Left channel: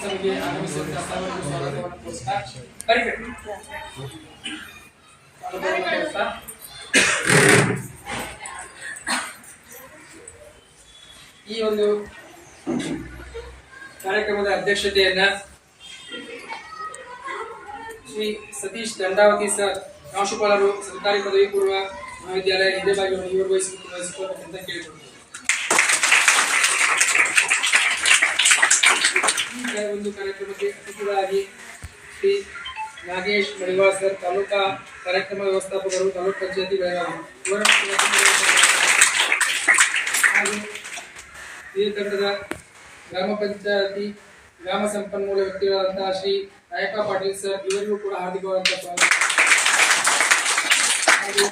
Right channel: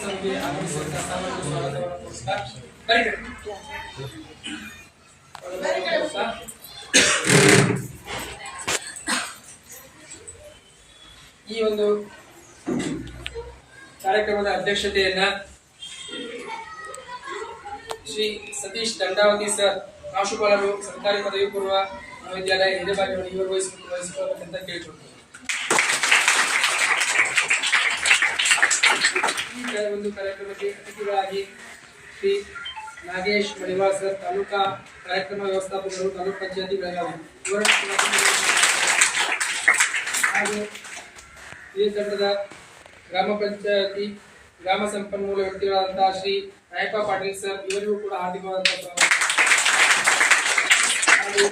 ಸಭೆಗೆ ಆಗಮಿಸಿದ ಸರ್ವರಿಗೂ ಸ್ವಾಗತವನ್ನು ಕೋರುತ್ತಾ ಬರೀಬೇಕು. ಈ ಒಂದು ಕಾರ್ಯಕ್ರಮದ ಅಧ್ಯಕ್ಷತೆಯನ್ನ ಶ್ರೀ ಸತೀಶ್ ದಂಡಾವತಿ ಸರ್, ಪ್ರಾಂಶುಪಾಲರು, ಸರ್ಕಾರಿ ಪದವಿ ಪೂರ್ವ ಮಹಾವಿದ್ಯಾಲಯ ಹಿರೇಬಾಗೇವಾಡಿ ಇವರು ವಹಿಸಿಕೊಳ್ಳಬೇಕಂತ ಕೇಳಿಕೊಳ್ತೀವಿ. ಈ ಒಂದು ಕಾರ್ಯಕ್ರಮಕ್ಕೆ ಅತಿಥಿಗಳಾಗಿ ಶ್ರೀ ನಾಗೇಶ್ ಮಡಿವಾಳ ಸರ್, ತಾಲೂಕಾ ಕಾರ್ಯಕ್ರಮ ವ್ಯವಸ್ಥಾಪಕರು, ತಾಲೂಕು ಪಂಚಾಯತಿ ಬೆಳಗಾವಿ ಇವರ ಹಾಗೂ ಈ ತಂಡದ ಗ್ರಾಮ ಪಂಚಾಯತಿ ಗ್ರಾಮ ಸಂಪನ್ಮೂಲ ವ್ಯಕ್ತಿಗಳಾದಂತಹ ಶ್ರೀ ನಾಯಕ ಪಾಟೀಲ್ ಸರ್, ಇವರಿಗೂ ಕೂಡ ಹಾರ್ದಿಕವಾದಂತಹ ಸ್ವಾಗತ. ಹಾಗೂ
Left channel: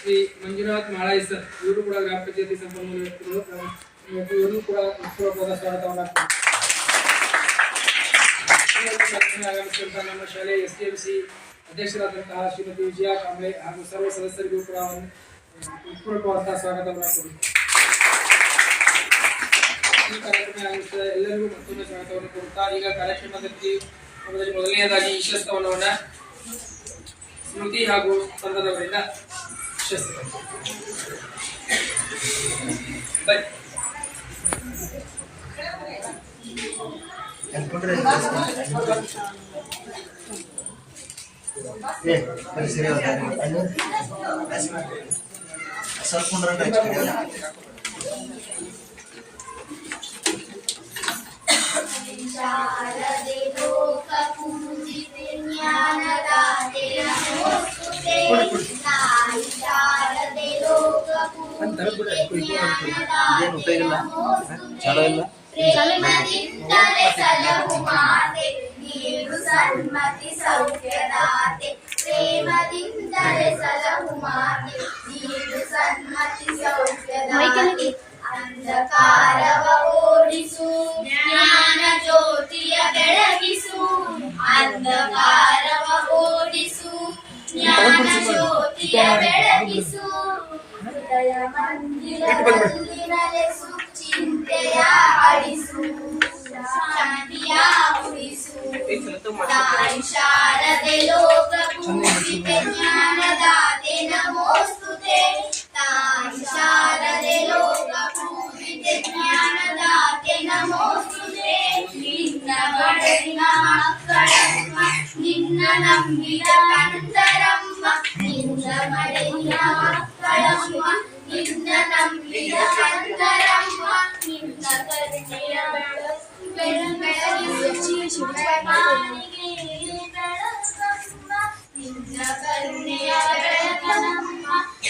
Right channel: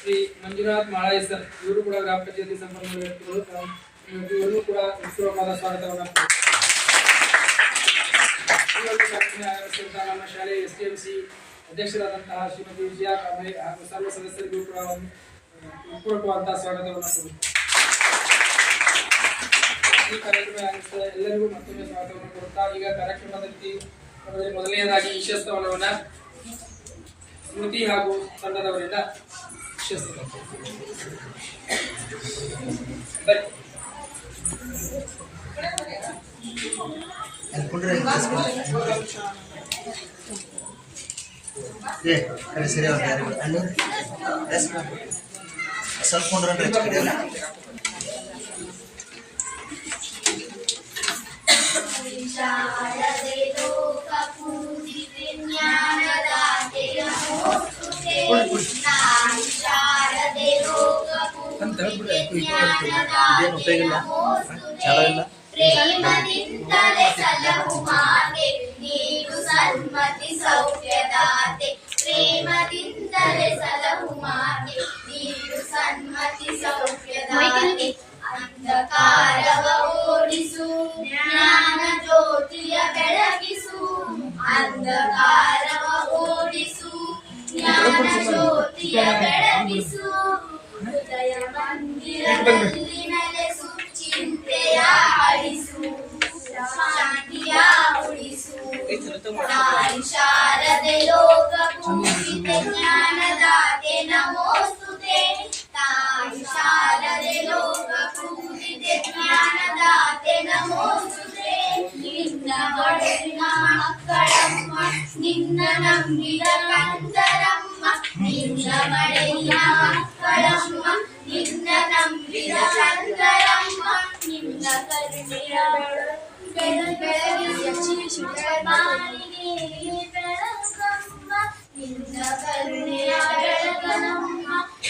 ಶ್ರೀ ಮಂಜುನಾಥ್ ಮಾಳಾಯಿ ಸರ್, ಇವರು ಕೂಡ ಗ್ರಾಮ ಪಂಚಾಯತಿ ಸಂಪನ್ಮೂಲ ವ್ಯಕ್ತಿಗಳು, ಇವರಿಗೂ ಕೂಡ ಹೃತ್ಪೂರ್ವಕವಾದ ಸ್ವಾಗತವನ್ನು ಆಗಮಿಸಿದಂತಹ ನಮ್ಮ ಶಾಲೆಯ STMC ಅಧ್ಯಕ್ಷರಾದಂತಹ ಶ್ರೀಮತಿ ವಿಜಯ ಕಾಂಬಳೆ ಹಾಗೂ ಸರ್ವ ಸದಸ್ಯರಿಗೂ ಕೂಡ ಹೃತ್ಪೂರ್ವಕವಾದಂತಹ ಸ್ವಾಗತವನ್ನು ಕೊಡುತ್ತೇವೆ. ಈ ಕಾರ್ಯಕ್ರಮ ಆಗಿರುತ್ತದೆ, ಎಲ್ಲರಿಗೂ ಮತ್ತೊಮ್ಮೆ ಸ್ವಾಗತವನ್ನು ಕೊಡುತ್ತಾ ಈಗ ಕಾರ್ಯಕ್ರಮದಲ್ಲಿ ಮೊದಲನೆಯದಾಗಿ ಈಶಸ್ತವನವನ್ನ ಸ್ಮೃತಿ ಹಾಗೂ ತಂಡದವರಿಂದ ಪ್ರೇಮದಿಂದಲೇ ಸಲಹು ಮಾತೆ ನೀಡು ಸನ್ಮತಿ ಸೌಖ್ಯದಾತೆ, ಪ್ರೇಮದಿಂದಲೇ ಸಲಹು ಮಾತೆ ನೀಡು ಸನ್ಮತಿ ಸೌಖ್ಯದಾತೆ. ಅಂಧಕಾರವ ಓಡಿಸು ಜ್ಞಾನ ಜ್ಯೋತಿಯ ಬೆಳಗಿಸು, ಅಂಧಕಾರವ ಓಡಿಸು ಜ್ಞಾನ ಜ್ಯೋತಿಯ ಬೆಳಗಿಸು. ಹೃದಯ ಮಂದಿರದಲ್ಲಿ ನೆಲೆಸು, ಚಿಂತೆಯ ಅಳಿಸು, ಶಾಂತಿಯ ಉಳಿಸು. ತಾಯಿ ಶಾರದೆ ಲೋಕ ಪೂಜಿತೆ ಜ್ಞಾನದಾತೆ ನಮೋಸ್ತುತೆ, ತಾಯಿ ಶಾರದೆ ಲೋಕ ಪೂಜಿತೆ ಜ್ಞಾನದಾತೆ ನಮೋಸ್ತುತೆ. ನಿನ್ನ ಬಡಲಿನ ಮಕ್ಕಳಮ್ಮ, ನಿನ್ನ ನಂಬಿದ ಕಂದರಮ್ಮ, ನಿನ್ನ ಬಡಲಿನ ಮಕ್ಕಳಮ್ಮ, ನಿನ್ನ ನಂಬಿದ ಕಂದರಮ್ಮ. ನಿನ್ನ ಕರುಣೆಯ ಬೆಳಗಿಸು ಬಾಳಿಗೆ ಬೆಳಗಮ್ಮ, ನಿನ್ನ ಕರುಣೆಯ ಬೆಳಗನಮ್ಮ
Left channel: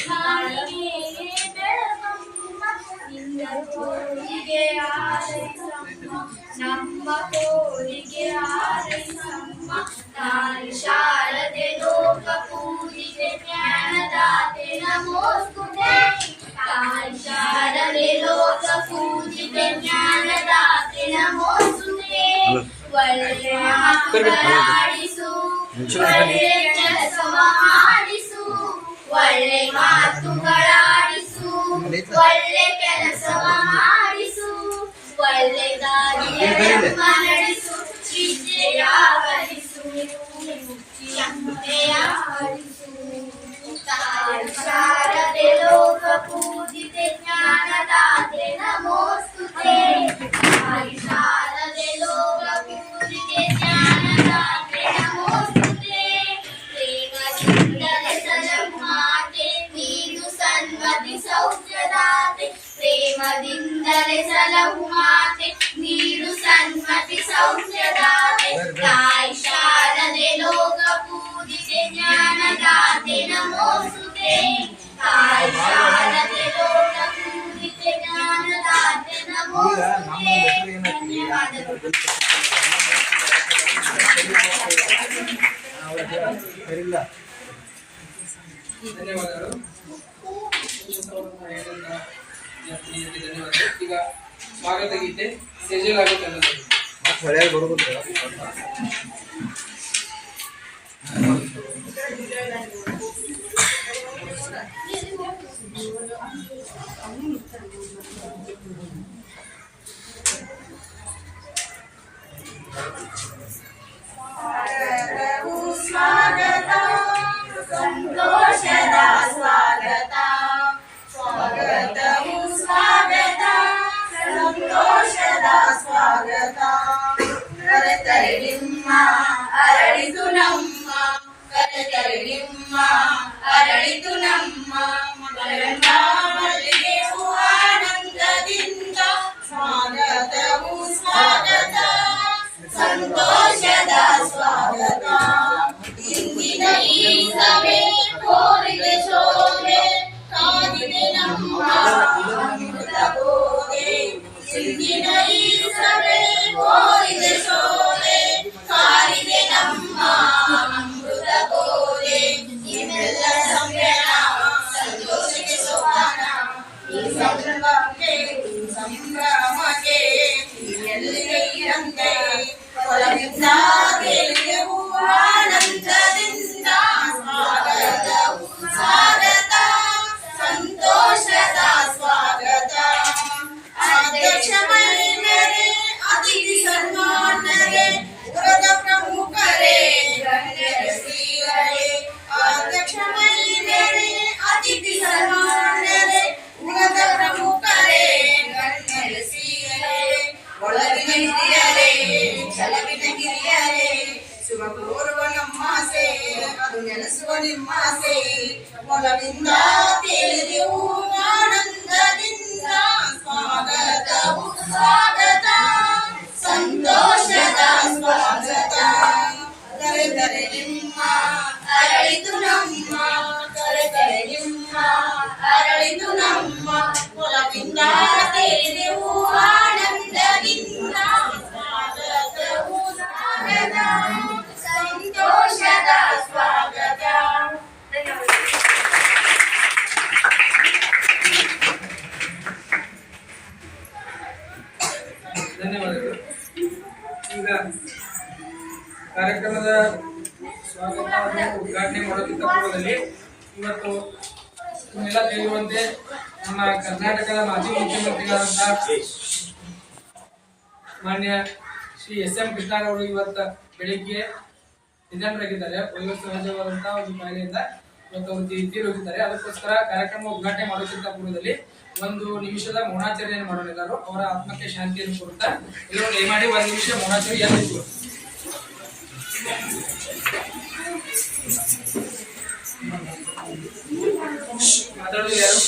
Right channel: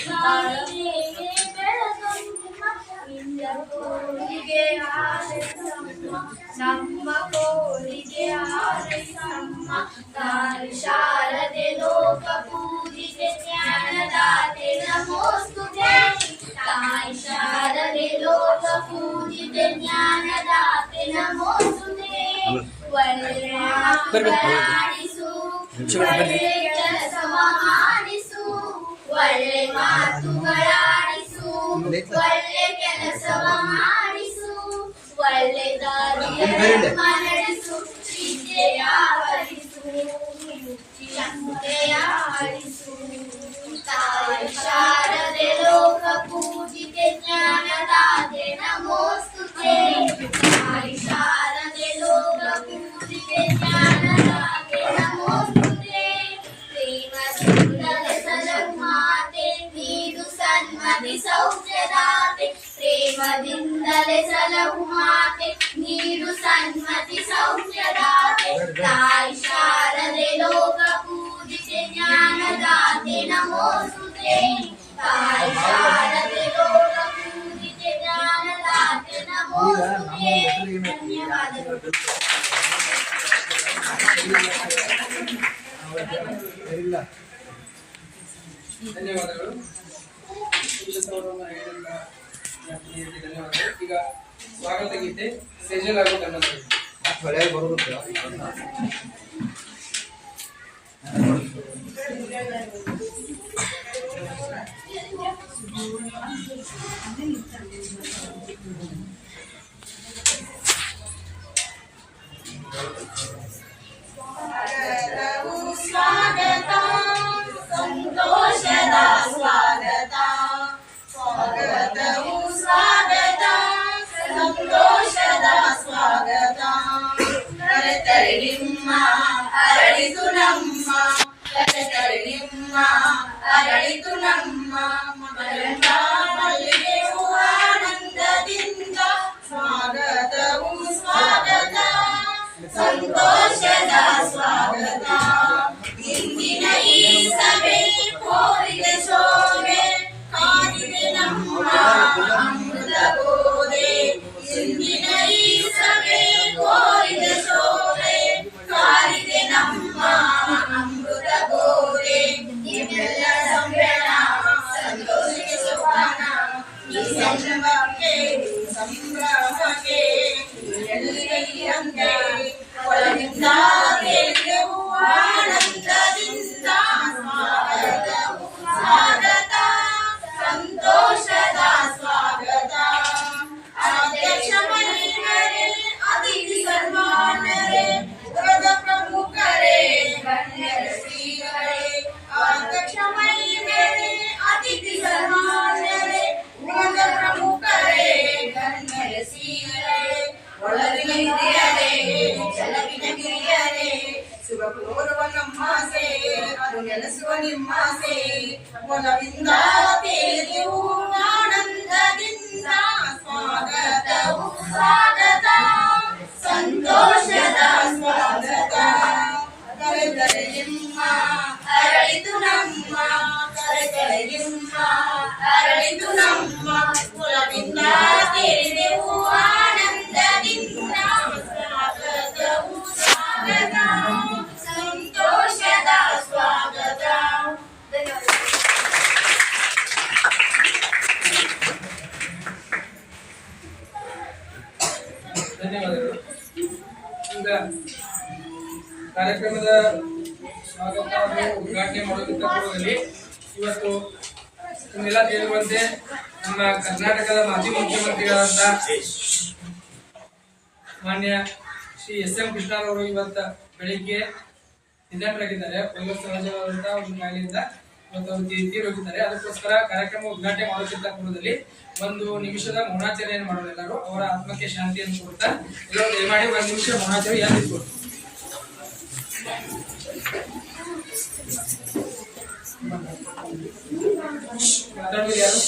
ಬಾಳಿಗೆ ಬೆಳಗಮ್ಮ. ನಿನ್ನ ಕೋರಿಗೆ ಆರೈಸಮ್ಮ, ನಮ್ಮ ಕೋರಿಗೆ ಆರೈಸಮ್ಮ. ತಾಯಿ ಶಾರದೆ ಲೋಕ ಪೂಜಿತೆ ಜ್ಞಾನದಾತೆ ನಮೋಸ್ತುತೆ, ತಾಯಿ ಶಾರದೆ ಲೋಕ ಪೂಜಿತೆ ಜ್ಞಾನದಾತೆ ನಮೋಸ್ತುತೆ. ಒಳ್ಳೆ ಮಾತುಗಳಾಡಿಸು, ಒಳ್ಳೆ ಕೆಲಸ ಮಾಡಿಸು, ಒಳ್ಳೆ ಮಾತುಗಳಾಡಿಸು, ಒಳ್ಳೆ ಕೆಲಸ ಮಾಡಿಸು, ಒಳ್ಳೆ ದಾರಿಯ ನಡೆಸು. ವಿದ್ಯೆಯ ಕಲಿಸು, ಮುಕ್ತಿಯ ಅಳಿಸು. ತಾಯಿ ಶಾರದೆ ಲೋಕ ಪೂಜಿತೆ ಜ್ಞಾನದಾತೆ ನಮೋಸ್ತುತೆ, ತಾಯಿ ಶಾರದೆ ಲೋಕ ಪೂಜಿತೆ ಜ್ಞಾನದಾತೆ ನಮೋಸ್ತುತೆ. ಪ್ರೇಮದಿಂದಲೇ ಸಲಹು ಮಾತೆ ನೀಡು ಸನ್ಮತಿ ಸೌಖ್ಯದಾತೆ, ಪ್ರೇಮದಿಂದಲೇ ಸಲಹು ಮಾತೆ ನೀಡು ಸನ್ಮತಿ ಸೌಖ್ಯದಾತೆ. ತಾಯಿ ಶಾರದೆ ಲೋಕ ಪೂಜಿತೆ ಜ್ಞಾನದಾತೆ ನಮೋಸ್ತುತೆ, ತಾಯಿ ಶಾರದೆ ಲೋಕ ಪೂಜಿತೆ ಜ್ಞಾನದಾತೆ ನಮೋಸ್ತುತೆ. ಧನ್ಯವಾದಗಳು. ಧನ್ಯವಾದಗಳು. ಧನ್ಯವಾದಗಳು. ಈಗ ಸ್ವಾಗತ ಗೀತೆ ಸೆಜಲ್ ಹಾಗೂ ತಂಡದವರು ಸ್ವಾಗತವು ಸ್ವಾಗತ, ಸಂತೋಷದ ಸ್ವಾಗತ. ಸ್ವಾಗತವು ಸ್ವಾಗತ, ಸಂತೋಷದ ಸ್ವಾಗತ. ಕರೆತರೆ ನಿಮ್ಮ ಅರಳಿತು ನಮ್ಮ, ಕರೆತರೆ ನಿಮ್ಮ ಅರಳಿತು ನಮ್ಮ. ಮಗಳಂತ ಮಲ್ಲಿಗೆ ಹೂ ಆನಂದದಿಂದ ಸ್ವಾಗತವು ಸ್ವಾಗತ, ಸಂತೋಷದ ಸ್ವಾಗತ. ಇಂದಿನ ಈ ಸಭೆ ಕೋರಿದೆ ಶೋಭೆ, ಕಾದಿದೆ ನಮ್ಮ ಅಮೃತ ಬೋಧೆ. ಇಂದಿನ ಈ ಸಭೆ ಕೋರಿದೆ ಶೋಭೆ, ಕಾದಿದೆ ನಮ್ಮ ಅಮೃತ ಬೋಧೆ. ನಿಮ್ಮೆಲ್ಲರ ಸಂಭ್ರಮ ಸಂತೋಷಕ್ಕೆ ಸೋಪಾನ, ಈ ಸಂಭ್ರಮಕ್ಕೆ ಸಂಭ್ರಮಕ್ಕೆ ಎಲ್ಲಿಗೆ ಇರಂತೆ ಒಲವಿಂದ ಗೆಳೆಯವು ಆನಂದದಿಂದ. ಸ್ವಾಗತವು ಸ್ವಾಗತ, ಸಂತೋಷದ ಸ್ವಾಗತ. ಅಧ್ಯಕ್ಷ ಮಹಿಳೆಯರೇ, ಅತಿಥಿ ಸನ್ಮಾನರೇ, ಪುರದ ಪ್ರಮುಖರೇ, ಗಣ್ಯರ ಶ್ರೀಗಳೇ. ಅಧ್ಯಕ್ಷ ಮಹಿಳೆಯರೇ, ಅತಿಥಿ ಸನ್ಮಾನರೇ, ಪುರದ ಪ್ರಮುಖರೇ, ಗಣ್ಯರ ಶ್ರೀಗಳೇ. ಒಳವಿನ ಹಿರಿಯರೇ, ಛಲವಿನ ಕಿರಿಯರೇ, ಶುಭ ಕೋರುವ ನಮ್ಮಾಸೆ, ಅದು ನೆಲೆಸುವ ನಿಮ್ಮಾಸೆ. ಒಲವಿಂದ ತೇಲಿದೆವು ಆನಂದದಿಂದ. ಸ್ವಾಗತವು ಸ್ವಾಗತ, ಸಂತೋಷದ ಸ್ವಾಗತ. ಕರೆತರೆ ನಿಮ್ಮ ಅರಳಿತು ನಮ್ಮ, ಕರೆತರೆ ನಿಮ್ಮ ಅರಳಿತು ನಮ್ಮ. ಒಲವಿಂದ ತೇಲಿದೆವು ಆನಂದದಿಂದ. ಸ್ವಾಗತವು ಸ್ವಾಗತ, ಸಂತೋಷದ ಸ್ವಾಗತ. ಧನ್ಯವಾದಗಳು. ಈಗ ಕಾರ್ಯಕ್ರಮದ ಸ್ವಾಗತವನ್ನು ಉದ್ಘಾಟನೆ ಮಾಡೋದಕ್ಕಿಂತ ಪೂರ್ವದಲ್ಲಿ ಇವತ್ತು ನಿಮ್ಮೆಲ್ಲ ತಿಳಿಯುವಂತೆ ನಮ್ಮ ಕರ್ನಾಟಕದ ಮಾಜಿ ಮುಖ್ಯಮಂತ್ರಿಗಳಾದಂಥ ಮಾನ್ಯ ಶ್ರೀ ಎಸ್.ಎಂ. ಕೃಷ್ಣರವರು ಇವತ್ತು ಬೆಳಿಗ್ಗೆ ನಿಧನರಾಗಿದ್ದಾರೆ. ವೈದ್ಯ ಸಹಜವಾದಂತಹ ಒಂದು ಕಾಯಿಲೆಯಿಂದ ಇವತ್ತು ಅವರು ತೀರೋಗಿದ್ದಾರೆ. ಅದಕ್ಕೋಸ್ಕರ ಕಾರ್ಯಕ್ರಮ ಉದ್ಘಾಟನೆ ಮಾಡೋಕ್ಕಿಂತ ಪೂರ್ವದಲ್ಲಿ ಒಂದು ನಿಮಿಷದ ಮೌನಾಚರಣೆಯನ್ನು ಮಾಡೋಣ. ಎಲ್ಲರೂ ಅವರ ಆತ್ಮಕ್ಕೆ ಶಾಂತಿಯನ್ನು ಕೊಡುತ್ತಾ ಎಲ್ಲರೂ ದಯಮಾಡಿ ಒಂದು ನಿಮಿಷ ಮೌನಾಚರಣೆ ಯಾರು ಮಾತಾಡೋದು ಯಾರು?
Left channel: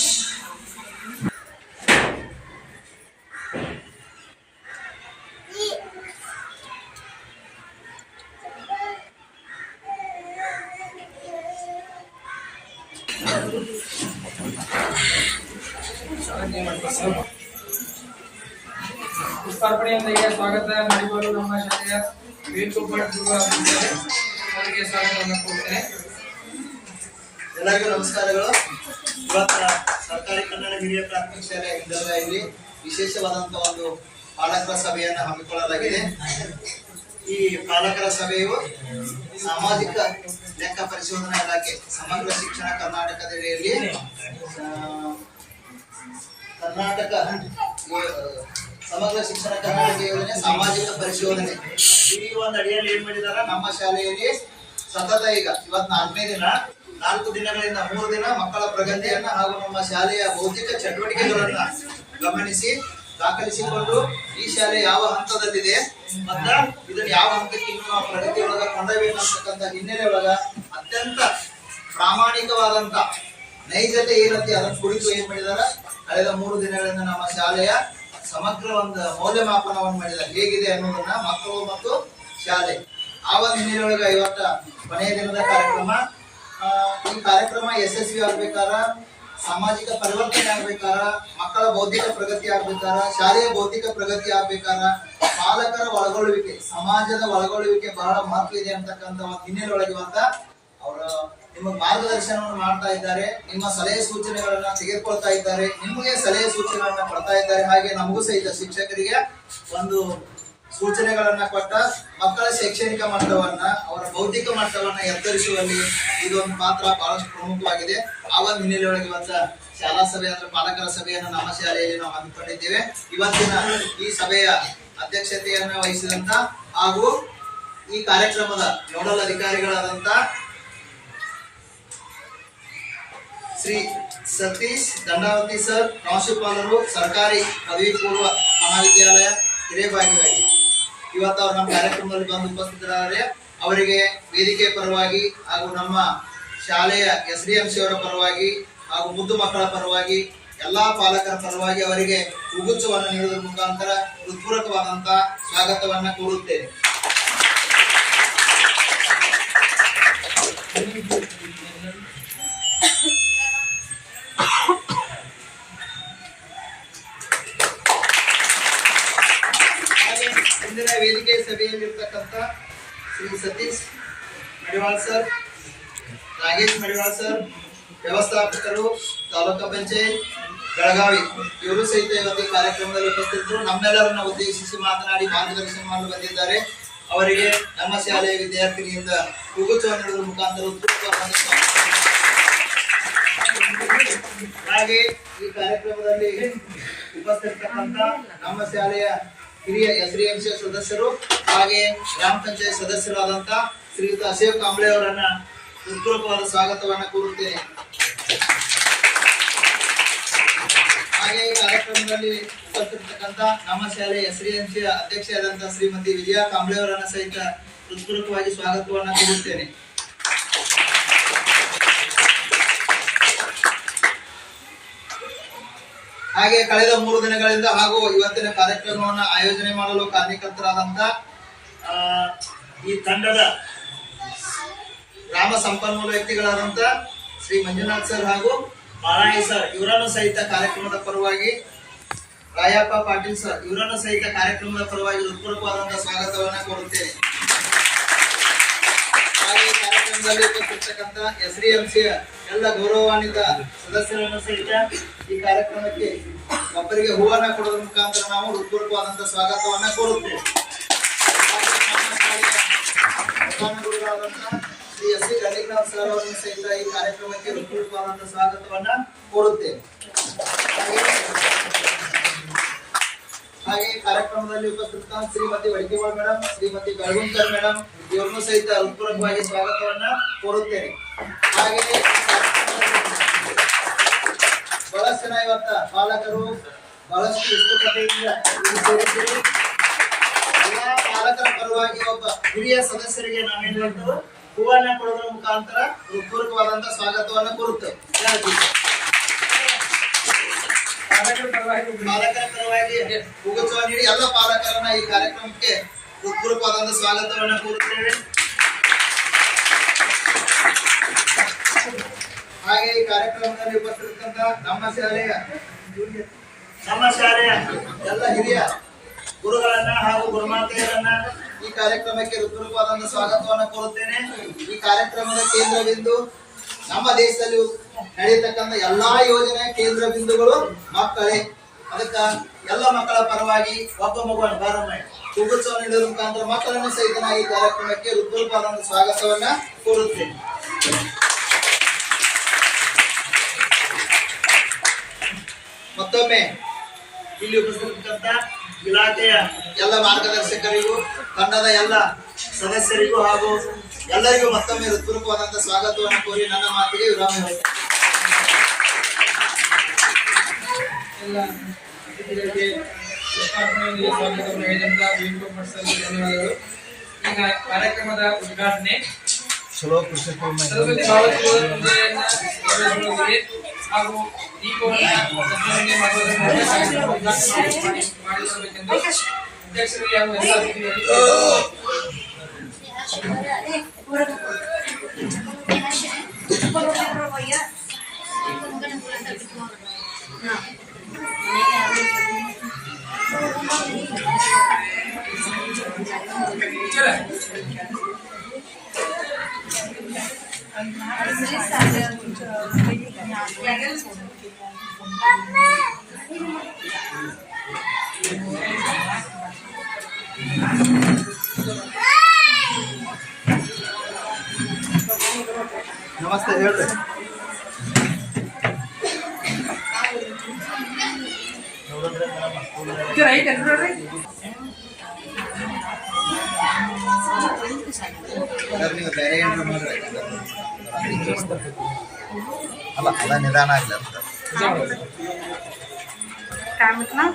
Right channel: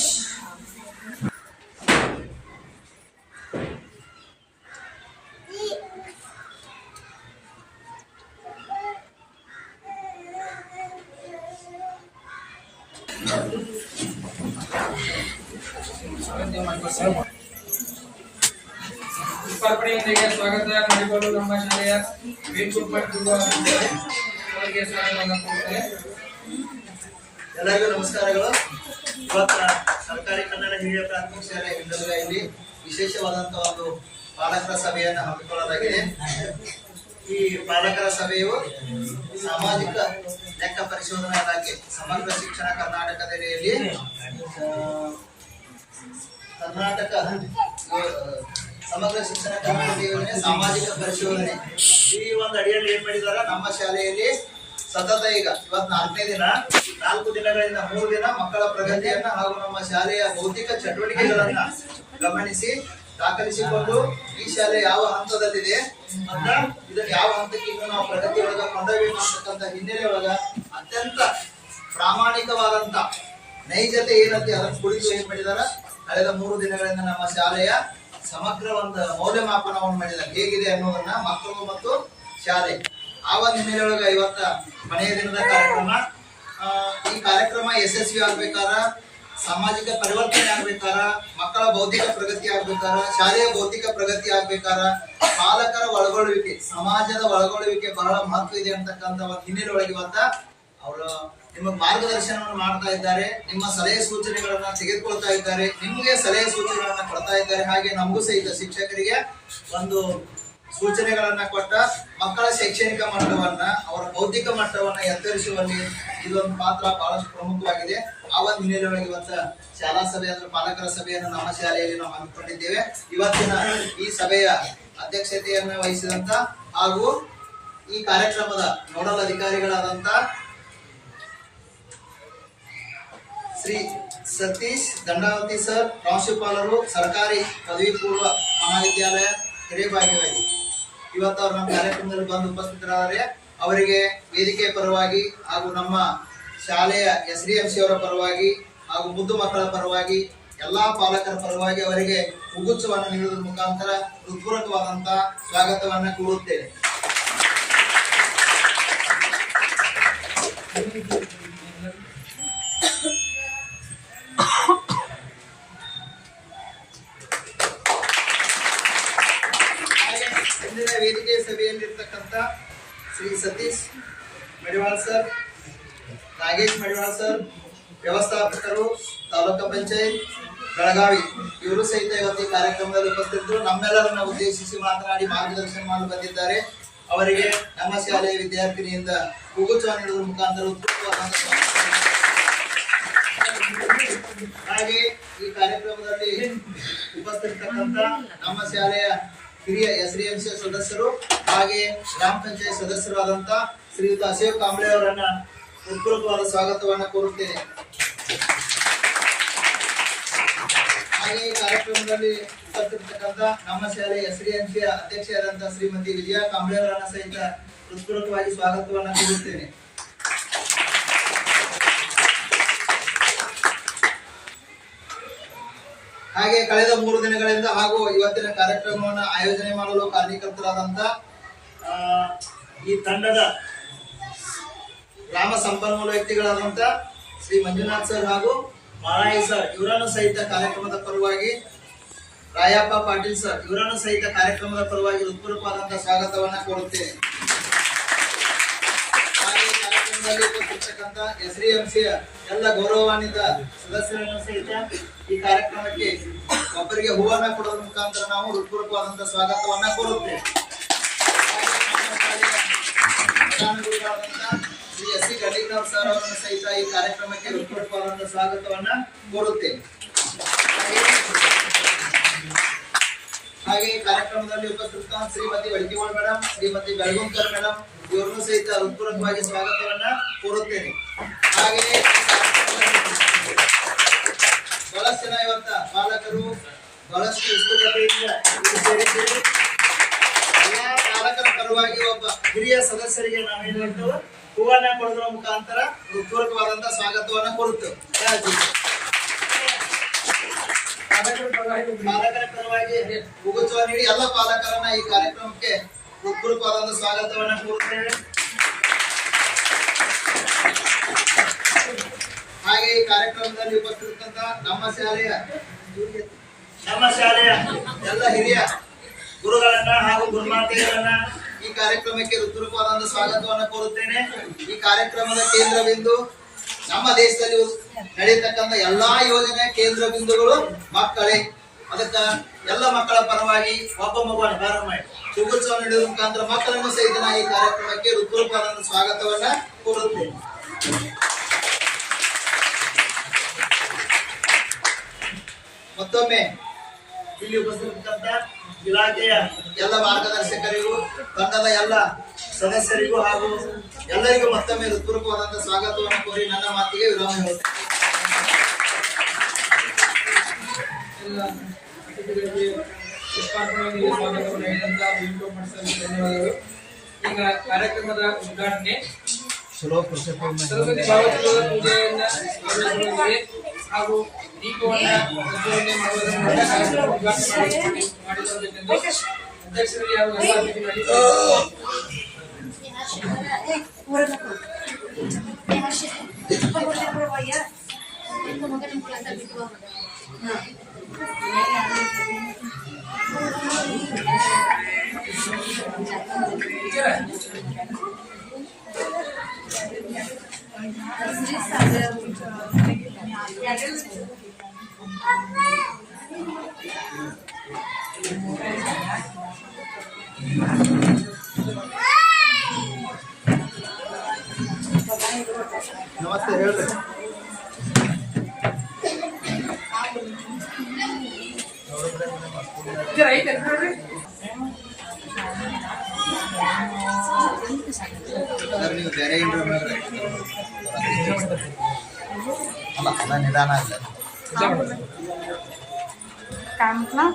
ಪುಷ್ಪಾರ್ಪಣೆಯೊಂದಿಗೆ ಸ್ವಾಗತ ಮಾಡಿಕೊಳ್ಳಲು ನಮ್ಮ ಶಾಲೆಯ ವೇಣುಗೋಪಾಲ್ ಅವರಿಗೆ ಸ್ವಾಗತವನ್ನು ಕೊಡ್ತಾರೆ. ಎಲ್ಲರಿಗೂ ನಮಸ್ಕಾರಗಳು. ಇವತ್ತ ಸರ್ಕಾರಿ ಕನ್ನಡ ಹಿರಿಯ ಪ್ರಾಥಮಿಕ ಶಾಲೆ ಹಿಂದಲಗಾಯಲ್ಲಿ ವಿಶೇಷವಾದಂತಹ ಒಂದು ಪಾಲಕರ ಸಭೆಯನ್ನು ಹಮ್ಮಿಕೊಳ್ಳಲಾಗಿದೆ. ಈ ಪಾಲಕರ ಸಭೆಯು ಸಾಮಾಜಿಕ ಲೆಕ್ಕ ಪರಿಶೋಧನಾ ಇಲಾಖೆ ಸಮಗ್ರ ಶಿಕ್ಷಣ ಕರ್ನಾಟಕದಲ್ಲಿ ಸಮಗ್ರ ಶಿಕ್ಷಣ ಕರ್ನಾಟಕ ಯೋಜನೆ ಸಾಮಾಜಿಕ ಪರಿಶೋಧನೆ ಈ ಒಂದು ಅಡಿಯಲ್ಲಿ ಏನ್ ಮಾಡಿದಾರ, ನಮ್ಮ ಶಾಲೆಯಲ್ಲಿ ಸತತ ಇವತ್ತು 4ನೇ ದಿನ, 4 ದಿನಗಳಿಂದ 3 ದಿನ ಮಕ್ಕಳ ಪ್ರಗತಿಯನ್ನ ಹಾಗೂ ನಮ್ಮ ಶಾಲೆಯ ಭೌತಿಕ ಚಟುವಟಿಕೆಗಳನ್ನ ಗಮನಿಸಿ ದಾಖಲಿಸಿಕೊಂಡು ಈ ಶಾಲೆ ಯಾವ ಹಂತದಲ್ಲಿದೆ ಮತ್ತ ಇದನ್ನ ಯಾವ ಹಂತಕ್ಕೆ ಇನ್ನು ನಾವು ಪ್ರಗತಿ ಒಳಗ ಕೊಂಡೊಯ್ಯಬೇಕು ಅಂತಕ್ಕಂಥ ಹಿನ್ನೆಲೆ ಒಳಗ ಅತ್ಯಂತ ಪ್ರಾಮಾಣಿಕವಾದಂತ ನೈಜತೆ ಏನಂತೆ ಅದನ್ನ ಕುರಿತು ಏನ್ ಮಾಡಿದಾರ, ಕಳೆದ 3 ದಿನಗಳಿಂದ ನಮ್ಮ ಶಾಲೆಯ ಸಮಗ್ರ ಒಂದು ಮೌಲ್ಯಮಾಪನವನ್ನು ಮಾಡಿದ್ದಾರೆ. ಹೇಗಿದೆ ಅನ್ನೋದನ್ನ ಮಕ್ಕಳು ಮತ್ತು ಶಾಲೆ ಆ ಒಂದು ಹಿನ್ನೆಲೆಯೊಳಗ ಇವತ್ತ ಕೊನೆಯ ದಿನದ ಕಾರ್ಯಕ್ರಮ. ಈ ಕಾರ್ಯಕ್ರಮ ಯಶಸ್ವಿ ಆಗ್ಬೇಕಾರ, ಸಾಮಾಜಿಕ ಪರಿವರ್ತನೆ ಆಗ್ಬೇಕಾರ, ಮಕ್ಕಳ ಬೌದ್ಧಿಕ ಪ್ರಗತಿ ಆಗ್ಬೇಕಾರ, ಶಾಲೆಯ ಬೌದ್ಧಿಕ ಪ್ರಗತಿ ಆಗ್ಬೇಕಾರ ಪಾಲಕರ ಒಳಗೊಳ್ಳುವಿಕೆ, ಸಮಾಜದ ಒಳಗೊಳ್ಳುವಿಕೆ ಬಹಳ ಮಹತ್ವ ಇದೆ ಅಂತಕ್ಕಂಥ ಒಂದು ಹಿನ್ನೆಲೆಯೊಳಗೆ ಇವತ್ತ ಅವರು ನಿಮಗೆ ಮಾರ್ಗದರ್ಶನವನ್ನು ಮಾಡ್ತಾ ಇದ್ದಾರೆ. ನಿಮ್ಮ ಸಲಹೆ ಸೂಚನೆಗಳನ್ನ ತೆಗೆದುಕೊಳ್ತಾ ಇದ್ದಾರೆ, ನಿಮಗೆ ಸಲಹೆ ಸೂಚನೆಗಳನ್ನ ಕೊಡ್ತಾ ಇದ್ದಾರೆ. ಹಾಗೆ ನಮಗೂ ಸಹಿತ ಶಿಕ್ಷಕರಿಗೆ ಒಂದು ಸೂಚನೆಗಳನ್ನ ಕೊಟ್ಟ ಮಕ್ಕಳ ಶೈಕ್ಷಣಿಕ ಮಟ್ಟವನ್ನ, ಅವರ ಬೌದ್ಧಿಕ ಮಟ್ಟವನ್ನ ಎತ್ತರಿಸುವಲ್ಲಿ ಇದೊಂದು ಪಾತ್ರ ಬಹಳಷ್ಟು ಪ್ರಮುಖವಾಗಿದೆ. ಆ ಒಂದು ಹಿನ್ನೆಲೆಯೊಳಗೆ ಇವತ್ತು ಶಾಲಾ ಸಭೆ ಅಂದ್ರೆ ಪಾಲಕರ ಸಭೆಯನ್ನು ನಮ್ಮ ಶಾಲೆಯಲ್ಲಿ ನಾವು ಹಮ್ಮಿಕೊಂಡಿದ್ದೇವೆ. ಇವತ್ತಿನ ಈ ಸಭೆಯ ಅಧ್ಯಕ್ಷತೆಯನ್ನು ವಹಿಸಿದಂತ ಹಾಗೂ ಈ ಕಾರ್ಯಕ್ರಮದ ನೋಡಲ್ ಅಧಿಕಾರಿಗಳಾದಂತ ಶ್ರೀ ಸತೀಶ್ ದಂಡಾವತಿ ಸರ್, ಪ್ರಾಂಶುಪಾಲರು, ಸರ್ಕಾರಿ ಪದವಿ ಪೂರ್ವ ಮಹಾವಿದ್ಯಾಲಯ ಹಿರೇಬಾಗೇವಾಡಿ. ಇವತ್ತು ಅವರು ನಮ್ಮ ಕಾರ್ಯಕ್ರಮದಲ್ಲಿ ಬಂದು ಉಪಸ್ಥಿತರಾದರೆ ಅವರಿಗೆ ವೇದಿಕೆ ಪರವಾಗಿ ಹಾಗೂ ನಮ್ಮ ಶಾಲೆಯ SDMC ಅವರ ಪರವಾಗಿ ಹಾಗೂ ಮುದ್ದು ಮಕ್ಕಳ ಪರವಾಗಿ ಎಲ್ಲಾ ಪಾಲಕರ ಪರವಾಗಿ ಅವರಿಗೆ ಉಗುಚ್ಚವನ್ನು ನೀಡುವುದರ ಮುಖಾಂತರ ಹೃತ್ಪೂರ್ವಕವಾದಂತಹ ಸ್ವಾಗತವನ್ನ ಕೋರುತ್ತೇನೆ. ಹಾಗೆ ಇಂದಿನ ವೇದಿಕೆ ಸಭೆಯಲ್ಲಿರ್ತಕ್ಕಂಥ ಶ್ರೀ ಸತೀಶ್ ಮಡಿವಾಳ್ ಸರ್, ನಾಗೇಶ್ ಮಡಿವಾಳ್ ಸರ್, ವ್ಯವಸ್ಥಾಪಕರು, ತಾಲೂಕಾ ಪಂಚಾಯತ್ ಬೆಳಗಾವಿ, ಇವರು ಸಹಿತ ಇವತ್ತು ಈ ಕಾರ್ಯಕ್ರಮದಲ್ಲಿ ಉಪಸ್ಥಿತರು ನಮ್ಮೆಲ್ಲರನ್ನ ಉದ್ದೇಶಿಸಿ ಮಾತನಾಡಿ ಮಾರ್ಗದರ್ಶನ ಮಾಡಲು ಬಂದಿದ್ದಾರೆ. ಅವರಿಗೆ ನಮ್ಮ ಶಾಲೆಯ ವಿದ್ಯಾರ್ಥಿನಿಯಿಂದ ಉಗುಚ್ಚವನ್ನು ನೀಡುವ ಮುಖಾಂತರ ಹಾಗೆ ಈ ಕಾರ್ಯಕ್ರಮದಲ್ಲಿ ಉಪಸ್ಥಿತಕ್ಕಂತ ನಮ್ಮ ಶಾಲೆಯ ಹಿರಿಯ SDMC ಸದಸ್ಯರು ಹಾಗೆ ಗ್ರಾಮ ಪಂಚಾಯತ್ ಸದಸ್ಯರಾದಂತ ಶ್ರೀಯುತ ಅಶೋಕ್ ಕಾಂಬ್ಳೆ ಅವರನ್ನ ಹೃತ್ಪೂರ್ವಕವಾದ ಸ್ವಾಗತವನ್ನ ಕೋರುತ್ತೇನೆ. ಹಾಗೆ ಈ ಕಾರ್ಯಕ್ರಮದಲ್ಲಿ ಉಪಸ್ಥಿತಕ್ಕಂತ ನಮ್ಮ ಶಾಲೆಯ SDMC ಅಧ್ಯಕ್ಷರಾದಂತಹ ಶ್ರೀಮತಿ ವಿಜಯ ಕಾಂಬ್ಳೆ ಅವರನ್ನ ಸಹಿತ ಹೃತ್ಪೂರ್ವಕವಾಗಿ ಸ್ವಾಗತವನ್ನ ಕೋರುತ್ತೇನೆ. ಹಾಗೆ ಕಳೆದ 3 ದಿನಗಳಿಂದ ಹಾಗೂ ಇವತ್ತಿನ ಕಾರ್ಯಕ್ರಮವನ್ನು ಆಯೋಜನೆ ಮಾಡಲು ಕಾರಣೀಕರ್ತರಾದಂತ ಈ ತಂಡದ ಗ್ರಾಮ ಸಂಪನ್ಮೂಲ ವ್ಯಕ್ತಿಗಳಾದಂತ ಶ್ರೀ ಮಂಜುನಾಥ್ ಸರ್ ಹಾಗೂ ಮಾರಾಯಿ ಸರ್ ಇವರನ್ನು ಸಹಿತ ಕಾರ್ಯಕ್ರಮದ ಪರವಾಗಿ, ರಾಯಪ್ಪ ಪಾಟೀಲ್ ಸರ್ ಇವರನ್ನು ಸಹಿತ ಕಾರ್ಯಕ್ರಮದ ಪರವಾಗಿ ಹೃತ್ಪೂರ್ವಕವಾದಂತಹ ಸ್ವಾಗತವನ್ನ ಕೋರುತ್ತೇನೆ. ಹಾಗೆ ಕಾರ್ಯಕ್ರಮದಲ್ಲಿ ಉಪಸ್ಥಿತಕ್ಕಂತ SDMC ಎಲ್ಲ ಗೌರವಾನ್ವಿತ ಸದಸ್ಯರನ್ನು ಸಹಿತ ಈ ಕಾರ್ಯಕ್ರಮಕ್ಕೆ ಒಬ್ಬರಿಗೆ ಹೂವನ್ನ ಕೊಡೋದ್ರ ಮುಖಾಂತರ ನಾವು ಹೃತ್ಪೂರ್ವಕವಾದಂತಹ ಸ್ವಾಗತವನ್ನ ಕೋರುತ್ತೇವೆ. ಪ್ರಧಾನ ಗುರುಗಳಾದಂತಹ ಶ್ರೀ SC ಗಣೇಶ್ ಸರ್ ಅವರನ್ನು ಸಹಿತ ಈ ಕಾರ್ಯಕ್ರಮಕ್ಕೆ ಹೃತ್ಪೂರ್ವಕವಾದಂತಹ ಸ್ವಾಗತವನ್ನ ಕೋರುತ್ತೇವೆ. ಹಾಗೆ ಕಾರ್ಯಕ್ರಮದಲ್ಲಿ ಉಪಸ್ಥಿತ ಶ್ರೀಮತಿ ವಡಿಕಿವಾಳ್ ಮೇಡಮ್, ಶ್ರೀಮತಿ ಬೆಳಗುಂಕರ್ ಮೇಡಮ್ ಇವರನ್ನು ಸಹಿತ ಹೃತ್ಪೂರ್ವಕವಾಗಿ ಸ್ವಾಗತವನ್ನ ಕೋರುತ್ತೇನೆ. ಹಾಗೆ ಬಹಳಷ್ಟು ಜನ ಇವತ್ತ ಪಾಲಕರು ಬಹಳಷ್ಟು ಉತ್ಸುಕತೆಯಿಂದ ಸೇರಿದ್ದೀರಿ. ಎಲ್ಲಾ ಪಾಲಕರ ಪರವಾಗಿ ಒಬ್ಬ ಹಿರಿಯ ಸದಸ್ಯರಿಗೆ ನಾವೇನ್ ಮಾಡ್ತೇವೆ, ಹೂವನ್ನ ಕೊಡೋದ್ರ ಮುಖಾಂತರ ಹೃತ್ಪೂರ್ವಕವಾದಂತಹ ಸ್ವಾಗತವನ್ನ ಕೋರುತ್ತೇವೆ. ಪಾಲಕರ ಪರವಾಗಿ ಉಗುಚ್ಚುವ ನೀಡಿ ಎಲ್ಲ ಪಾಲಕರನ್ನ ಈ ಕಾರ್ಯಕ್ರಮಕ್ಕೆ ಹೃತ್ಪೂರ್ವಕವಾದಂತಹ ಸ್ವಾಗತವನ್ನ ಕೋರುತ್ತೇವೆ. ಹಾಗೆ ಈ ಕಾರ್ಯಕ್ರಮದಲ್ಲಿ ಉಪಸ್ಥಿತಕ್ಕಂತ ನಮ್ಮ ಶಾಲೆಯ ಎಲ್ಲ ಹಿರಿಯ ಗುರುಗಳನ್ನ ಹಾಗೂ ಗುರುಮಾತೆಯರನ್ನ ಈ ಕಾರ್ಯಕ್ರಮಕ್ಕೆ ಹೃತ್ಪೂರ್ವಕವಾದಂತಹ ಸ್ವಾಗತವನ್ನ ಕೋರುತ್ತೇನೆ. ಈ ಕಾರ್ಯಕ್ರಮದ ಕೇಂದ್ರ ಬಿಂದು ನಮ್ಮ ದೇಶದಲ್ಲಿ ನಡೆಯತಕ್ಕಂತ ಎಲ್ಲಾ ಯೋಜನೆಯ ಕೇಂದ್ರ ಬಿಂದುಗಳು ಮಕ್ಕಳೇ. ಅದಕ್ಕ ಎಲ್ಲ ಮಕ್ಕಳ ಪರವಾಗಿ ಒಬ್ಬ ಮಗುವನ್ನು ಪ್ರಾರಂಭ ಮಾಡಿ ಉಗುಚ್ಚವನ್ನು ನೀಡುವ ಮುಖಾಂತರ ಮಕ್ಕಳನ್ನು ಸಹಿತ ಈ ಕಾರ್ಯಕ್ರಮಕ್ಕೆ ಹೃತ್ಪೂರ್ವಕವಾದಂತಹ ಸ್ವಾಗತವನ್ನ ಕೋರುತ್ತೇನೆ. ಮತ್ತೊಮ್ಮೆ ಇಲ್ಲಿ ಉಪಸ್ಥಿತಕ್ಕಂತ ಇಲಾಖೆಯ ಎಲ್ಲ ಮಾರ್ಗದರ್ಶಕರಿಗೂ, ತಂಡದ ಎಲ್ಲ ಸದಸ್ಯರಿಗೂ ಹಾಗೂ ಎಲ್ಲರಿಗೂ ಮತ್ತೊಮ್ಮೆ ಹೃತ್ಪೂರ್ವಕವಾದಂತಹ ಸ್ವಾಗತವನ್ನು ಕೋರಿ ನನ್ನ ಮಾತಿಗೆ ವಿರಾಮ ಹೇಳ್ತೇನೆ. ಎಲ್ಲ ಅತಿಥಿಗಳಿಗೆ ಪುಷ್ಪಾರ್ಪಣೆಯೊಂದಿಗೆ ಸ್ವಾಗತವನ್ನು ಹೇಳಿದಂತಹ ಧನ್ಯವಾದಗಳು. ಈಗ ಕಾರ್ಯಕ್ರಮದ ಉದ್ಘಾಟನೆ ಸರಸ್ವತಿ ಭಾವಚಿತ್ರದ ಪೂಜೆಯನ್ನ ನೆರವೇರಿಸುವುದಿದೆ ಹಾಗೂ ದೀಪವನ್ನು ಪ್ರಜ್ವಲನೆ ಮಾಡುವುದರ ಮೂಲಕ ಕಾರ್ಯಕ್ರಮ ಉದ್ಘಾಟನೆ ಮಾಡಿಕೊಳ್ಳಬೇಕೆಂದು ಅಧ್ಯಕ್ಷರಲ್ಲಿ ಹಾಗೂ ಎಲ್ಲ ಅತಿಥಿಗಳಿಗೆ ನಮಸ್ತೆ ಹೇಳ್ರಿ. ನೀವು ಬೇರೆ ಏನಾರ ಮಾಡ್ರಿ ಅಲ್ಲ ಅದ ನಿಧಾನ ಇಲ್ಲ काय म्हटलं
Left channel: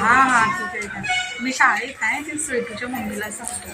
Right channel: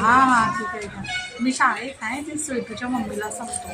हां हां ठीक आहे मी शाळेत आहे ते स्वेटूच्या मम्मीला सांगतो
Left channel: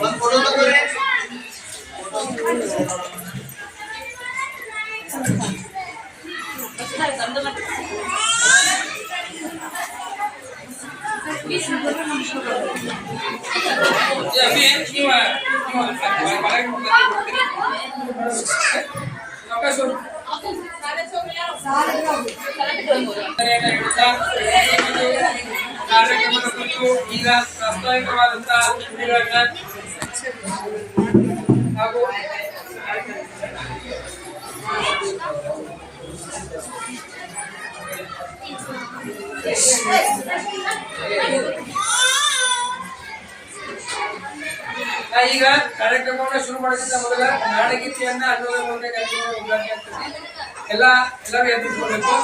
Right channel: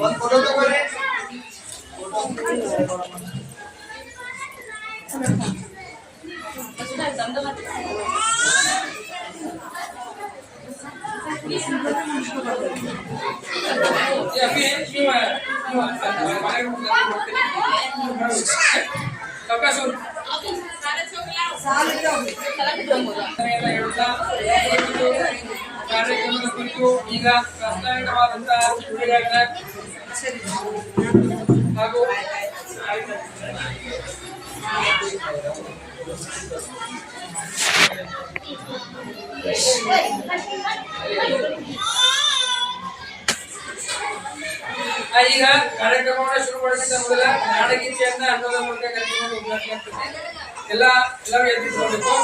ಒಂದು ಫೋಟೋ ತಗೋರಿ ಕಾರ್ಯಕ್ರಮದ ಕುರಿತು ಈಗ ಪ್ರಾಸ್ತಾವಿಕವಾದಂತಹ ನುಡಿಗಳನ್ನ ಹಾಗೂ ಈಗ ಕಾರ್ಯಕ್ರಮವನ್ನು ಶುರು ಮಾಡೋಕ್ಕಿಂತ ಮೊದಲ ನಾಡಗೀತೆಯನ್ನ ಅನ್ನೋದ್ರ ಮೂಲಕ ಕಾರ್ಯಕ್ರಮ ಉದ್ಘಾಟನೆ ಆಗ್ತದೆ. ಎಲ್ಲರೂ ಎತ್ತಿಸ್ಕೊಳ್ಬೇಕು.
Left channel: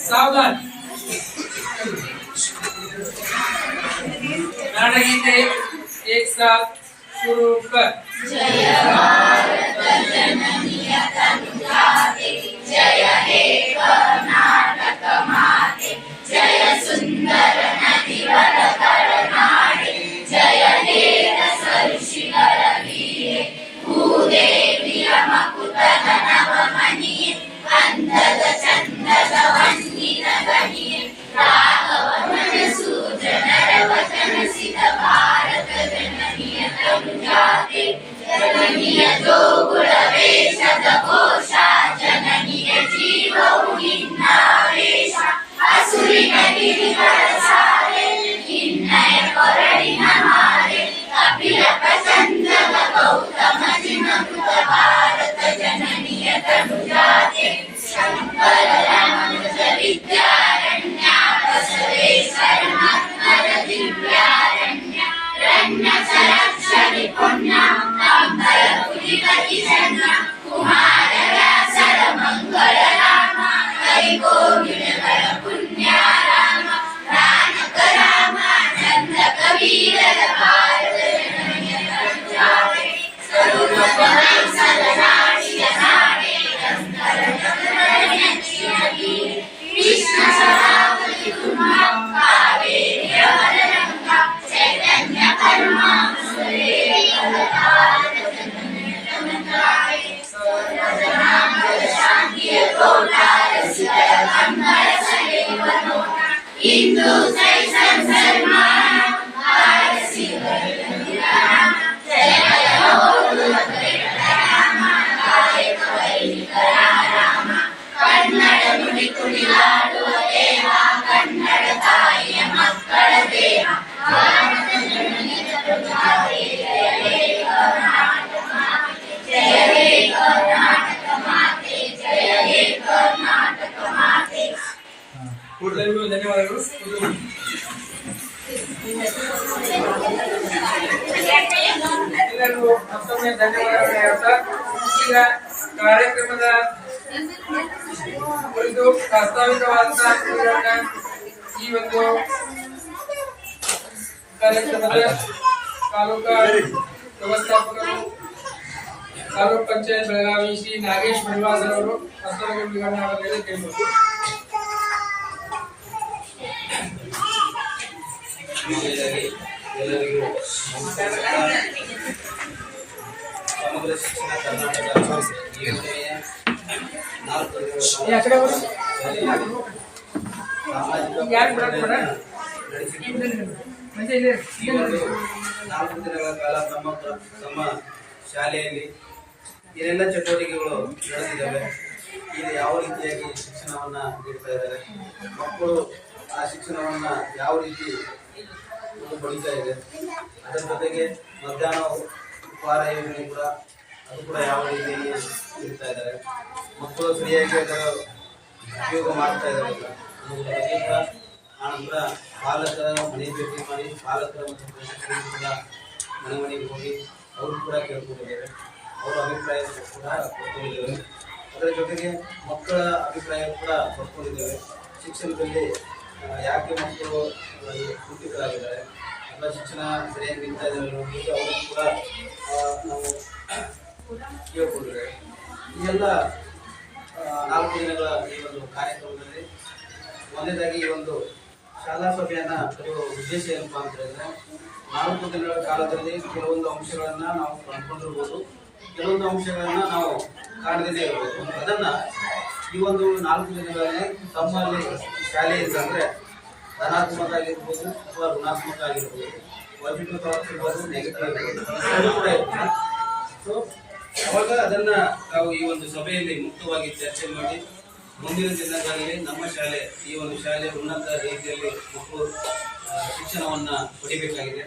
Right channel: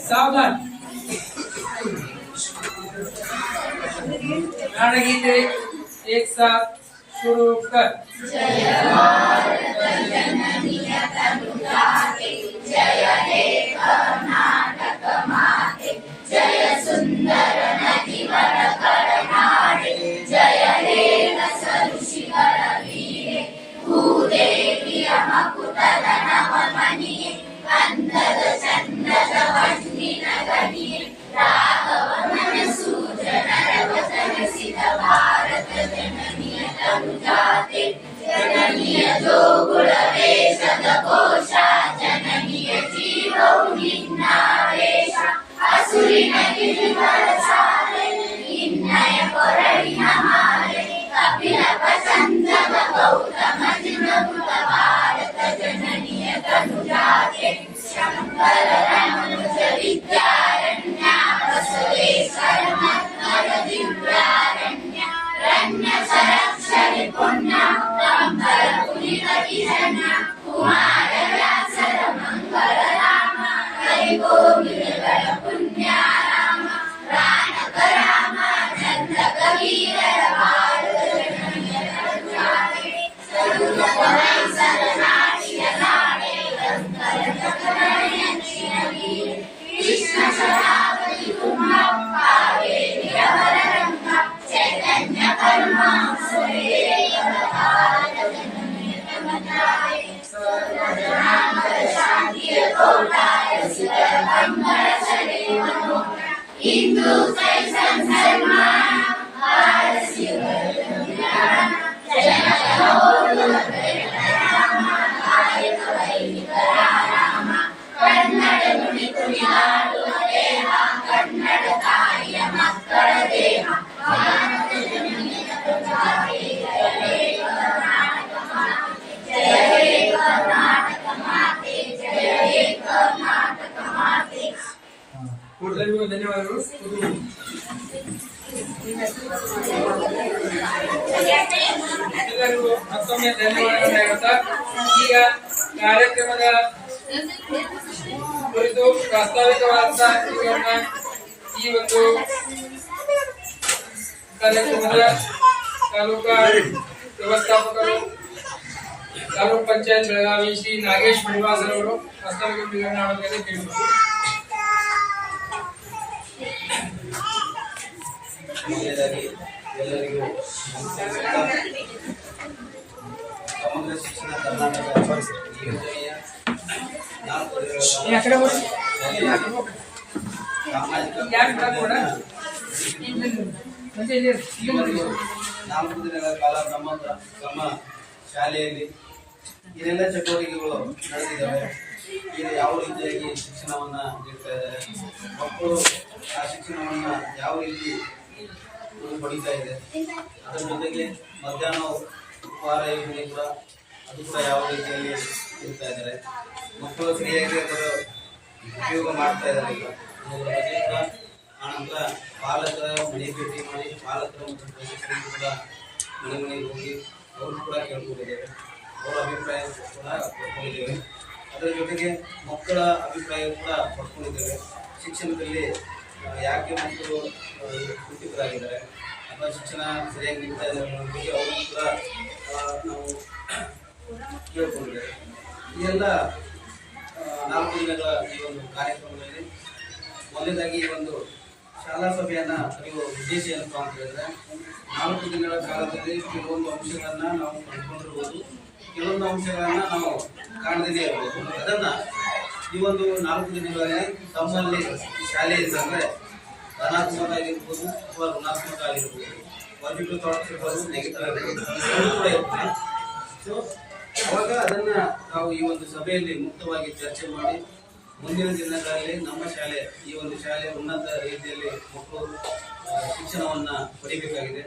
सावधान नाटगीते एक साथ शुरू कर। जय भारत जननी तनुजाते जय हे कर्नाटक माते जय सुंदर नदीवर करनाडे जय हे रस ऋषिवर वीरे भूदेवी अमकुत ಎಲ್ಲರಿಗೂ ಧನ್ಯವಾದಗಳು. ಎಲ್ಲರಿಗೂ ಮತ್ತೊಮ್ಮೆ ಧನ್ಯವಾದಗಳನ್ನ ಹೇಳ್ತಾ ಈಗ ಕಾರ್ಯಕ್ರಮದ ಕುರಿತು ಪ್ರಾಸ್ತಾವಿಕವಾದಂತಹ ಈ ಒಂದು ಕಾರ್ಯಕ್ರಮದ ತಾಲೂಕಾ ವ್ಯವಸ್ಥಾಪಕರು ತಾಲೂಕ್ ಪಂಚಾಯತ್ ಬೆಳಗಾವಿ ಶ್ರೀ ನಾಗೇಶ್ ಮಣಿವಾಸರ್ ಅವರು ಪ್ರಾಸ್ತಾವಿಕ ವಿವರಣೆ ಮಾಡೋದಕ್ಕೆ ಕೇಳಬೇಕು. ಎಲ್ಲರಿಗೂ ಸಮಗ್ರ ಶಿಕ್ಷಣ ಕರ್ನಾಟಕ ಯೋಜನೆಯ 4 ದಿನಗಳ ಕಾಲ ನಮ್ಮ ಶಾಲೆಯಲ್ಲಿ ಏನೆಲ್ಲ ಚಟುವಟಿಕೆಗಳು ನಡೆದಿದ್ದಾವೆ, ಈಗ ಯಾವ ರೀತಿಯಾಗಿ ಶಿಕ್ಷಣವನ್ನ ನೀಡ್ತಾ ಇದ್ದಾರೆ, ಮಕ್ಕಳು ಆ ಶಿಕ್ಷಣವನ್ನ ಯಾವ ರೀತಿ ಪಡಿತಾ ಇದೆ, ಅದರ ಜೊತೆಗೆ ಮಧ್ಯಾಹ್ನ ಉಪಹಾರ ಯೋಜನೆ ಕೂಡ ಅದು ಕೂಡ ಯಾವ ರೀತಿಯಲ್ಲಿ ಇರ್ತಾ ಇದ್ದಾರೆ, ಮಕ್ಕಳು ಸರಿಯಾಗಿ ಅದರ ಉಪಯೋಗ ಮಾಡ್ತಾ ಇದ್ದಾರೆ ಈಗ ಅನ್ನೋದ್ರ ಬಗ್ಗೆ ಕೂಡ. ಆನಂತರ ಪಾಲಕರ ಮನೆ ಭೇಟಿ ಮಾಡಿ ಪಾಲಕರ ಮತ್ತು ಪೋಷಕರಿಗೆ ಕೂಡ ಮನೆ ಮನೆಗೆ ಹೋಗಿ ಅವರು ಕೂಡ ಕೇಳ್ಕೊಂಡಿದ್ದೇವೆ, ಅವರ ಅಭಿಪ್ರಾಯ ಕೂಡ ಪಡ್ಕೊಂಡಿದ್ದೇವೆ. ಅದರ ಜೊತೆಗೆ ಮಕ್ಕಳ ಅಭಿಪ್ರಾಯ ಕೂಡ ಪಡ್ಕೊಂಡಿದ್ದೇವೆ. ಶಿಕ್ಷಣದಲ್ಲಿ ಯಾಕೆ ಮಕ್ಕಳು ಕುಂಠಿತರಾಗಿದ್ದಾರೆ ಅಥವಾ ಶಿಕ್ಷಣ ಸರಿಯಾಗಿ ನೀಡ್ತಾ ಇದ್ದಾರೆ ಅನ್ನೋ ಬಗ್ಗೆ ಅವರು ಕೂಡ ನಾವು ಕೇಳ್ಕೊಂಡಿದ್ದೇವೆ. ಇದೆಲ್ಲ 4 ದಿನಗಳ ಈ ಒಂದು ಕಾರ್ಯಕ್ರಮದಲ್ಲಿ ಮೊದಲನೇದಾಗಿ ಈ ಒಂದು ಶಾಲಾ ಸಭೆಯನ್ನ ಕರೆಯುವ ಉದ್ದೇಶ ಏನಪ್ಪಾ ಅಂತ ಹೇಳಿದ್ರೆ, 4 ದಿನಗಳ ಕಾಲದಲ್ಲಿ ಕೆಲವೊಂದು ಅಂಶಗಳನ್ನ ನಾವು ಕಂಡುಕೊಂಡಿರ್ಬೋದು, ಕೆಲವೊಂದು ಅಂಶಗಳನ್ನ ನಾವು ಕಾಣದೇ ಇರ್ಬೋದು. ಅದನ್ನ ಈ ಒಂದು 4 ದಿನಗಳಲ್ಲಿ ತಮ್ಮಲ್ಲಿ ಶಾಲೆಯಿಂದ ಅಂದ್ರೆ ಧನಾತ್ಮಕ ಆಗಿರ್ಬೋದು ಅಥವಾ ಋಣಾತ್ಮಕ ಆಗಿರ್ಬೋದು, ಪಾಸಿಟಿವ್ ಥಾಟ್ಸ್ ಇರ್ಬೋದು, ನೆಗೆಟಿವ್ ಇರ್ಬೋದು, ಅದು ಕೂಡ ಇರ್ತದೆ. ಸೊ ಅವಾಗ ಅದನ್ನ ನಾವು ಈ ಒಂದು ಸಭೆಯಲ್ಲಿ ಮುಕ್ತವಾಗಿ ಚರ್ಚೆ ಮಾಡಿ ಮುಂದಿನ ದಿನಗಳಲ್ಲಿ ನಮ್ಮ ಶಾಲೆ ಈ ಒಂದು ಶಾಲೆ ಉನ್ನತ ರೀತಿಯಲ್ಲಿ ಮಕ್ಕಳು ಶಿಕ್ಷಣವನ್ನ ಪಡಿಬೇಕಾಗಿದೆ.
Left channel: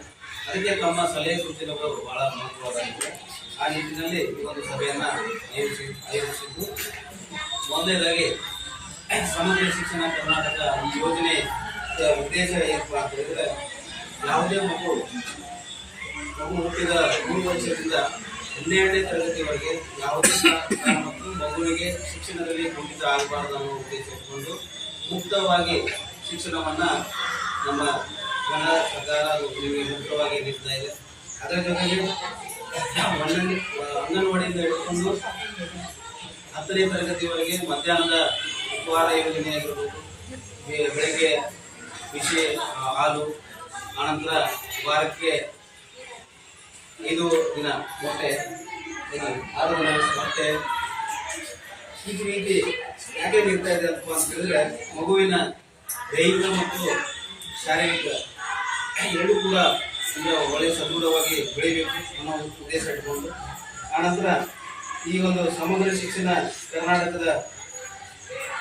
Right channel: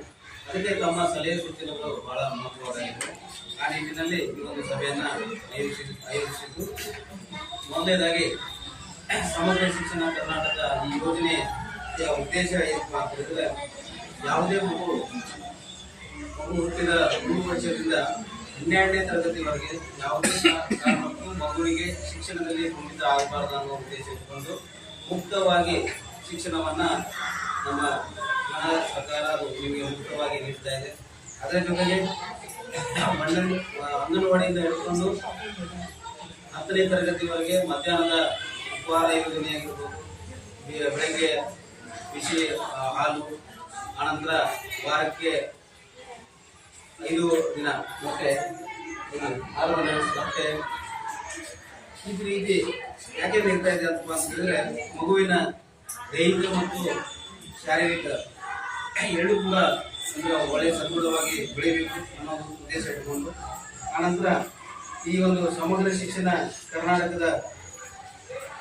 ಅದಕ್ಕೆ ತಮ್ಮ ಸಲಹೆ ಸೂಚನೆಗಳು ಬಹಳ ಮಹತ್ವವಾಗಿದೆ. ಆ ನಿಟ್ಟಿನಲ್ಲಿ ಈ ಒಂದು ಸಭೆಯನ್ನ ಆಯೋಜಿಸಿದ್ದು. ಮೊದಲನೇದಾಗಿ ಸಮಗ್ರ ಶಿಕ್ಷಣ ಕರ್ನಾಟಕ ಈ ಯೋಜನೆ ಉದ್ದೇಶ ಏನಪ್ಪಾ ಅಂತ ಹೇಳಿದ್ರೆ, ಯಾವುದೇ ಮಗು ಹುಟ್ಟಿದ 3 ವರ್ಷದಿಂದ 12ನೇ ತರಗತಿವರೆಗೆ ಯಾವುದೇ ಕಾರಣಕ್ಕೂ ಮಗುವಿಗೆ ಶಿಕ್ಷಣದಲ್ಲಿ ಕುಂಠಿತ ಆಗಬಾರದು ಅನ್ನೋ ಉದ್ದೇಶ ಇಟ್ಕೊಂಡು ಮುಕ್ತವಾಗಿ ಶಿಕ್ಷಣವನ್ನ ನಮ್ಮ ಕನ್ನಡ ಸರ್ಕಾರ ಅದು ನಿಮಗೆ ಮುಕ್ತವಾಗಿ ನೀಡ್ತಾ ಇದೆ. ಅದರ ಜೊತೆಗೆ ಅಂಗನವಾಡಿಯಿಂದ ಹಿಡ್ಕೊಂಡು 10ನೇ ತರಗತಿವರೆಗೆ ಮಧ್ಯಾಹ್ನದ ಉಪಹಾರ ಯೋಜನೆ ಆಗಿರ್ಬೋದು, ಬೆಳಗ್ಗೆ ಬಿಸಿ ಹಾಲು, ಆನಂತರ ವಾರಕ್ಕೆ 5 ದಿನ ಮೊಟ್ಟೆ, 6 ದಿನ ಮೊಟ್ಟೆ, ಈ ರೀತಿ ಯಾಕೆ ನೀಡ್ತಾ ಇದೆ ಅಂತ ಹೇಳಿದ್ರೆ ಮಗುವಿನ ದೈಹಿಕ ಮತ್ತು ಶಾರೀರಿಕ ಎರಡೂ ಕೂಡ ಒಳ್ಳೆ ಸದೃಢವಾಗಿ ಬೆಳಿಬೇಕು ಅನ್ನೋ ಉದ್ದೇಶ ಇಟ್ಕೊಂಡು ಆನಂತರ ಈ ಒಂದು ಸಮಗ್ರ ಶಿಕ್ಷಣ ಕರ್ನಾಟಕದ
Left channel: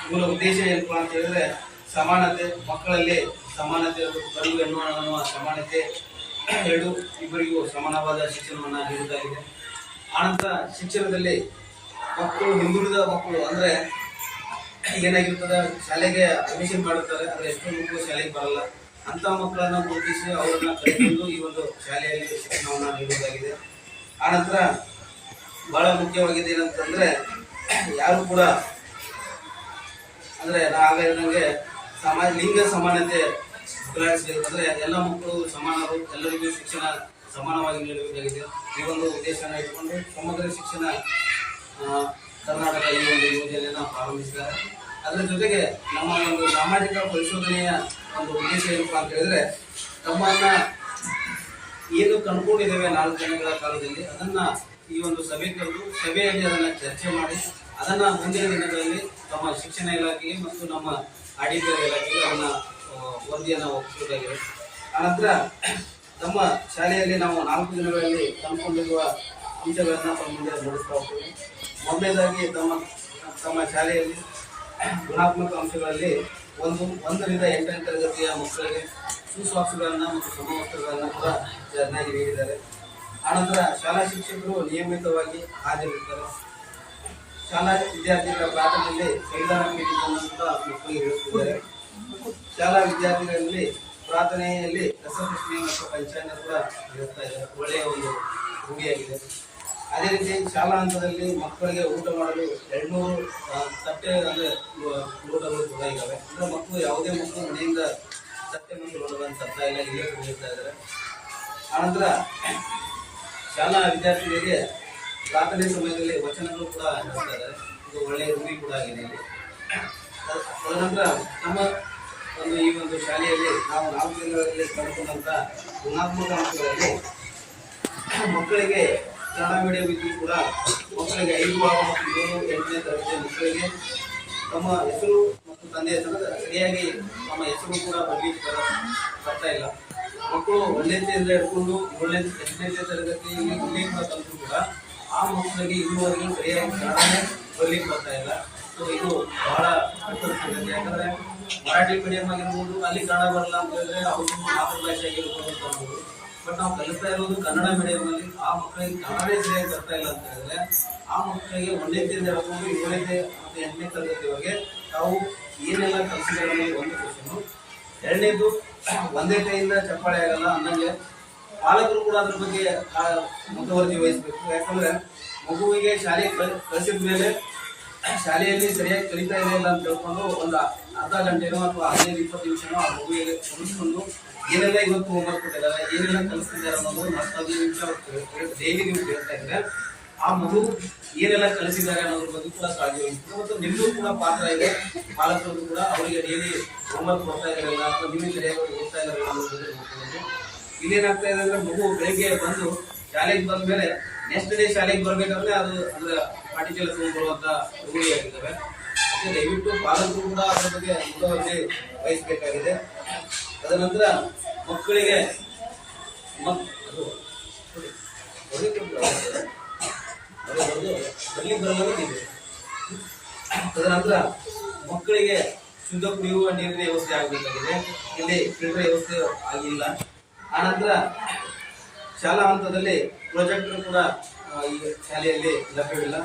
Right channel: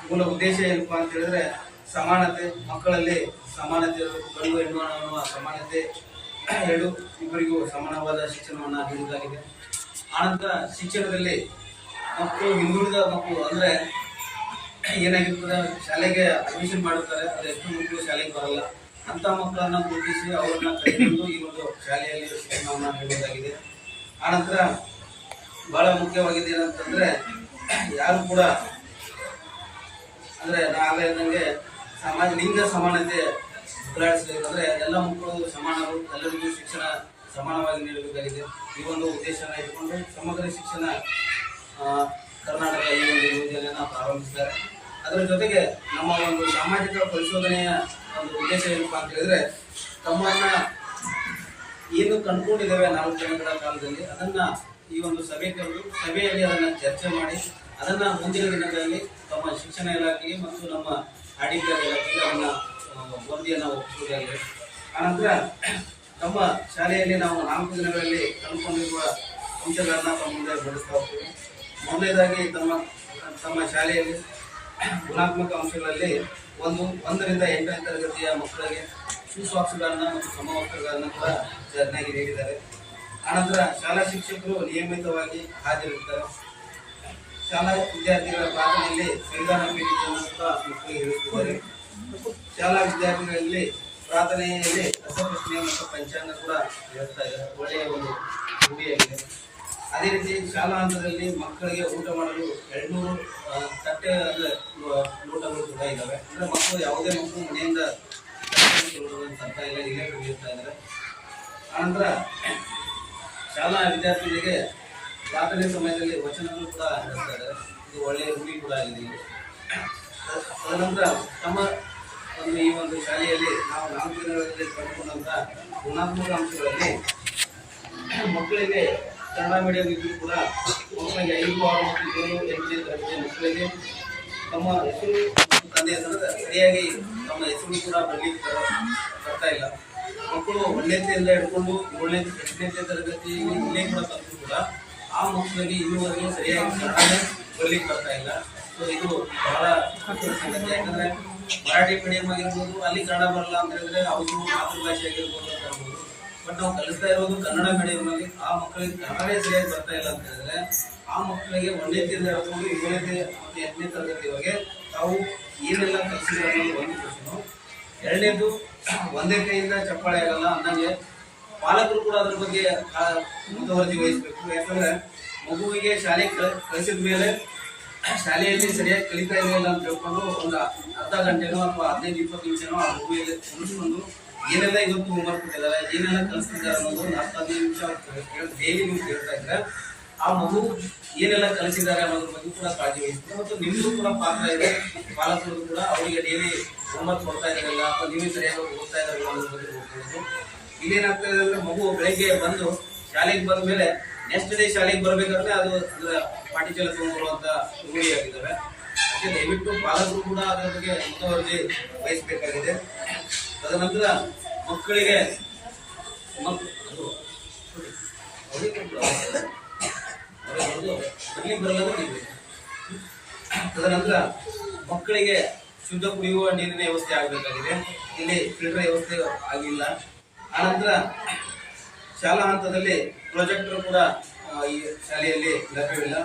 ಮೂಲ ಉದ್ದೇಶ ಏನಪ್ಪಾ ಅಂತ ಹೇಳಿದ್ರೆ ಸಮಾನತೆ, ಮಕ್ಕಳಲ್ಲಿ ಸಮಾನತೆ, ಗಂಡು ಹೆಣ್ಣು ಅನ್ನುವ ಸಮಾನತೆ ಇಬ್ಬರಿಗೂ ಸಮಾನವಾದ ಶಿಕ್ಷಣವನ್ನು ನೀಡುವುದಾಗಿದೆ. ಆನಂತರ ಶಿಕ್ಷಣದಲ್ಲಿ ಮಕ್ಕಳು ಹಿಂದುಳಿದ ಮಕ್ಕಳು ಅಂದ್ರೆ ಏನಾಗಿರ್ತದೆ, ಶಾಲೆಗೆ ಅಡ್ಮಿಷನ್ ಮಾಡಿರ್ತಾರೆ, ಆದರೆ ಎಷ್ಟೋ ಮಕ್ಕಳು ಶಾಲೆಗೆ ಬರಲ್ಲ. ಅಂತ ಮಕ್ಕಳನ್ನ ಗುರುತಿಸಿ ಅವರನ್ನ ಕರೆದುಕೊಂಡು ಈ ಒಂದು ಶಾಲೆಯಲ್ಲಿ ಶಿಕ್ಷಣವನ್ನು ನೀಡುವುದಾಗಿದೆ. ಆನಂತರ ಬಹಳ ಮುಖ್ಯವಾಗಿದೆ ಏನಂತಂದ್ರೆ ಯಾರು ಕೂಡ ಅಂದ್ರೆ ನನಗೆ ಲಿಂಗ ಸಮಾನತೆ ಬದಲಾಯಿಸಬೇಕಂದ್ರೆ ಎಲ್ಲ ಮಕ್ಕಳು ಸಮಾನರು, ಎಲ್ಲರಿಗೂ ಶಿಕ್ಷಣ ಸಮಾನವಾಗಿ ನೀಡಬೇಕಾಗಿದೆ. ಈ ಒಂದು ಉದ್ದೇಶನ ಇಟ್ಕೊಂಡು ಸಮಗ್ರ ಶಿಕ್ಷಣ ಕರ್ನಾಟಕ ಈ ಒಂದು ಯೋಜನೆಯನ್ನು ಪ್ರಾರಂಭಿಸಿದ್ದಾರೆ. ಅದರ ಜೊತೆಗೆ ನಮ್ಮ ಒಂದು ಸಾಮಾಜಿಕ ಪರಿಶೋಧನೆಯ ಒಂದು ಉದ್ದೇಶ ಏನಪ್ಪಾ ಅಂತ ಹೇಳಿದ್ರೆ ತಮ್ಮನ್ನ ಏನು ಕಂಡುಕೊಂಡಿದ್ದೇವೆ 4 ದಿನಗಳ ಕಾಲದಲ್ಲಿ ಅದನ್ನ ಈ ಒಂದು ಸಭೆ ಕರೆದು ಸಭೆಯಲ್ಲಿ ಅದನ್ನ ಚರ್ಚೆ ಮಾಡಿ ಅದನ್ನ ಮುಂದಿನ ದಿನಗಳಲ್ಲಿ ತಮ್ಮ ಶಿಕ್ಷಣ ಇಲಾಖೆಗೆ ಮತ್ತು ನಮ್ಮ ಆಡಳಿತ ಇಲಾಖೆಗೆ ಅದನ್ನ ವರದಿಯನ್ನು ಒಪ್ಪಿಸುವುದಾಗಿದೆ. ಆನಂತರ ತಮ್ಮ ಶಾಲೆಯಲ್ಲಿ ನಾವು 4 ದಿನಗಳಲ್ಲಿ ಕಂಡುಕೊಂಡಿರುವ ಅಂಶಗಳನ್ನ ತಮ್ಮ ಮುಂದೆ ನಡೆಸ್ತಾ ಹೋಗ್ತೀವಿ. ಮೊದಲನೇದಾಗಿ ತಮ್ಮ ಶಾಲೆಯಲ್ಲಿ ಗುಣಾತ್ಮಕ ಅಂಶಗಳಲ್ಲಿ 1ರಿಂದ 8ನೇ ತರಗತಿಯ ಮಕ್ಕಳಿಗೆ ಸುಸ್ವಾಕ್ಸ್ಗಳನ್ನ ಮತ್ತು ಸಮವಸ್ತ್ರಗಳನ್ನು ಕೂಡ ಚೆನ್ನಾಗಿ ನೀಡಿದ್ದಾರೆ. ಆನಂತರ ಶಾಲಾ ಶಿಕ್ಷಕರು ನಿಯಮಿತವಾಗಿ ಹಾಜರಿರ್ತಾರೆ. ಶಾಲಾ ವಿದ್ಯಾರ್ಥಿಗಳ ಪ್ರಾರ್ಥನೆಯಲ್ಲಿ ಸಂವಿಧಾನ ಪೀಠಿಕೆಯನ್ನು ಕೂಡ ಮಕ್ಕಳಿಗೆ ಹೇಳಿಸುತ್ತಾರೆ. ಶಾಲಾ ವಿದ್ಯಾರ್ಥಿಗಳಲ್ಲಿ ಪ್ರಾರ್ಥನೆಯಲ್ಲಿ ರಸಪ್ರಶ್ನೆ ಮತ್ತು ಪಂಚಾಂಗ ಕೂಡ ಹೇಳ್ತಾ ಇದ್ದಾರೆ. ಒಳ್ಳೆಯ ಒಂದು ರೂಢಿಯಾಗಿದೆ. ಅದೇ ರೀತಿ ಶಾಲಾ ಹಂತದಲ್ಲಿ ಮಕ್ಕಳಿಗೆ ಊಟ ಮಾಡಲು 200 ತಟ್ಟೆ ಅಂದ್ರೆ ಲೋಟಗಳು ಕೂಡ ಇದ್ದಾವೆ. ಅಂದ್ರೆ ಮಕ್ಕಳು ಯಾವುದೇ ಮಕ್ಕಳು ಮನೆಯಿಂದ ಲೋಟಗಳನ್ನು ತರ್ತಾ ಇಲ್ಲ, ಇಲ್ಲೇ ಕುಡಿಯುತ್ತಾ ಇದ್ದಾರೆ. ಆನಂತರ ಶಾಲಾ ವಿದ್ಯಾರ್ಥಿಗಳಿಗೆ ಪ್ರಾರ್ಥನೆ ಸಮಯದಲ್ಲಿ ವಚನಗಳು ಕೂಡ ಹೇಳ್ತಾ ಇದ್ದಾರೆ. ಇದು ಒಳ್ಳೆಯ ರೂಢಿ ಕೂಡ ಆಗಿದೆ. ತದನಂತರ ನಮ್ಮ ಈ ಒಂದು ಶಾಲೆಯಲ್ಲಿ ನಾವು 4 ದಿನಗಳಲ್ಲಿ ಕಂಡುಕೊಂಡಂತ ಗುಣಾತ್ಮಕ ಅಂಶಗಳಲ್ಲಿ ಮಕ್ಕಳಿಗೆ ಕನ್ನಡ ಮೀಡಿಯಂ ಇದ್ದರೂ ಕೂಡ ಮಕ್ಕಳಿಗೆ 5, 6 ಮತ್ತು 7, 8ನೇ ತರಗತಿಯ ಮಕ್ಕಳಿಗೆ ತಮ್ಮ ಹೆಸರು ಮತ್ತು ತಂದೆ ಹೆಸರು ಸರಿಯಾಗಿ ತಮ್ಮ ಹೆಸರು ಕೂಡ ಬರಲಿಕ್ಕೆ ಬರ್ತಾ ಇಲ್ಲ. ಮಕ್ಕಳು 1ನೇದಿಂದ ಹಿಡ್ಕೊಂಡು 7ನೇ 8ನೇ ತರಗತಿ ಇಲ್ಲೇ ಕೂಡ ಕಲಿತರು ಕೂಡ ಆ ಮಕ್ಕಳಿಗೆ ಇದುವರೆಗೆ ಸರಿಯಾಗಿ ಕನ್ನಡನೇ ಬರ್ಲಿಕ್ಕೆ ಬರ್ತಾ ಇಲ್ಲ. ಸೊ ಇದು ಬಹಳ ಸಂಗತಿ. ಯಾಕಂದ್ರೆ ಮರಾಠಿ ಮೀಡಿಯಂ ಆಗಿರ್ಬೋದು, ಅಲ್ಲಿ ಕನ್ನಡ ಬರಲ್ಲ ಅಂತ ಹೇಳಿದ್ರೆ ಅವರು ಮಾತೃಭಾಷೆ ಆಗಿರ್ಬೋದು ಅಂತ ಅನ್ಬೋದು. ಬಟ್ ನಾವು ಕಲಿಸ್ತಾ ಇರೋದು ಕನ್ನಡ ಮೀಡಿಯಂ ಅಲ್ಲಿ, ಆ ಮಕ್ಕಳಿಗೆ ಕನ್ನಡವೇ ಸರಿಯಾಗಿ ಬರ್ತಾ ಇಲ್ಲ ಅಂತ ಹೇಳಿದ್ರೆ ಆ ಮಕ್ಕಳಿಗೆ 1ನೇದಿಂದ ಹಿಡ್ಕೊಂಡು 7ನೇ ಮತ್ತು 8ನೇ ತರಗತಿವರೆಗೆ ತಾವು ಏನೆಲ್ಲ ಕಲಿಸಿದ್ದಾರೆ ಅನ್ನೋದು ಒಂದು ಕ್ವಶನು. 2ನೇದು ಒಂದೇ ಕೈಯಿಂದ ಚಪ್ಪಾಳೆ ಆಗಲ್ಲ ಅಂದಂಗೆ ಪಾಲಕರು ಕೂಡ ಅದ್ರ ಬಗ್ಗೆ ಮುತುವರ್ಜಿ ವಹಿಸಬೇಕು. ಯಾಕಂದ್ರೆ ಮಗುವಿಗೆ ಶಾಲೆಗೆ ಕಳಿಸಿದ ಮೇಲೆ ಶಾಲೆಯಲ್ಲಿ ಸರಿಯಾಗಿ ಕಲಿತಾ ಇದೆಯಲ್ಲ ಅಂತ ಹೇಳ್ಕೊಂಡು ಒಂದು ಅರ್ಧ ಗಂಟೆನೋ ಅಥವಾ 15-20 ನಿಮಿಷನೋ ಆ ಮಗುವಿಗೆ ಕುಳಿಸ್ಕೊಂಡು ಏನೆಲ್ಲ ಇವತ್ತು ಹೋಮ್ವರ್ಕ್ ಕೊಟ್ಟಿದ್ದಾರೆ, ಏನೆಲ್ಲ ಕಲಿಸ್ತಿದ್ದಾರೆ ಅನ್ನೋದು 15 ನಿಮಿಷ ಡೈಲಿ ನೀವು ಕೇಳ್ತಾ ಇದ್ರೆ ಆ ಮಗು ಏನೆಲ್ಲ ಕಲಿಸಿದ್ದಾರೆ ಅನ್ನೋದ್ರ ಬಗ್ಗೆ ಕೂಡ ಕಾಳಜಿ ವಹಿಸ್ತಾರೆ. ಮತ್ತು ನಿಮ್ದು ಕೂಡ ಪಾತ್ರ ಇದೆ, ಪಾಲಕರದ್ದು ಕೂಡ ಅವರಿಗೆ ಡೈಲಿ ಹೋಮ್ವರ್ಕ್ ಕೊಡ್ತಾ ಇದ್ದಾರಲ್ಲ ಅಥವಾ ನೀವೇ ಸರಿಯಾಗಿ ಓದ್ತಾ ಇದ್ದಾರಲ್ಲ ಅನ್ನೋದ್ರ ಬಗ್ಗೆ ನೋಡ್ಬೋದು. ಇಲ್ಲೇನಾಗ್ತಾ ಇದೆ ಅಂದ್ರೆ ಮಗು ಬೆಳಿಗ್ಗೆ ಬಂದು ಶಾಲೆಗೆ ಬಂದ ಮೇಲೆ ನೆಕ್ಸ್ಟ್ ಡೇ ಶಾಲೆಗೆ ಬರ್ಬೇಕಾದ್ರೆ ಅದು ಅಂದ್ರೆ ಪಾಠಶಾಲೆ ತಗೊಂಡ್ಬರುವಂತ ರೂಢಿಯಾಗಿದ್ದಾವೆ. ಅದಕ್ಕೆ ದಯವಿಟ್ಟು ಪಾಲಕರು ಕೂಡ ಅದರ ಬಗ್ಗೆ ಮುತುವರ್ಜಿ ವಹಿಸಬೇಕಾಗಿದೆ. ತದನಂತರ ಮಕ್ಕಳಿಗೆ ತದನಂತರ ಮಕ್ಕಳಿಗೆ ಶುದ್ಧ ಕುಡಿಯುವ ನೀರಿನ ವ್ಯವಸ್ಥೆ ಆಗಬೇಕಾಗಿದೆ. ಇಲ್ಲಿ ಫಿಲ್ಟರ್ ವ್ಯವಸ್ಥೆ ಆಗಿಲ್ಲ. ಆನಂತರ ಶಾಲಾ ಹಂತದಲ್ಲಿ ಪ್ರೊಜೆಕ್ಟರ್ ಕೂಡ ಈ ಶಾಲೆಯಲ್ಲಿ ಲಭ್ಯವಿಲ್ಲ.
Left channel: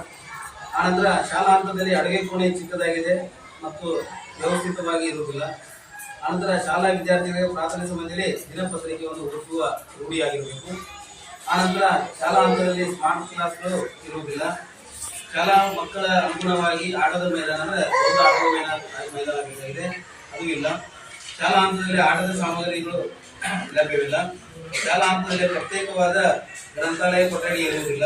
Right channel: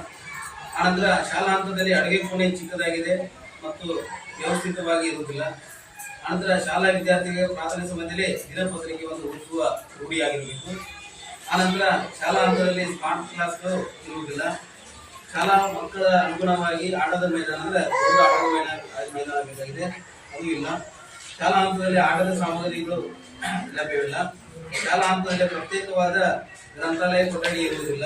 ಆನಂತರ ಶಾಲಾ ಹಂತದಲ್ಲಿ ಅಡುಗೆ ಕೋಣೆ ಚಿಕ್ಕದಾಗಿದೆ ಮತ್ತು ವ್ಯವಸ್ಥಿತವಾಗಿ ಇರುವುದಿಲ್ಲ. ಆನಂತರ ಶಾಲಾ ವಿದ್ಯಾರ್ಥಿಗಳಿಗೆ ಪ್ರಾರ್ಥನೆ ಸಮಯದಲ್ಲಿ ದಿನಪತ್ರಿಕೆಯನ್ನು ಓದಿಸುವ ರೂಢಿಯಾಗಿರಬೇಕು. ಆನಂತರ ಶಾಲಾ ಹಂತದಲ್ಲಿ ಸ್ಮಾರ್ಟ್ ಕ್ಲಾಸ್ಗಳು ಇರುವುದಿಲ್ಲ. ಶಾಲಾ ಮಕ್ಕಳ ಅನುಗುಣವಾಗಿ ಆಟದ ಮೈದಾನ ಅಂದ್ರೆ ಒಂದು ಆಟದ ಮೈದಾನ ಬೇಕಾಗಿದೆ, ಅದು ಇಲ್ಲ. ಶಾಲಾ ಹಂತದಲ್ಲಿ ಆಟದ ಸಾಮಗ್ರಿಗಳು ಲಭ್ಯವಿಲ್ಲ. ಶಾಲಾ ಹಂತದಲ್ಲಿ ಪ್ರತ್ಯೇಕವಾದ ಗ್ರಂಥಾಲಯ ಕೊಠಡಿ ಇರುವುದಿಲ್ಲ.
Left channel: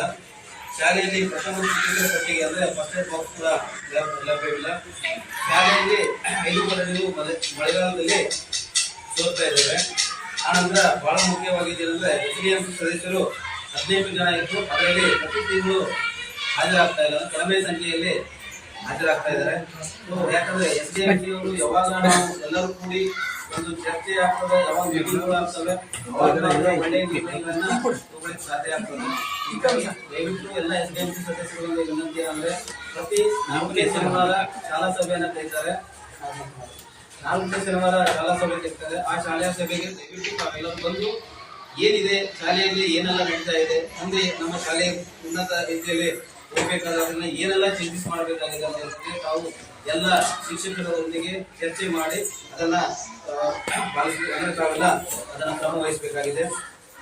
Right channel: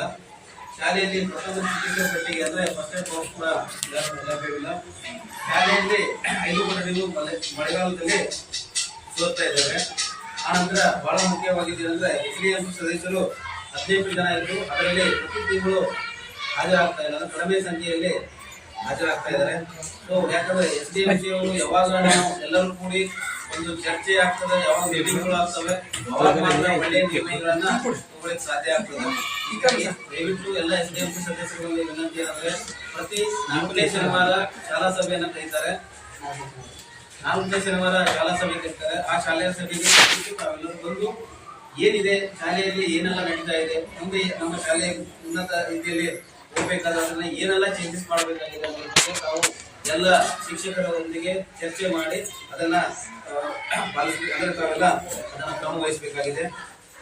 ಶಾಲೆಯಲ್ಲಿ ಪ್ರಥಮ ಚಿಕಿತ್ಸೆ ಪಟ್ಟಿಗೆ ಅಂದ್ರೆ ಫಸ್ಟ್ ಏಡ್ ಬಾಕ್ಸ್ ಕೂಡ ಲಭ್ಯವಿಲ್ಲ. ಶಾಲೆಯಲ್ಲಿ 5 ಕೊಠಡಿಗಳು ಮಳೆಗಾಲದಲ್ಲಿ ಸೋರ್ತಾ ಇದ್ದೇವೆ. ಆನಂತರ ಬಹಳ ಮುಖ್ಯವಾಗಿದೆ ಅಂದ್ರೆ SDM ಸದಸ್ಯರು 18 ಜನ ಇದ್ದು ಅದರಲ್ಲಿ ಪ್ರತಿ ತಿಂಗಳು ಹಾಜರಾಗ್ತಾ ಇಲ್ಲ, ಕಡಿಮೆ ಸಂಖ್ಯೆಯಲ್ಲಿ ಹಾಜರಾಗ್ತಾ ಇದ್ದಾರೆ. ಸೊ ಯಾಕಂದ್ರೆ SDMC ಅವರು ಯಾವಾಗ ನಾವು ಎಲ್ಲರೂ ಕೂಡಿ ಒಂದು ಚರ್ಚೆ ಆಗ್ತದೆ, ಯಾವಾಗ ಮೀಟಿಂಗ್ಗಳು ಆಗ್ತವೆ, ಅವಾಗ ಮಾತ್ರ ಒಳ್ಳೆಯ ನಿರ್ಣಯಗಳನ್ನ ತಗೊಳ್ಳಿಕ್ಕೆ ಸಾಧ್ಯ ಆಗ್ತದೆ. ಹೀಗಾಗಿ ದಯವಿಟ್ಟು ಎಲ್ಲ SDMC ಸದಸ್ಯರುಗಳಿಗೆ ವಿನಂತಿ ಏನಂದ್ರೆ ಪ್ರತಿ 4ನೇ ಶನಿವಾರ ಶಾಲಾ ಸಭೆಯನ್ನ ಕರೀತಾರೆ. 4ನೇ ಶನಿವಾರ ಶಾಲಾ ಸಭೆ ಕರೀತಾರೆ. ಆ ಶಾಲೆಯ ಸಭೆಗೆ ತಾವೆಲ್ಲರೂ ಬಂದು ಏನಿದೆ ಶಾಲೆಯಲ್ಲಿ ಏನೆಲ್ಲ ನಡೀತಾ ಇದೆ, ಮುಂದೆ ನಮ್ಮ ಶಾಲೆ ಉನ್ನತ ರೀತಿಯಲ್ಲಿ ಹೋಗ್ಬೇಕಾದ್ರೆ ಏನೆಲ್ಲ ಚೇಂಜಸ್ ಮಾಡಬೇಕಾಗಿದೆ ಅನ್ನೋದ್ರ ಬಗ್ಗೆ ತಾವು ಎಲ್ಲ ಶಿಕ್ಷಕರೊಂದಿಗೆ ಚರ್ಚೆ ಮಾಡಿ ಅದನ್ನ ತಾವೆಲ್ಲ ಅದನ್ನ ಕ್ರಮ ವಹಿಸಬೇಕಾಗಿದೆ.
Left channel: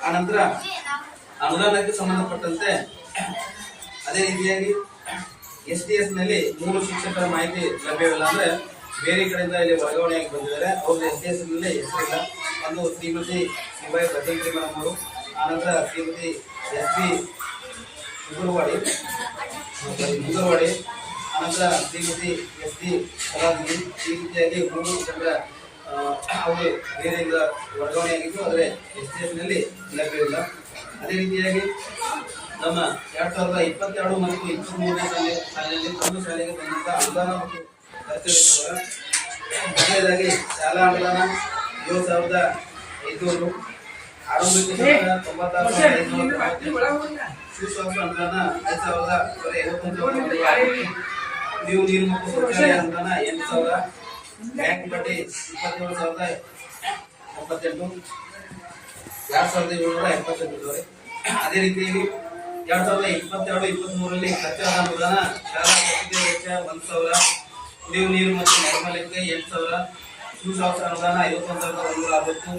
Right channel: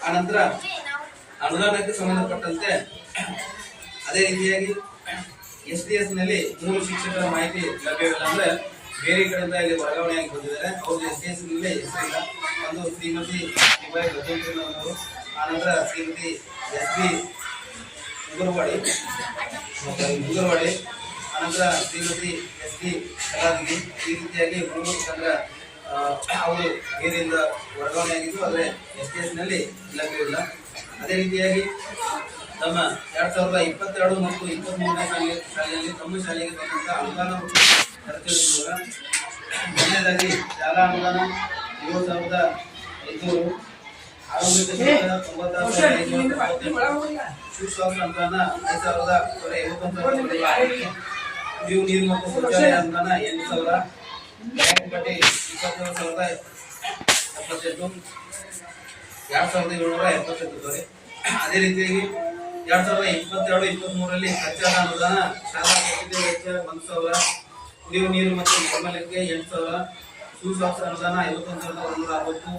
ಆ ನಂತರ ಅನುದಾನಕ್ಕೆ ಸಂಬಂಧಪಟ್ಟಂತೆ ಅದೇ ರೀತಿಯಾಗಿ SDS ನಲ್ಲಿ 3 ಶಿಕ್ಷಕರ ಮಾಹಿತಿ ಲಭ್ಯವಿಲ್ಲ, ಅಂದ್ರೆ ಬೇರೆ ಕಡೆಯಿಂದ ಇಲ್ಲಿ ವರ್ಗಾವಣೆಯಾಗಿ ಬಂದಿದ್ದಾರೆ. ಅವ್ರದ್ದು SDS ನಲ್ಲಿ ಹೆಸರಿಲ್ಲ. ಒಂದು ಶ್ರೀಮತಿ ಶಿವಾಯ ಗಜೇಂದ್ರಿ ಮೇಡಮ್ ಅವರು, ಆನಂತರ ಶ್ರೀಮತಿ SP ಮುಗುರವಾಡಿ, ಆನಂತರ ಶ್ರೀಮತಿ SD ಕಲಾದಿಗಿ. ಈ ರೀತಿಯಾಗಿ 3 ಜನರ ಅವರು ಬೇರೆಯಿಂದ ವರ್ಗಾವಣೆಯಾಗಿದ್ದು, ಆದರೆ SDS ನಲ್ಲಿ ಲಭ್ಯವಿಲ್ಲ. ಅದೇ ರೀತಿಯಾಗಿ ನಮ್ಮ 2022 ಮತ್ತು 23ನೇ ಸಾಲಿನಲ್ಲಿ ತಮ್ಮ ಶಾಲೆಗೆ ಬಂದಂತ ಅನುದಾನ ಮತ್ತು ಖರ್ಚು ಮೊದಲನೇದಾಗಿ ಶಾಲಾ ಅನುದಾನ 7,500, ಆರಂಭಿಕ ಶುಲ್ಕ 96,500, ಶೂಸ್ ಅನುದಾನ 5,151, ಕುಡಿಯುವ ನೀರು ಮತ್ತು ಶೌಚಾಲಯ ಅನುದಾನ 8,000, ಬ್ಯಾಂಕ್ ಬಡ್ಡಿ 27,078, 2,778. ಅದೇ ರೀತಿಯಾಗಿ 2022-23ರಲ್ಲಿ ಖರ್ಚಾದ ಅನುದಾನ ಶಾಲಾ ಕಟ್ಟಿಗೆ ವೆಚ್ಚ 1,000, ಕುಡಿಯುವ ನೀರು ಮತ್ತು ನೈರ್ಮಲ್ಯಕ್ಕೆ 8,000, ಶೂಸ್ ಅನುದಾನ 51,160,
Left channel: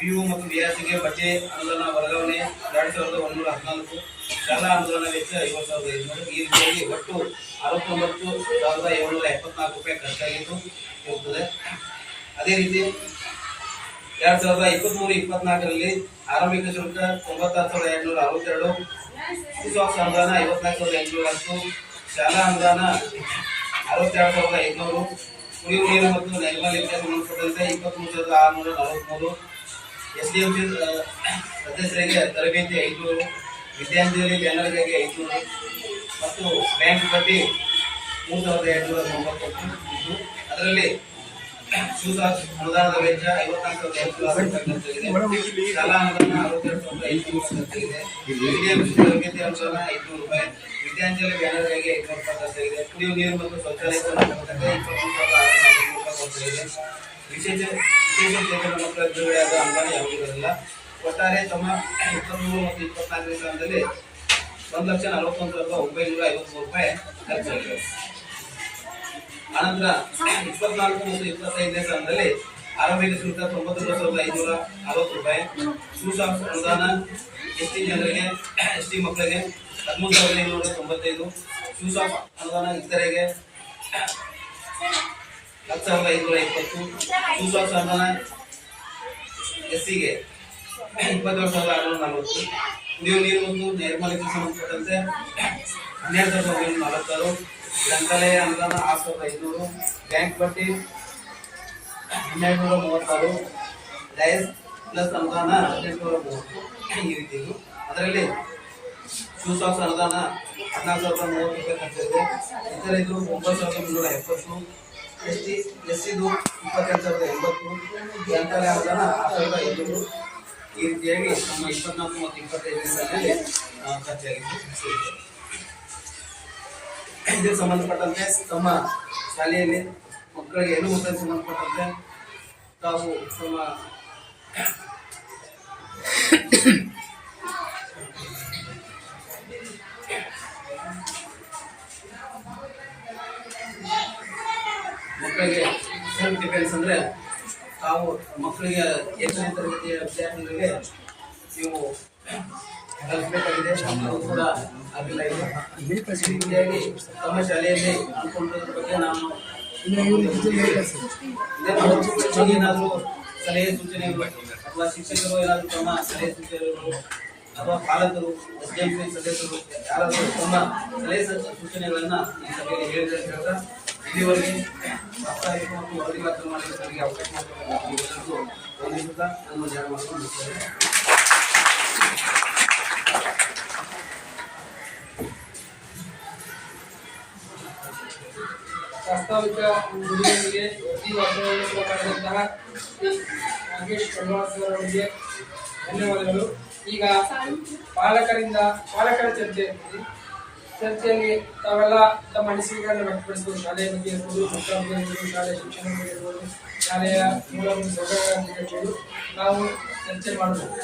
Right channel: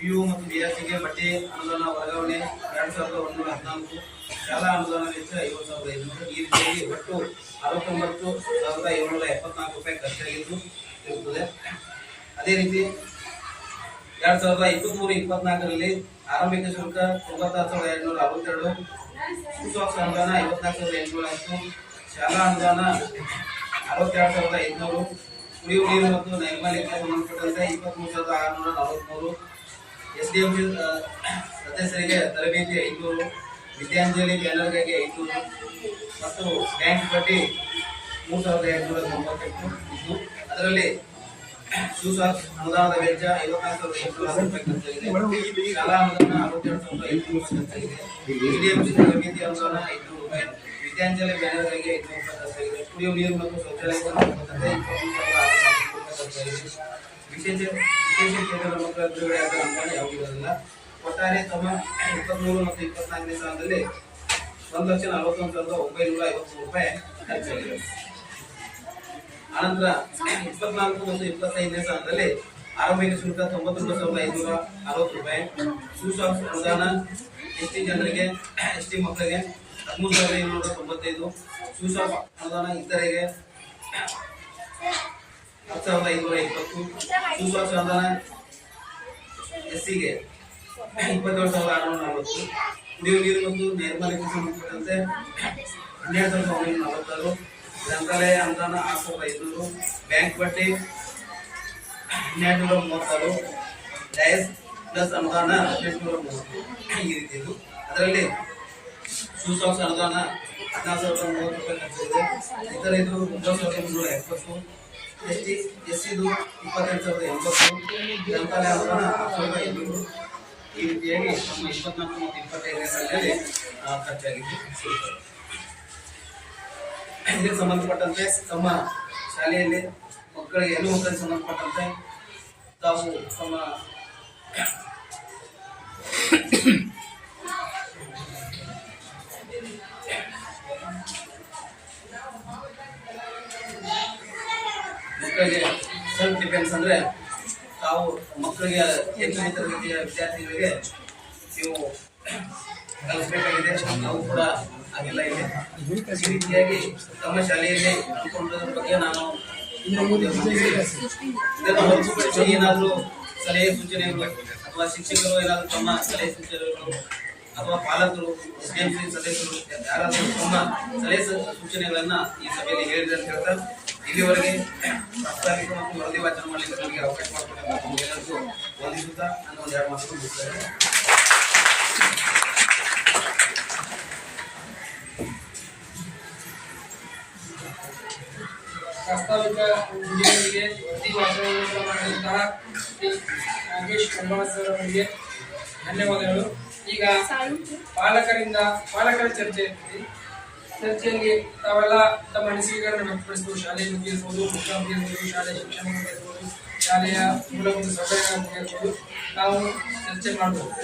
BU ಮತ್ತು BRCಗೆ ಬಡ್ಡಿ ಅನುದಾನ ವರ್ಗಾವಣೆ 2,114, ಶಾಲಾ ಅನುದಾನ ವೆಚ್ಚ 50,500. ಈ ರೀತಿಯಾಗಿ ಒಟ್ಟು 69,774 ರೂಪಾಯಿ ಖರ್ಚಾಗಿದ್ದು ಇರುತ್ತದೆ. ಅದೇ ರೀತಿ 2023-24ರಲ್ಲಿ ಆರಂಭಿಕ ಶುಲ್ಕ 96,262, ಶೂಸ್ ಅನುದಾನ 54,810, ಶಾಲಾ ಅನುದಾನ 62,500, ಕುಡಿಯುವ ನೀರು ಮತ್ತು ನೈರ್ಮಲ್ಯಕ್ಕೆ ಸಂಬಂಧಪಟ್ಟಂತೆ 23,643, SDMC ಸದಸ್ಯರಿಗೆ ತರಬೇತಿ 500, ವಿದ್ಯಾರ್ಥಿಗಳಿಗೆ ಬ್ಯಾನರ್ಗಾಗಿ 500 ಮತ್ತು ಬ್ಯಾಂಕ್ ಬಡ್ಡಿ 3,898 ಇದ್ದು, ಅದರಲ್ಲಿ ಶೂಸ್ ಅನುದಾನದ ವೆಚ್ಚ 54,860 ಖರ್ಚಾಗಿದೆ. ಶಾಲಾ ಅನುದಾನ 62,500 ಖರ್ಚಾಗಿದೆ. SDMC ತರಬೇತಿ ಅನುದಾನ 500 ರೂಪಾಯಿ, ವಿದ್ಯಾರ್ಥಿಗಳಿಗೆ ಬ್ಯಾನರ್ಗಾಗಿ 500 ರೂಪಾಯಿ ಖರ್ಚಾಗಿದೆ. ಕುಡಿಯುವ ನೀರು ಮತ್ತು ಶೌಚಾಲಯಕ್ಕೆ ಸಂಬಂಧಪಟ್ಟಂತೆ 23,640 ರೂಪಾಯಿ ಖರ್ಚಾಗಿದೆ. ವಿಶೇಷ ಚೇತನ ಮಕ್ಕಳ ಬಿಡುಗಡೆ ಆದ ಅನುದಾನ ಯಾವುದಿರಲಿಲ್ಲ. ಒಟ್ಟಾರೆ ತಮ್ಮ 23 ಮತ್ತು 24ನೇ ಸಾಲಿನಲ್ಲಿ 1,41,953 ರೂಪಾಯಿ ಖರ್ಚಾಗಿದೆ. ಆನಂತರ 24 ಮತ್ತು 25ನೇ ಸಾಲಿನಲ್ಲಿ ಆರಂಭಿಕ ಶುಲ್ಕ 99,560 ರೂಪಾಯಿ, ಶೂಸ್ ಅನುದಾನ ST ಜನರಿಗೆ ST ಮಕ್ಕಳಿಗೆ 13,795, ಶೂಸ್ ಅನುದಾನ ಇತರೆಗೆ 10,520, ಶೂಸ್ ಅನುದಾನ SCಗೆ 27,640, ಕುಡಿಯುವ ನೀರು ಮತ್ತು ನೈರ್ಮಲ್ಯಕ್ಕೆ ಸಂಬಂಧಪಟ್ಟಂತೆ 12,946, ಗ್ರಂಥಾಲಯ ಅನುದಾನ 6,500, ಬ್ಯಾಂಕ್ ಬಡ್ಡಿ 1236, ಡಯಸ್ ಪ್ಲಸ್ ಅನುದಾನ 1830. ಈ ರೀತಿ ಇದು. ಅದರಲ್ಲಿ ಶೂಸ್ ಅನುದಾನ 14,030 ರೂಪಾಯಿ ಖರ್ಚಾಗಿದೆ. ಇತರ ಇದು 9,370, SCದು 28,080, ಗ್ರಂಥಾಲಯ ಅನುದಾನ 6,500. ಈ ರೀತಿಯಾಗಿ ನಮ್ಮ 24 ಮತ್ತು 25ನೇ ಸಾಲಿನಲ್ಲಿ ಖರ್ಚಾಗಿದ್ದು. ಇದಕ್ಕೆ ಸಂಬಂಧಪಟ್ಟಂತೆ ತಮ್ಮ ಶಾಲೆಯಲ್ಲಿ ಮಕ್ಕಳಿಗೆ ಹೆಣ್ಣು ಮಕ್ಕಳಿಗೆ ಸಂಬಂಧಪಟ್ಟಂತೆ ತಾವು ತಮ್ಮ ಮಕ್ಕಳಿಗೆ ಸೆಲ್ಫ್ ಡಿಫೆನ್ಸ್ ಅಂದ್ರೆ ತಾವು ಮಕ್ಕಳಿಗೆ 8ನೇ ತರಗತಿಯ ವಿದ್ಯಾರ್ಥಿಗಳಿಗೆ ನೀವು ಕಲಿಸಬೇಕಾಗಿದೆ. ನಾವು ಕೂಡ ಆಗಿಲ್ಲ ಇಲ್ಲಿ. ಈ ರೀತಿಯಾಗಿ ತಮ್ಮ ಶಾಲೆಯಲ್ಲಿ ಅನ್ಕೊಂಡದ್ರ ಬಗ್ಗೆ ನಾನು ಇದನ್ನು ಹೊರತುಪಡಿಸಿ ಏನಾದರೂ ಸಲಹೆ ಸೂಚನೆಗಳು ಅಥವಾ ಶಿಕ್ಷಕರು ಏನಾದರೂ ತಮ್ಮ ಸಲಹೆ ಸೂಚನೆಗಳು ಅಥವಾ ಪಾಲಕರು SDMC ಸದಸ್ಯರು ಯಾರಾದರೂ ತಮ್ಮ ಸಲಹೆ ಸೂಚನೆಗಳನ್ನ ಈ ಸಭೆಯಲ್ಲಿ ಹೇಳಿದ್ರೆ ಅಂತ ಹೇಳ್ತಾ ಇಲ್ಲಿವರೆಗೆ ಪ್ರಾಸ್ತಾವಿಕ ಮತ್ತು ವರದಿ ವಾಚನ ಮಾಡಲಿಕ್ಕೆ ನನಗೆ ಅವಕಾಶ ಮಾಡಿಕೊಡಬೇಕು ಎಲ್ಲರಿಗೂ ವಂದಿಸುತ್ತಾ ನಾನು ಒಂದು 2 ಮಾತುಗಳು ಮುಗಿಸ್ತೇನೆ. ಪ್ರಾಸ್ತಾವಿಕ ನುಡಿಗಳಿಗೆ ವರದಿ ವಾಚನವನ್ನು ಮಾಡಿದಂತಹ ಶ್ರೀ ನಾಗೇಶ್ ಕಲ್ವಾಳ ಸರ್ ಅವರಿಗೆ ಧನ್ಯವಾದಗಳು. ಈಗ ಪಾಲಕರ ಚರ್ಚೆಯಲ್ಲಿ ತಾವೆಲ್ಲ ತಮ್ಮ ಅನಿಸಿಕೆಗಳನ್ನು ವ್ಯಕ್ತಪಡಿಸಬಹುದು. ಶಾಲೆಯ ಬಗ್ಗೆ ಇರ್ಬೋದು, ಮಕ್ಕಳ ಬಗ್ಗೆ ಇರ್ಬೋದು, ಶಾಲೆಯ ಶಿಕ್ಷಣ ಬಗ್ಗೆ ಇರ್ಬೋದು, ಶಾಲೆಯ ಮೂಲಭೂತ ಸೌಕರ್ಯಗಳ ಬಗ್ಗೆ ಇರ್ಬೋದು, ನಾವು ಚರ್ಚೆ ಮಾಡಬಹುದು.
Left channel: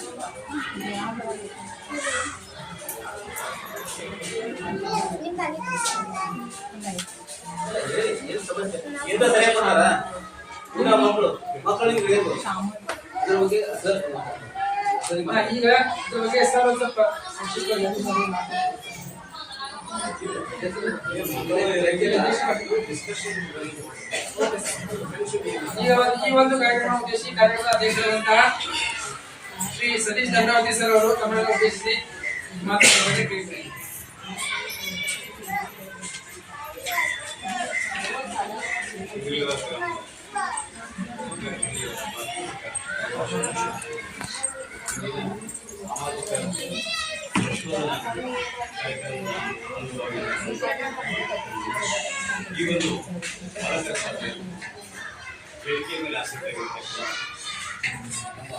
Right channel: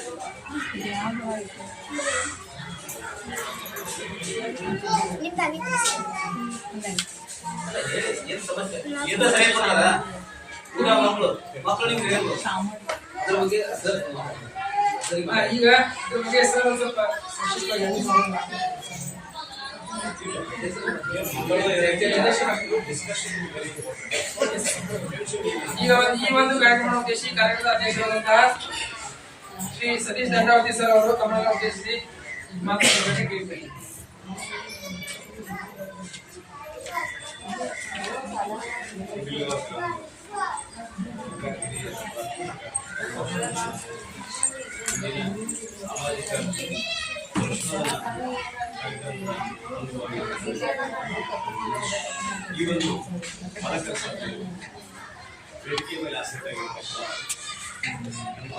ಈಗ ಇದ್ರ ಬಗ್ಗೆ ಸರ್ ಒಂದು ಸ್ವಲ್ಪ ಸಂಕ್ಷಿಪ್ತವಾಗಿ ಈ ಒಂದು ಕಾರ್ಯಕ್ರಮ ಉದ್ದೇಶಿಸಿ ಕಾರ್ಯಕ್ರಮದ ಅಧ್ಯಕ್ಷರಾದಂತಹ ಶ್ರೀ ಸತೀಶ್ ದಂಡಾವತಿ ಸರ್ ಅವರು ತಮ್ಮನ್ನು ಉದ್ದೇಶಿಸಿ ಮಾತನಾಡುವುದಕ್ಕೆ ಕೇಳಿದ್ದಾರೆ. ಈ ಒಂದು ಪಾಲಕರ ಸಭೆ ವೇದಿಕೆ ಮೇಲೆ ಆಸಕ್ತಿಯಾಗಿರ್ತಕ್ಕಂಥ ನಮ್ಮ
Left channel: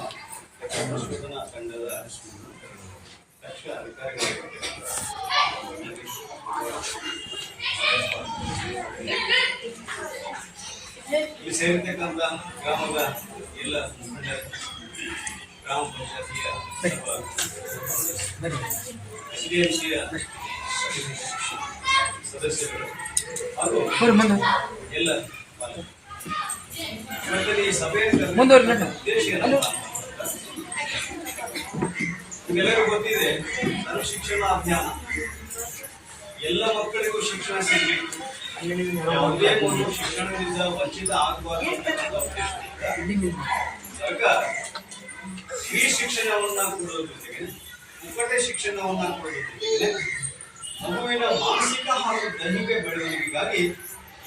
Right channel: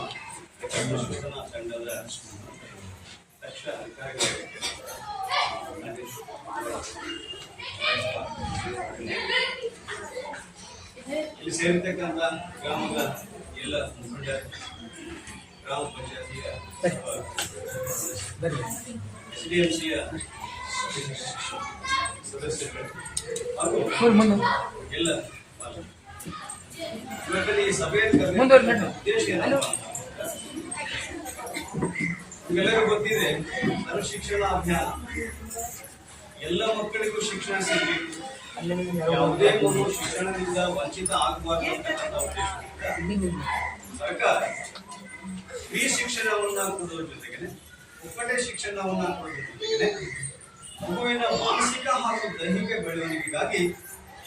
ಸಂಶೋಧನಾ ತಂಡದ ದಕ್ಷ ಅಧಿಕಾರಿಗಳಾಗಿರ್ತಕ್ಕಂಥ ಇಲ್ಲಿ ಸೇರಿರ್ತಕ್ಕಂಥ ಗ್ರಾಮದ ಎಲ್ಲ ಮುಖಂಡರು, ಗ್ರಾಮ ಪಂಚಾಯತಿಯ SDMCಯ ಸದಸ್ಯರು ಹಾಗೂ ಎಲ್ಲ ಪಾಲಕರು ಈ ಸಭೆಯ ಉದ್ದೇಶ ಏನಪ್ಪ ನಿಮ್ಗೆಲ್ಲರಿಗೂ ಗೊತ್ತಿದೆ, ಸರ್ವ ಶಿಕ್ಷಣ ಅಭಿಯಾನ ಎಲ್ಲ ಮಕ್ಕಳಿಗೂ ಶಿಕ್ಷಣ ಸಿಗಬೇಕು, ಯಾವುದೇ ಒಂದು ಶಿಕ್ಷಣದಿಂದ ವಂಚಿತ ಆಗಬಾರದು ಅಂತಕ್ಕಂಥ ಉದ್ದೇಶದಿಂದ ಸರ್ಕಾರ ಫ್ರೀ ಶಿಕ್ಷಣವನ್ನ ಕೊಡೋದ್ರ ಜೊತೆಗೆ ಪುಕ್ಕಟೆ ಶಿಕ್ಷಣವನ್ನ ಕೊಡೋದ್ರ ಜೊತೆಗೆ ಮಗುವಿನ ಮಾನಸಿಕ ಹಾಗೂ ದೈಹಿಕ ಬೆಳವಣಿಗೆಗಾಗಿ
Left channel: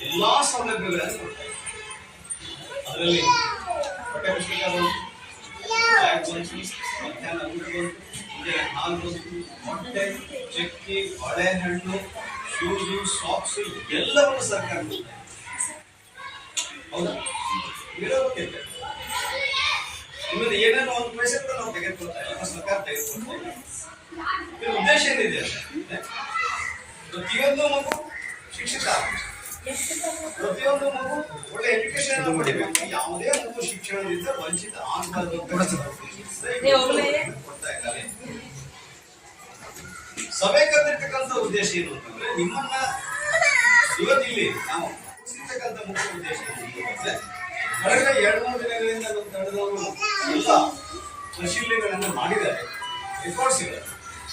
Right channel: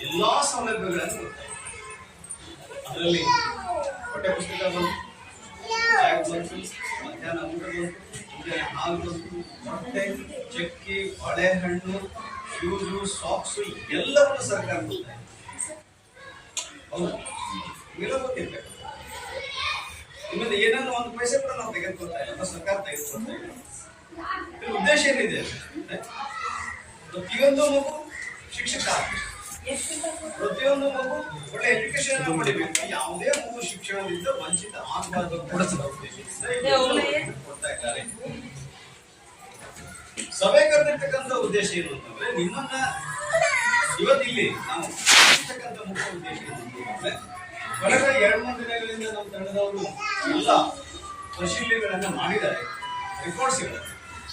ಎಲ್ಲಾ ಸೌಲಭ್ಯಗಳನ್ನು ಕೊಡ್ತಾರೆ. ಅದರಲ್ಲಿ ಪಠ್ಯಪುಸ್ತಕ ಬಂತು, ಬ್ಯಾಗ್ ಬಂತು, ಮಧ್ಯಾಹ್ನ ಊಟ ಬಂತು, ಮುಂಜಾನೆ ಹಾಲು ಬಂತು, ಮೊಟ್ಟೆ, ಚಕ್ಕಿ, ಬಾಳೆಹಣ್ಣು, ಶೂಸು, ಸಾಕ್ಸು ಎಲ್ಲವನ್ನು ಸರ್ಕಾರ ಕೊಡ್ತಾರೆ. ಹೌದಾ? ಇವೆಲ್ಲ ಗೊತ್ತಿರ್ತದೆ. ನಿಮ್ಮದು ಏನೇನೋ ಒಂದು ಪೈಸೆ ಕೂಡ ನಾವು ತೆಗೆದುಕೊಳ್ತಾ ಇಲ್ಲ, ಸರ್ಕಾರ ತೆಗೆದುಕೊಳ್ತಾ ಇಲ್ಲ. ಇದರ ಉದ್ದೇಶ ಏನಿದೆ ಅಂದ್ರೆ ಪ್ರತಿಯೊಂದು ಮಗು ಶಿಕ್ಷಕ, ಪ್ರತಿಯೊಂದು ಮಗು ಒಳ್ಳೆ ಎಜುಕೇಶನ್ ಪಡಿಬೇಕು, ಯಾವುದೇ ಮಗು ಶಿಕ್ಷಣದಿಂದ ವಂಚಿತ ಆಗಬಾರದು ಅಂತ ಕೊಡ್ತಾ ಇದ್ದಾರೆ. ಸಭೆ ಕರೆದಿರ್ತಕ್ಕಂಥ ಉದ್ದೇಶ ಏನು ಅಂತಂದ್ರೆ ನಿಮ್ಮನ್ನ ಇವತ್ತಿಲ್ಲಿ ನಾವು ಇರ್ತಕ್ಕಂಥ ಮುಖ್ಯ ಉದ್ದೇಶ ಏನು ಅಂತಂದ್ರೆ ಕಳೆದ 2-3 ದಿನಗಳಿಂದ ನಮ್ಮ ತಂಡದವರು ಎಲ್ಲ ಪರಿಶೀಲನೆಗಳನ್ನ ಮಾಡಿದ್ದಾರೆ, ರೆಕಾರ್ಡ್ಸ್ಗಳ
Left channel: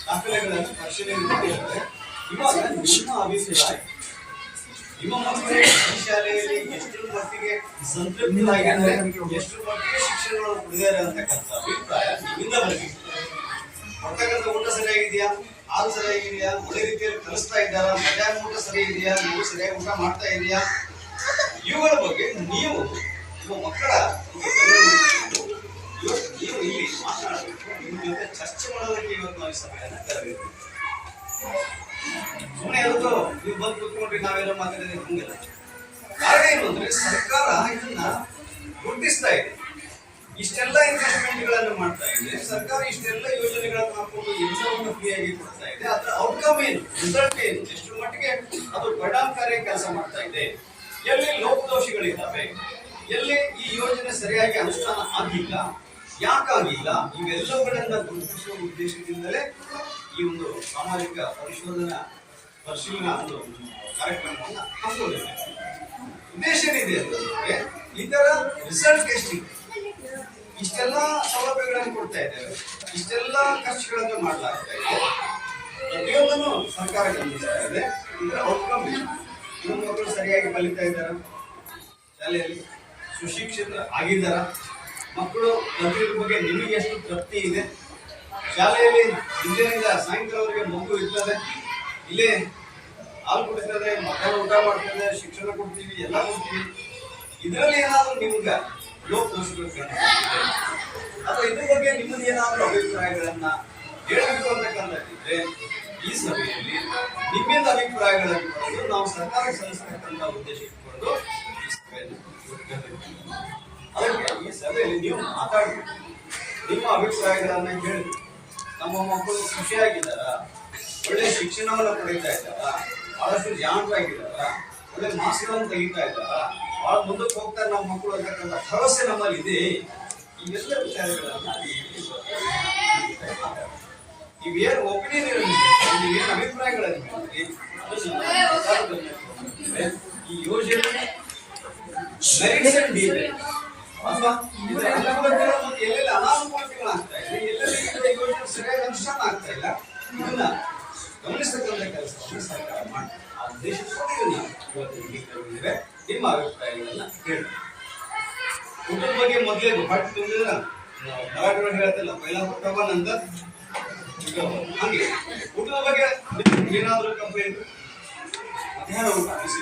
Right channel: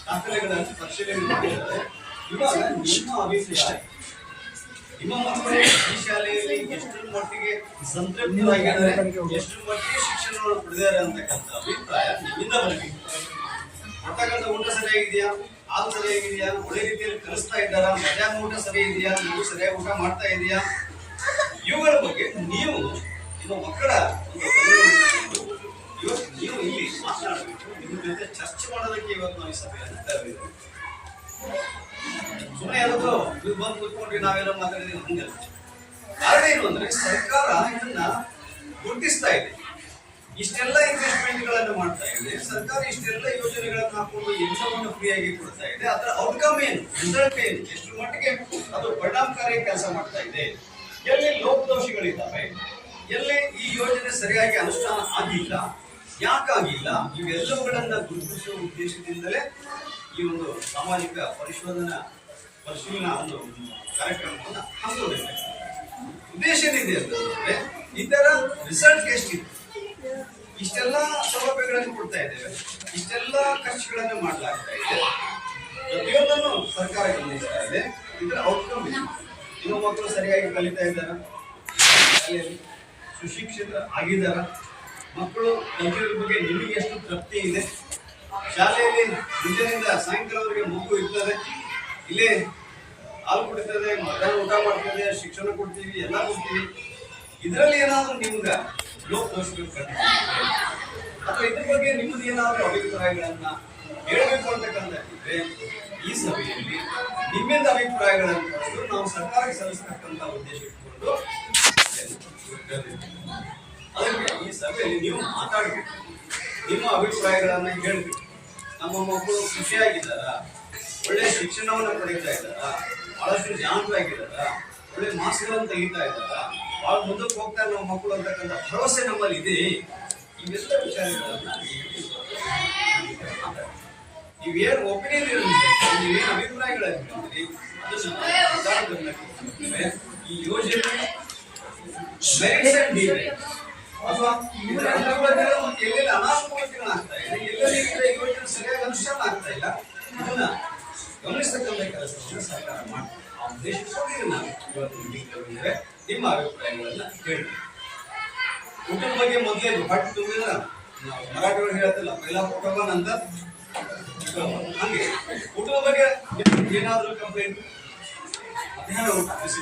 ದಾಖಲೆಗಳನ್ನು ಪರಿಶೀಲನೆ ಮಾಡಿದ್ದಾರೆ. ಇವಾಗ ನಿಮ್ಮ ಅಭಿಪ್ರಾಯ, ನಿಮ್ಮ ಮಕ್ಕಳು ಈ ಶಾಲೆಯಲ್ಲಿ ಎಷ್ಟು ಮಟ್ಟಿಗೆ ಸಂತೃಪ್ತರಾಗಿದ್ದಾರೆ, ಎಷ್ಟು ಮಟ್ಟಿಗೆ ಶಿಕ್ಷಣವನ್ನು ಪಡೆದಿದ್ದಾರೆ ಅಂತಕ್ಕಂಥ ಅಭಿಪ್ರಾಯ ನಿಮ್ಮಿಂದ ಬರಬೇಕು. ಕೊಡ್ತಕ್ಕಂಥ ಊಟ ಸರಿಯಾಗಿದೆಯಾ, ಹಾಲು ಸರಿಯಾಗಿದೆಯಾ, ಒಳ್ಳೆ ರೀತಿಯಲ್ಲಿ ಕಲಿಸ್ತಾ ಇದ್ದಾರಾ, ಮಧ್ಯಾಹ್ನ ಊಟ ಸರಿಯಾಗಿದೆಯಾ, ನೀವು ಸರಿಯಾಗಿ ಊಟ ಮಾಡ್ತಾ ಇದೆಯಾ, ಇವುಗಳ ಬಗ್ಗೆ ನೀವು ನಿಮ್ಮ ಮಕ್ಕಳ ಇವತ್ತು ನೀವು ಇಲ್ಲಿ ಮಾತನಾಡಬೇಕು, ನಿಮ್ಮ ಜೊತೆ ಚರ್ಚೆ ಮಾಡೋದಕ್ಕೆ ಇವತ್ತು ನಾವು ಈ ಸಭೆಯನ್ನು ಕರೆದಿದ್ದೇವೆ. ಸುಮ್ಮನೆ ಅದಕ್ಕೂ ನೀವು ಬಂದು ಕೂತ್ಕೊಂಡ್ರಿ ನಾವೇನೋ ಮಾತಾಡಿದ್ರೆ ಹಂಗಲ್ಲ. ಕಾರಣ ಏನು ಅಂದ್ರೆ ಸರ್ಕಾರ ಇದನ್ನ ಗುರುತಿಸ್ತಾ ಇದೆ, ಇಷ್ಟೆಲ್ಲ ಇನ್ವೆಸ್ಟ್ಮೆಂಟ್ಗಳನ್ನು ಮಾಡ್ತಾ ಇದೆ, ಸರ್ಕಾರ ಇಷ್ಟೆಲ್ಲ ಯೋಜನೆಗಳನ್ನು ಹಾಕೊಂಡು ಎಲ್ಲವನ್ನು ಫ್ರೀಯಾಗಿ ಕೊಡ್ತಾ ಇದೆ. ಅದರ ಔಟ್ಕಮ್ ಏನು, ರಿಸಲ್ಟ್ ಏನು, ಎಷ್ಟು ಮಟ್ಟಿಗೆ ಅದು ಪರಿಣಾಮಕಾರಿ ಕೆಲಸ ಮಾಡ್ತಾ ಇದೆ, ಎಲ್ಲಿ ಲೋಪದೋಷಗಳಿದ್ದಾವೆ, ಎಲ್ಲಿ ಈ ಯೋಜನೆ ಸರಿಯಾಗಿ ಅನುಷ್ಠಾನ ಆಗಿಲ್ಲ, ಯಾಕಾಗಿಲ್ಲ, ಇವೆಲ್ಲವುಗಳನ್ನ ಗುರುತಿಸುವ ಉದ್ದೇಶದಿಂದಲೇ ಈ ಒಂದು ಸಾಮಾಜಿಕ ಪರಿಶೀಲನಾ ಒಂದು ಕಾರ್ಯಕ್ರಮವನ್ನು ಹಮ್ಮಿಕೊಂಡಿದೆ. ಉದ್ದೇಶ ಏನಿದೆ ಅಂತಂದ್ರೆ ಇದರ ರಿಸಲ್ಟ್ ಎಷ್ಟಿದೆ, ಇಷ್ಟೆಲ್ಲ ಸೌಲಭ್ಯಗಳನ್ನು ಕೊಡ್ತಾ ಇದ್ದೇವೆ, ಇಷ್ಟೆಲ್ಲ ಖರ್ಚುಗಳನ್ನು ಮಾಡಲಾಗ್ತಾ ಇದೆ, ಪ್ರತಿಯೊಂದನ್ನು ಸರ್ಕಾರ ಗಮನಿಸ್ತಾ ಇದೆ, ಇದರ ಔಟ್ಕಮ್ ಇದೆ. ನಿಮ್ಮ ಮಕ್ಕಳು ಸರಿಯಾಗಿ ಕಲಿತಾ ಇದ್ದಾರ, ಶಾಲೆಯಲ್ಲಿ ಸುಶಿಕ್ಷಿತ ಆಗಿದ್ದಾರ, ಮಕ್ಕಳು ಕಲಿಯೋದ್ರ ಬಗ್ಗೆ ನಿಮಗೆ ಎಷ್ಟು ತೃಪ್ತಿ ಇದೆ, ಶಾಲೆಯಲ್ಲಿ ಮುಂಜಾನೆಯಿಂದ ಸಾಯಂಕಾಲವರೆಗೆ ಮಗು ಇರ್ತದೆ, ಇಲ್ಲೇ ಹಾಲು ಕುಡಿತದೆ, ಮಧ್ಯಾಹ್ನ ಊಟ ಮಾಡ್ತದೆ, ಶಿಕ್ಷಣ ಕೊಡ್ತೀವಿ, ಎಲ್ಲ ಕೊಡ್ತೀವಿ, ಇದರಲ್ಲಿ ಏನಾದರೂ ನಿಮ್ಗೆ ಲೋಪದೋಷಗಳು ಕಂಡು ಅಥವಾ ಇದ್ರ ಬಗ್ಗೆ ನಿಮ್ಮದು ಏನಾದರೂ ಅಭಿಪ್ರಾಯಗಳನ್ನ ಹೇಳಬೇಕು ಅಂತಕ್ಕಂಥದ್ದಿದ್ರೆ ಈ ಸಭೆಯಲ್ಲಿ ನಿಮ್ಮಿಂದ ಅಭಿಪ್ರಾಯಗಳನ್ನು ಪಡೆದು ನಾವು ಸರ್ಕಾರಕ್ಕೆ ಸಲ್ಲಿಸತಕ್ಕಂಥ ಉದ್ದೇಶ ಇಟ್ಕೊಂಡು ಅದಕ್ಕೆ ಈ ಸಭೆಯಲ್ಲಿ ನೀವು ಮಾತಾಡಬೇಕು, ನಿಮ್ಮ ಅಭಿಪ್ರಾಯಗಳನ್ನ ಹೇಳಬೇಕು. ನಮ್ಮ ಮಕ್ಕಳು ಖುಷಿಯಾಗಿದ್ದಾರ, ಒಳ್ಳೆ ಶಿಕ್ಷಣವನ್ನ ಪಡೀತಾ ಇದ್ದಾರ, ಬಹಳಷ್ಟು ಜಾಣರಾಗಿದ್ದಾರ, ಒಳ್ಳೆ ಮಾರ್ಕ್ಸ್ಗಳನ್ನು ತೆಗಿತಾ ಇದ್ದಾರ, ಬಹಳ ಮುಂದಕ್ಕೆ ಹೋಗ್ತಾರೆ ನಮ್ಮ ಮಕ್ಕಳು ಅಂತಕ್ಕಂಥ ಭರವಸೆ ನಮ್ಮಲ್ಲಿ ಇದೆ. ಇವೆಲ್ಲ ವಿಚಾರಗಳನ್ನ ನೀವೇನು ಒಪಿನಿಯನ್ ನೀವೇನು ಅಭಿಪ್ರಾಯಗಳನ್ನು ಹೇಳಿದ್ರಿ ಅದನ್ನ ಈ ಯೋಜನೆ ಮೆರಿಟ್ಸ್ ಅಂಡ್ ಡಿಮೆರಿಟ್ಸ್ ಅಥವಾ ಇದರ ಅನುಕೂಲತೆಗಳು ಮತ್ತು ಎಲ್ಲೆಲ್ಲಿ ಅನಾನುಕೂಲತೆಗಳಾಗ್ತಾ ಇದೆ, ಎಲ್ಲೆಲ್ಲಿ ಈ ಯೋಜನೆ ಸರಿಯಾಗಿ ಅನುಷ್ಠಾನ ಆಗ್ತಾ ಇಲ್ಲ, ಇದನ್ನ ಗಮನಿಸತಕ್ಕಂಥ ಕೆಲಸವನ್ನು ಸರ್ಕಾರ ಮಾಡ್ತಾರೆ. ಆ ಉದ್ದೇಶಕ್ಕೋಗಿ ನಾವು ಇವತ್ತು ಮೀಟಿಂಗ್ ಕರೆದಿದ್ದೇವೆ. ನಿಮ್ಮ ಅಭಿಪ್ರಾಯಗಳನ್ನ ಹೇಳಿ. ಊಟದ ಬಗ್ಗೆ ಮೊದಲೇ ಹೊಟ್ಟೆ ತುಂಬಿದ್ರ ನಾವು ಮರಾಠಿಗಳು ಹೇಳ್ತಿಲ್ಲ, ಪೈಲಾ ಊಟ ನಂತರ ಹಂಗೆ ಊಟದ ಬಗ್ಗೆ ಏನಾದರೂ ಕಂಪ್ಲೇಂಟ್ ಮಧ್ಯಾಹ್ನ ಊಟ ಬಿಸಿ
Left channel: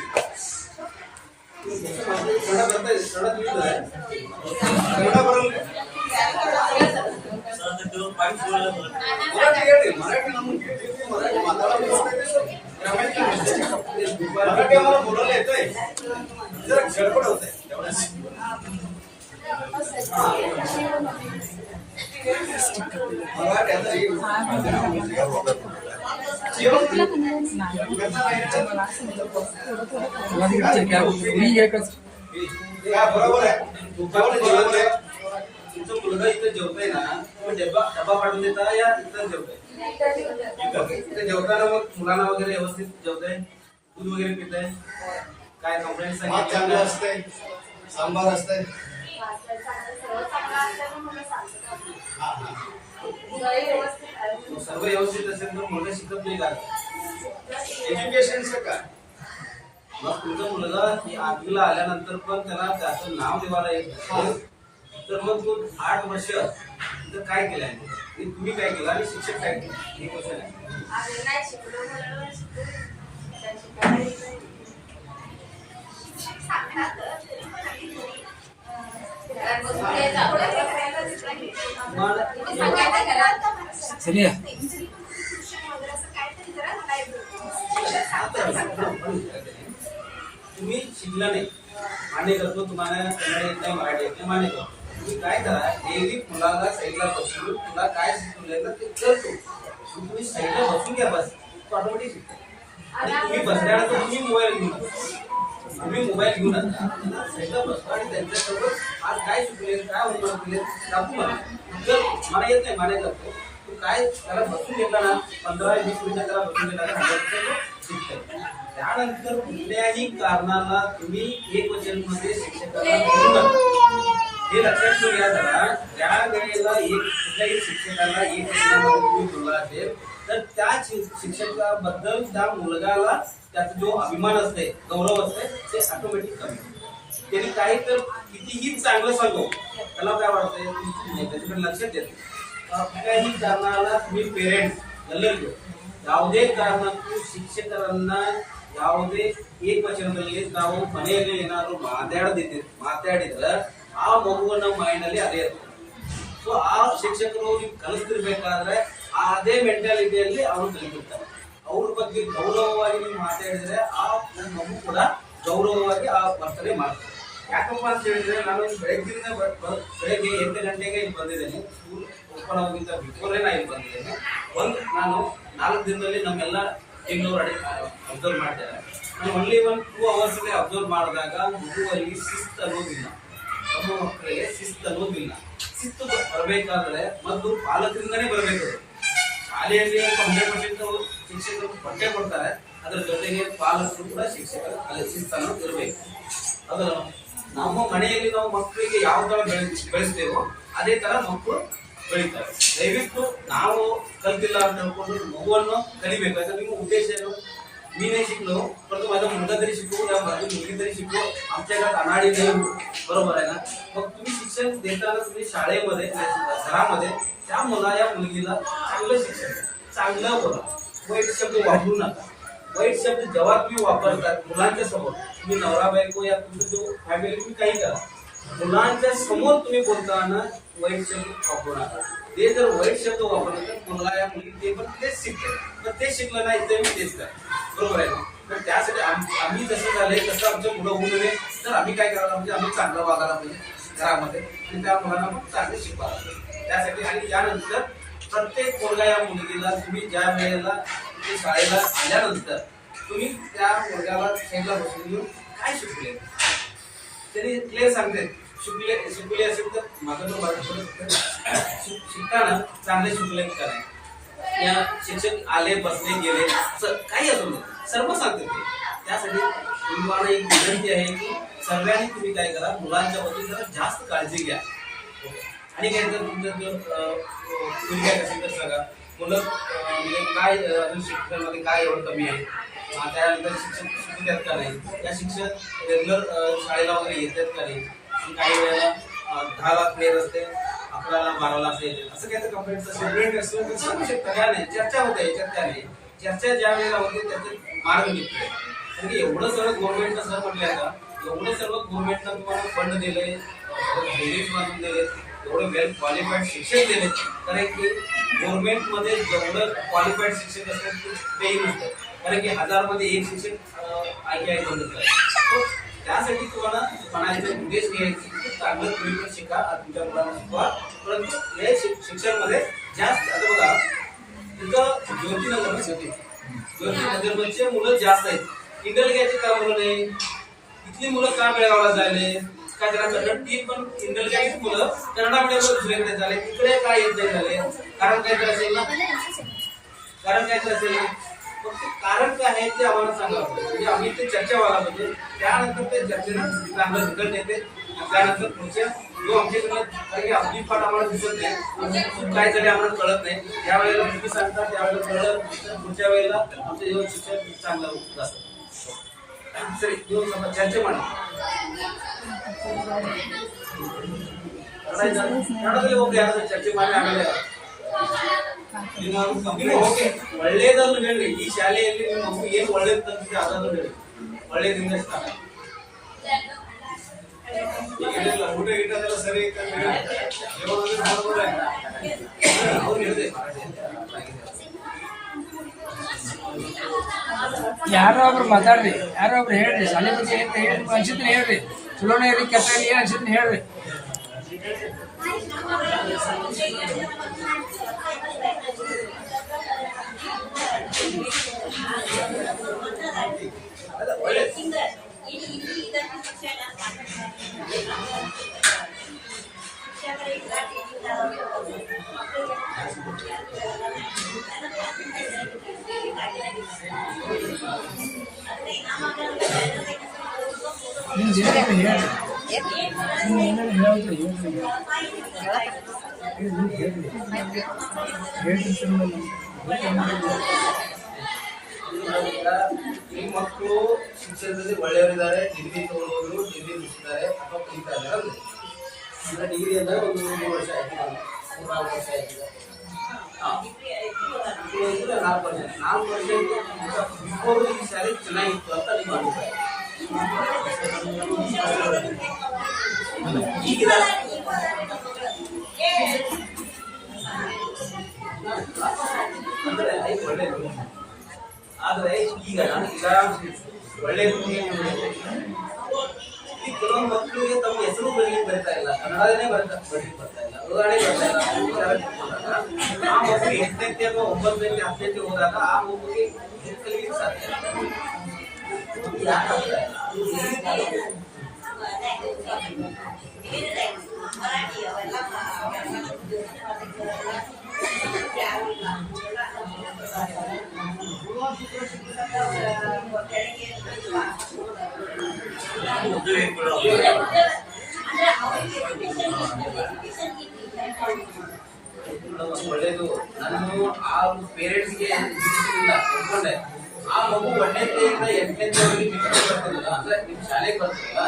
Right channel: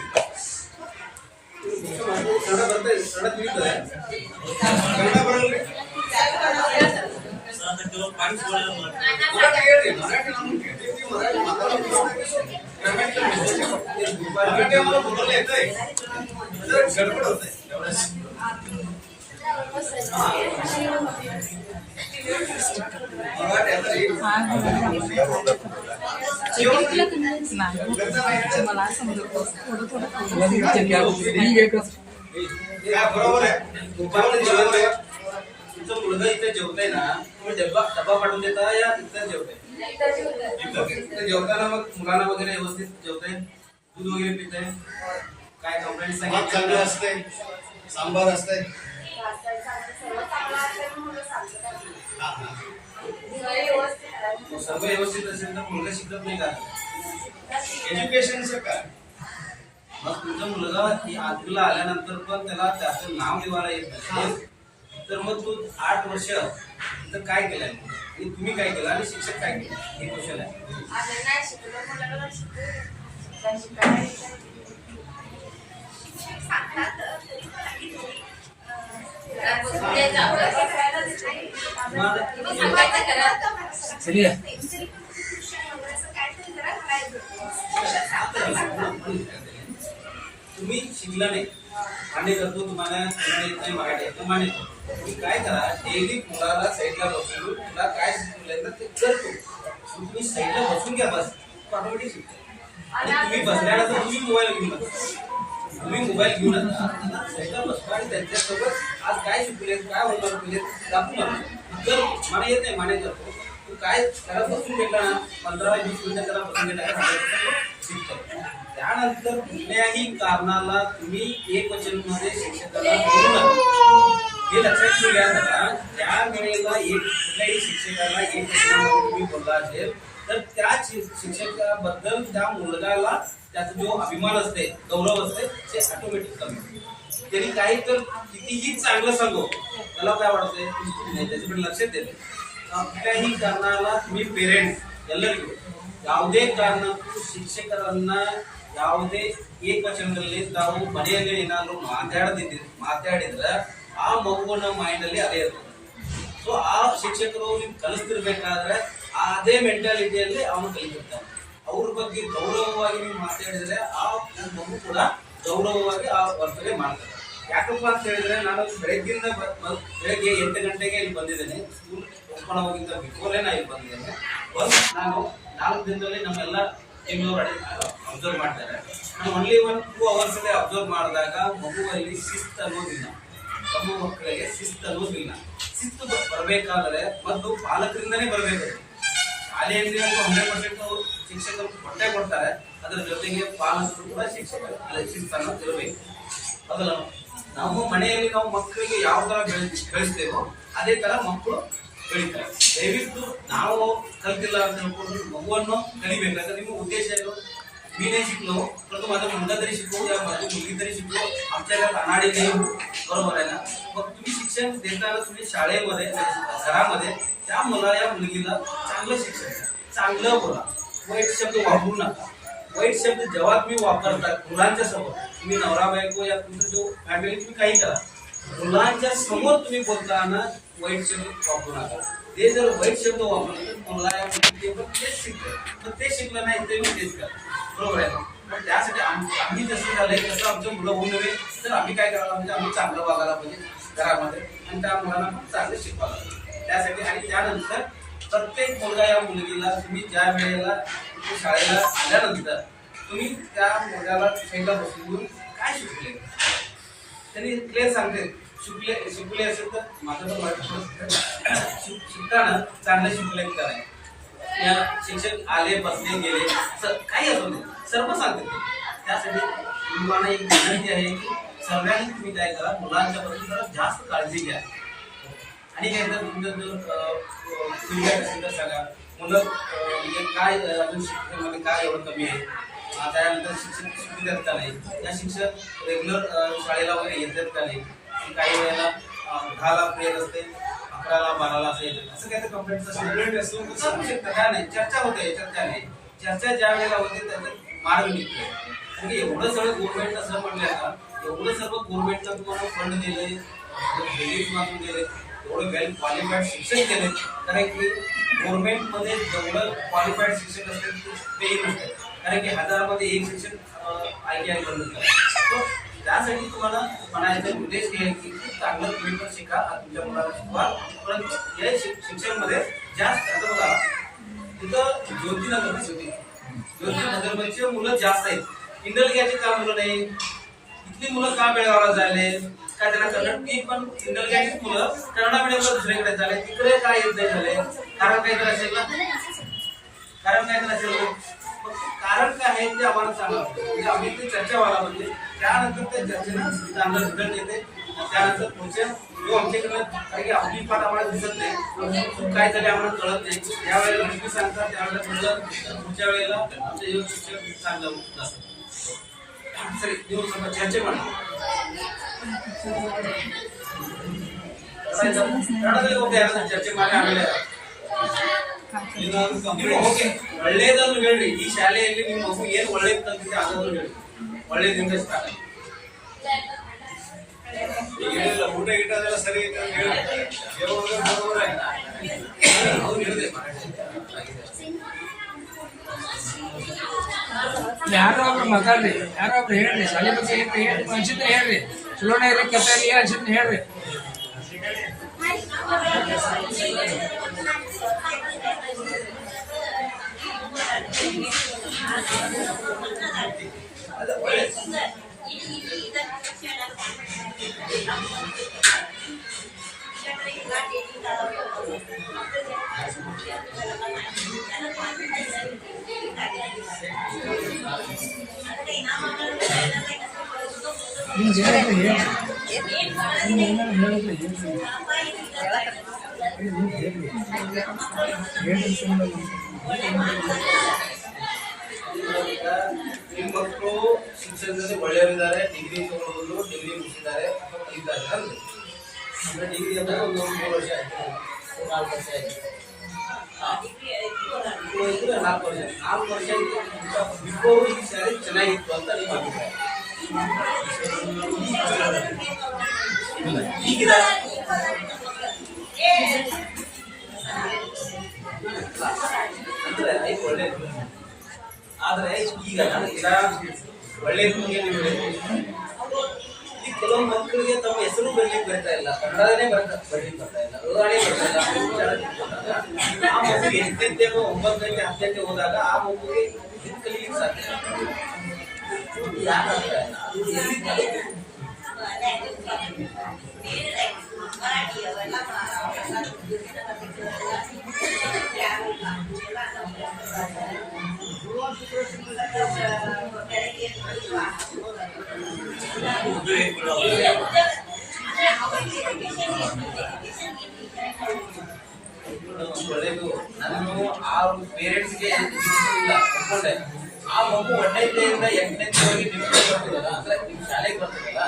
ಕನ್ನಡ ಬರ್ತದೆ, ಕನ್ನಡ ತಿಳಿತಾರೆ, ಕನ್ನಡ ಬರಲ್ರಿ ಮರಾಠಿ ಹೇಳ್ರಿ, ಮರಾಠಿ ನಮ್ಗೆ ಕೇಳ್ತೀವಿ, ಮರಾಠಿ ಮಾತಾಡೋದು मराठी आम्हाला बोलायला येतंय, जरा गडबड होत आहे मराठी आता बरोबर आहे. तुमचं मुलगा इथे जेवताय ना, तुम्ही डबा पाठवून देता या इथं जेवताय? इथे जेवताना मग मुलांना वगैरे व्यवस्थित जेवताय, दूध वगैरे पिताय, काय कंप्लेंट सांगितलं असतंय, सांबार असतंय, सर्व व्यवस्थित असेल तर मुलगा शिकत नाही का? एज्युकेशनचं काय मग तुमचा मुलगा आठवीला आल्यानंतर पण त्याला त्याचं नाव लिहायला येत नसेल तर मग तो 8 वर्ष तर काय केलंय आणि तुम्ही काय केलं आणि शिक्षक काय केलं हे क्वेश्चन आहे. तुम्ही शिकला नाही, मान्य करतो, तुम्हाला कन्नड येत नाही, मराठी येत नाही, मान्य करतो. तुम्ही काय करा, डेली मुलाला साईडला बसून तुला काय शिकवलंय ना ते करतो, तुम्ही साईडला बसून घ्या, बस तो ऑटोमॅटिक शिकतो. आणि तुम्ही बसल्यानंतर तुम्ही मोबाईल घेऊन नका, तुम्ही मोबाईल घेऊन नका, साईडला बसवा आणि त्यांच्यासोबत आज काय शिकवले, काय होमवर्क केले दाखवू मला. जर मला येत नाही, मान्य करतो, तू काय त्याला बसून घेतला ना 15-20 मिनिटं त्याला बसून घेतला शिकतो. त्यानंतर कुठल्याही कारणाला तुम्ही एकवचन मध्ये शिक्षकाला बोलू नका. हे लक्षात ठेवूया जरा, ज्या वेळेला कुठल्याही शिक्षकाला एकवचनामध्ये तुम्ही बोलला असेल तर त्या शिक्षकाबद्दल त्या मुलगाला त्याचा जो अभिमान असते, गौरव असते, ते ऑटोमॅटिक कमी होते. त्यांनी काही तर कितीही चांगलं सांगो त्याला काय वाटतंय त्याच्याकडे लक्ष देते. कुठल्याही कारणाला तुम्ही ಪೇರೆಂಟ್ಸ್ ಎಲ್ಲರಿಗೂ ಯಾವುದೇ ಕಾರಣಕ್ಕೂ ಶಿಕ್ಷಕರನ್ನ ಯಾವುದೇ ಏಕವಚನದಲ್ಲಿ ತಾವು ಮನೆಯಲ್ಲಿ ಏನಾದರೂ ಮಾತಾಡಿದ್ರೆ ಆ ಮಗುವಿನ ಮೈಂಡ್ ಅಲ್ಲಿ ಅದೇ ಇರ್ತದೆ. ಸೊ ಆ ಶಿಕ್ಷಕರು ನೀವು ಕಲಿಸ್ತಿರ್ಬೇಕಾದ್ರೆ ಅದೇ ಮೆಂಟಾಲಿಟಿಯಲ್ಲಿ ಅವನು ಕಲಿತಿರ್ತಾನೆ. ಅವ್ರ ಬಗ್ಗೆ ಗೌರವವಾಗಿ ನೀವು ಮಾತಾಡಿದ್ರೆ ಆ ಮಗು ಕೂಡ ಗೌರವವಾಗಿ ಆ ವರ್ತನೆ ಮಾಡ್ತಾರೆ. ಯಾಕಪ್ಪ ಅಂತ ಹೇಳಿದ್ರೆ ನಾನು ಬೆಳಗ್ಗೆ 8 ಗಂಟೆಗೆ ಇಲ್ಲಿ ಬಂದಿದ್ದೇನೆ, ಸ್ಕೂಲ್ ಓಪನ್ ಆಗೋಕ್ಕಿಂತ ಬಿಫೋರೇ ನಾನು ಇಲ್ಲಿ ಬಂದಿದ್ದೇನೆ. ನಾನು 4 ದಿನದಲ್ಲಿ ನಮ್ಮೆಲ್ಲ ಬೆಂಗಳೂರು ಅಬ್ಸರ್ವ್ ಮಾಡ್ತಾರೆ. ನಾನು ಓನ್ಲಿ 1-2 ಅವರ್ಸ್ ಅಬ್ಸರ್ವ್ ಮಾಡಿದಾಗ ಮಗುವಲ್ಲಿ ಶಿಸ್ತು ಅನ್ನೋದಿಲ್ಲ, ನಮ್ಮ ಮಕ್ಕಳಿಗೆ ಶಿಸ್ತು ಅನ್ನೋದಿಲ್ಲ. ಶಿಸ್ತು ಬರಬೇಕಾದ್ರೆ ಮತ್ತು ಪಾಲಕರಿಂದನೇ ಬರಬೇಕು. ಶಾಲೆಯಲ್ಲಿ 100% ಅವರು ಶಿಕ್ಷಕರು ಕೊಟ್ಟೆ ಕೊಡ್ತಾರೆ, ಅದರ ಜೊತೆಗೆ ಪಾಲಕರು ಕೂಡ ಶಿಕ್ಷಕರು ಅಲ್ಲಿ ಶಿಸ್ತು ಅನ್ನೋದು ಇರಬೇಕು. ಅದಲ್ಲ, ನಮ್ಮ ಮನೆಯಲ್ಲಿ ನಾವು ಮಕ್ಕಳಿಗೆ ಯಾವ ತರ ಬೆಳೆಸ್ತೇವೋ ಅದೇ ತರ ಮಕ್ಕಳು ಬೆಳೀತಾರೆ. ದಯವಿಟ್ಟು ನಾವು ಕಲ್ತಿಲ್ಲ ಅಂತ ಹೇಳ್ಕೊಂಡು मगुವನ್ನು कलिಬೇಕು. याचा ನಿಮ್ಮ उद्देश आहे मी नाही शिकलो परंतु माझा मुलगा तरी शिकू या माझी मुलगी तरी शिकू, आमच्या घरात अनाडी नाही, बरोबर आहे ना. मग तुम्ही शिक्षण देताना तुम्ही शाळेमध्ये घरामध्ये त्या मुला या मुलगीला चांगलं शिक्षण, चांगलं बोला, वाईट शब्द वापरू नका. वाईट शब्द जेव्हा तुम्ही वापरतात मुलांच्या समोर, तुम्ही नवरा बायको या तुमचा जो फॅमिली तुम्ही काही करा, मुलांच्या समोर तुम्ही बोलताना वाईट शब्द वापरू नका. ते जर वाईट शब्द वापरले तर मुलगा या मुली ते पण तेच शिकते. पण ते शिकलं नाही ते मी तेच कर, बरोबर आहे ना. पण त्यासाठी आम्ही जसं झालंय तसं आमचं मुलं होऊ नये तर आम्ही काय करायला पाहिजे, आम्ही चांगलं वागायला पाहिजे घरामध्ये आणि त्या मुलांना पण चांगलं शिकवायला पाहिजे. त्यासाठी आणि त्यानंतर प्रत्येक मुलगा या मुलगीला तुम्ही ज्या वेळेला शाळेला आल्यानंतर तुम्ही त्या मुलग्याला साईडला बसून घेऊन काय शिकले त्यांनी क्लिअर सांगते. शिकले असेल तर माझं तर शिकताना चांगलं शिकलं की काय या शिक्षक आले बसले गेले असं काही असू नये, सर्व सांगते ते. त्यासाठी तुम्हाला एक विनंती आहे की सर्वांनी तुम्ही काय करा, मुलांच्या बद्दल जरा जास्त काळजी घ्या. आणि काय तर तुमचं जर फीडबॅक असेल तर सांगा. मुलं म्हणजे काय अजून शिक्षणामध्ये काय एवढं कमी आहे, त्यानंतर शिक्षक शिकू देत का नाही, त्या शिक्षक रेग्युलर शाळेला वगैरे येतात का नाही. काही वेळेला 10ला प्रेयर असते, 11ला 12ला असं येते, असं काय तर कंप्लेंट असतो सांगू शकता. काय नाही, चर्चा होते याच्यात. काय नाही, चर्चा ज्या वेळेला होते त्याच्यात मार्ग निघतोय. म्हणजे एवढं सगळं गव्हर्नमेंटनं सर म्हटलंय का, एवढं सर्व गव्हर्नमेंटनं तुम्हाला फंड दिले, मागून दिले, एवढे वेल क्वालिफाईड शिक्षक दिले. कारण की गव्हर्नमेंटमध्ये जेवढं क्वालिफाईड शिक्षक असतात तेही नसतात. कारण की 1000 मध्ये एक शिक्षक ITI बंद करतात. त्यासाठी तुम्हाला म्हणायचं उद्देश घ्यायची की चांगलं तुम्ही पण शिका, तुमच्या मुलांना शिकवा. परंतु हे शिक्षणामध्ये जास्त आता बघा तिथं ज्योतिनगरमध्ये मुलं जास्त आहेत. इंडलग्याची का मुलं नाही, इथली मुलं का बेळगावला झाले, काय त्याला कन्नड ती पण इंडलग्याची मुलं कन्नडा मीडियमला दुसरीकडे झाले, तिकडे काय येत नाही झाले. कारण काय तर असेल ना, कारण काय तर असेल ना. फक्त कारण काय आहे ते आम्हाला सांगावं, म्हणजे आम्ही ते चर्चा व्हायला पाहिजे. त्यानंतर ते चर्चेनं चांगलं रिझल्ट येते. त्यानंतर पुढच्या जो आमच्याकडनं, कारण की आपली पाठ आम्हाला दिसत नाही, काय झाले आम्हाला कळत नाही. ज्या वेळेला तुम्ही सांगता त्यावेळेला कळलं, पुढच्या वेळेला आमचे जीवन शिक्षण चांगलं जातं. सरी जीवन चर्चे म्हणा ಚರ್ಚೆ ಮಾಡಿ ಆಮೇಲೆ ನೀವು ಓಕೆ ಒಳ್ಳೇದಾದ್ರು ಹೇಳ್ರಿ. ಈ ಶಾಲೆಯಲ್ಲಿ ನಿಮ್ಮ ಮಗು ಏನು ಒಳ್ಳೇದು ತಂದಿದೆ ಅದಾದ್ರು ಹೇಳಿ, ಒಳ್ಳೇದಿಂದ ಸ್ಟಾರ್ಟ್. ಏನಿಲ್ಲ ಊಟ ಗೀಟ ಅದೆಲ್ಲ ಸರಿ ಐತೆ ಅಂತ ಹೇಳಿ ಅವ್ರು ಹೇಳಿದೆ. ಯಾರೋ ಒಬ್ರು ಮಾತಾಡ್ರಿ, ಯಾರೋ ಒಬ್ರು ಹೇಳ್ರಿ, ಶಾಲೆ ಬಗ್ಗೆ ಏನು ಅನ್ಸಿದ್ರೆ ಹೇಳ್ರಿ, ಚಲೋನೇ ಇರ್ರಿ ಕೆಟ್ಟ ಏನ್ ಅನ್ಸಿದ್ರೆ ಹೇಳ್ರಿ. ನಿಮ್ಮ ಮಕ್ಕಳು ಶಿಕ್ಷಣದಲ್ಲಿ ಒಳ್ಳೆಯವರಿದ್ದಾರೆ, ಡಿಗ್ರಿ ತಗೊಂಡೋದ್ರು, ಡಿಗ್ರಿ ಮುಗಿಸಿದ್ದಾರೆ ಅಥವಾ ಕಲಿತಾರೆ ಅಲ್ರಿ. ಅಂದ್ರೆ ಡಿಗ್ರಿ ಅಂದ್ರೆ ಒಂದು 3 ವರ್ಷ ಆಯ್ತು, 4 ವರ್ಷ ಆಯ್ತು. 4 ವರ್ಷ ಬಿಫೋರ್ ಈ ಶಾಲೆ ಚೆನ್ನಾಗಿತ್ತು ಅಂತ ನಿಮ್ಮ ಅಭಿಪ್ರಾಯ. ಅಂದ್ರೆ ಲೈಫ್ ಒಳ್ಳೇದು. ಆದ್ರೆ ಈಗ ಒಳ್ಳೇದು ಕೆಲವೊಂದು ಮಕ್ಕಳಿಗೆ ತಮ್ಮ ಹೆಸರು ಬರ್ಲಿಕ್ಕೆ ಬರ್ತಾ ಇಲ್ಲ, ಕನ್ನಡನೇ ಬರ್ಲಿಕ್ಕೆ ಬರ್ತಾ ಇಲ್ಲ, ಉದಾಹರಣೆ ಬರ್ತಾ ಇಲ್ಲ. ಆ ಮಗು 8ನೇ 9ನೇ 10ನೇ ಹೋದಾಗ ಆ ಮಗುಗೆ ಕಲಿಲಿಕ್ಕೆ ಸಾಧ್ಯ ಯಾಕಾಗ್ತಾ ಇಲ್ಲ, ಅದು ಎಲ್ಲಿ ಒಳ್ಳೇದು. ನಾನು ಆ ಪೇರೆಂಟ್ಸ್ಗೆ ಇಲ್ಲ ಒಪ್ಕೊಂಡೆ. ಆ ಮಗು 1ನೇಯಿಂದ 8ನೇವರೆಗೆ ನಿಂತ್ಕೊಳ್ಳೋದಲ್ಲ, ಅಂದ್ರೆ ನಿಮ್ ಶಾಲೆಗೆ ಬರ್ತದಲ್ಲ,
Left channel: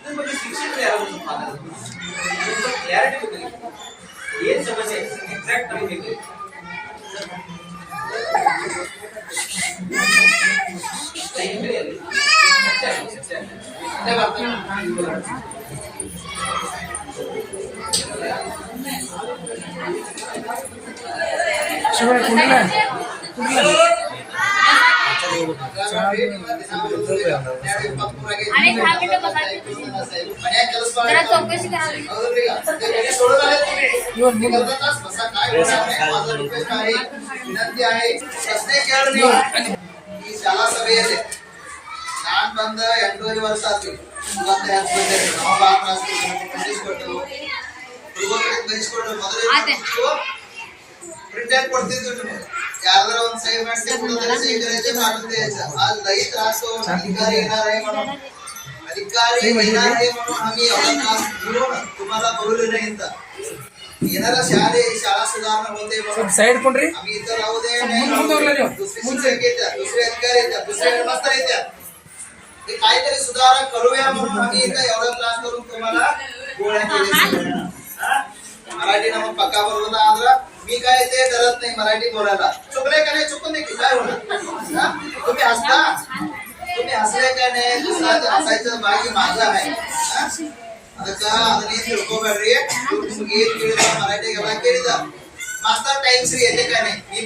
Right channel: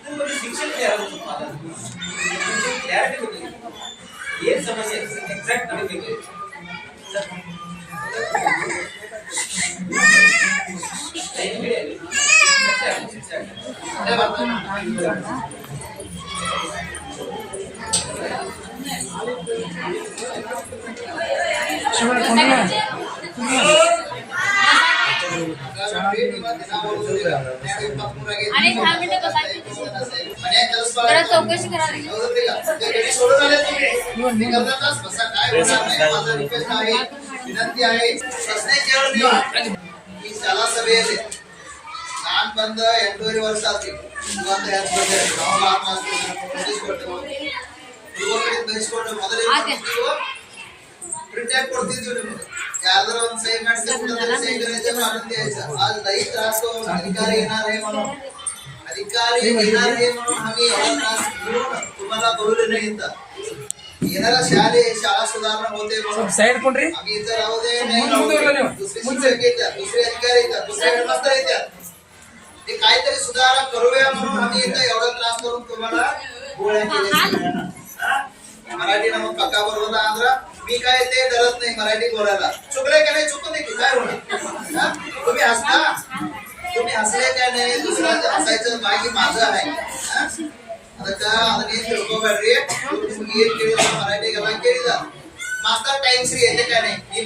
ಇದ್ರ ಬಗ್ಗೆ ಶಿಕ್ಷಕರು ಯಾರು ಕ್ಲಾರಿಟಿ ಬೇಕಾಗಿತ್ತು. ಏನ್ ಸಮಸ್ಯೆ ಎಕ್ಸಾಕ್ಟ್ ನಮಗೆ ಬೇಕು. आणि 10 मिनिटं बसायचं. जरा चौकशी करावी. विनंती आहे ಪ್ರಶ್ನೆ ಕೇಳಿ ಈ ಶಾಲಾ ಸಭೆಯಲ್ಲಿ ನಾನ್ ಬಂದ 8.5 ವರ್ಷ ಆಯ್ತು. ಇವತ್ತು ಹೆಂಗ್ ಬಂದೆ ನಾವು ಕ್ಲಾಸ್ ಮುಗಿಸ್ಕೊಟ್ಟು ಹುಡುಗರಿಗೆ ಬಯಸ್ಕೊಂಡು ಮೊದಲೇ ಪ್ರಿಂಟ್ ಕೊಡ್ತಿದ್ವಿ ನಿಮಗೆ ಯಾವ್ದಾರ ಒಂದು ಸಹಿ ಮಾಡಿಸಿ सही करायचे मारून द्यायचं. आज लई त्रास होऊन अधिकारी येणार आहे म्हणून आम्ही एवढा त्रास घेऊन तुम्हाला बोलवले नाही इथं. येणारा शाळा सुधारणा होते म्हणून ಸೈಡ್ ಕೊಂಡ್ರಿ आम्ही इथं राहू दे दुसरे शिक्षक येतात, दुसरे अधिकारी येतात, दुसरे हेडमास्टर येतात. हे काहीतरी सुधारणा करूया म्हणून आम्ही इथं एवढा त्रास करून तुम्हाला गोळ्या केल्या सगळ्यांना. मराठी नमक पक्का बरोबर आंध्र मी काय ते डरत नाही मराठी बोलायला. चुकले का नाही चुकून देखील काय होणार. तुम्ही हसता तुम्ही हसले का नाही दुसऱ्याचं हसायचं भागी माझं आहे. ಅದಕ್ಕೆ ಅದನ್ನೇ ತಿಳ್ಕೊಬೇಡ್ರಿ. ನಿಮ್ಗೆ ಏನ್ ಕೇಳಿದ ಮರಾಠಿಗೆಲ್ಲ ಕೇಳಿದ ಮಾಸ್ತರ್ ಟೈಮ್ ಶ್ರೀ ಇದೆ ಕಾನೆ मी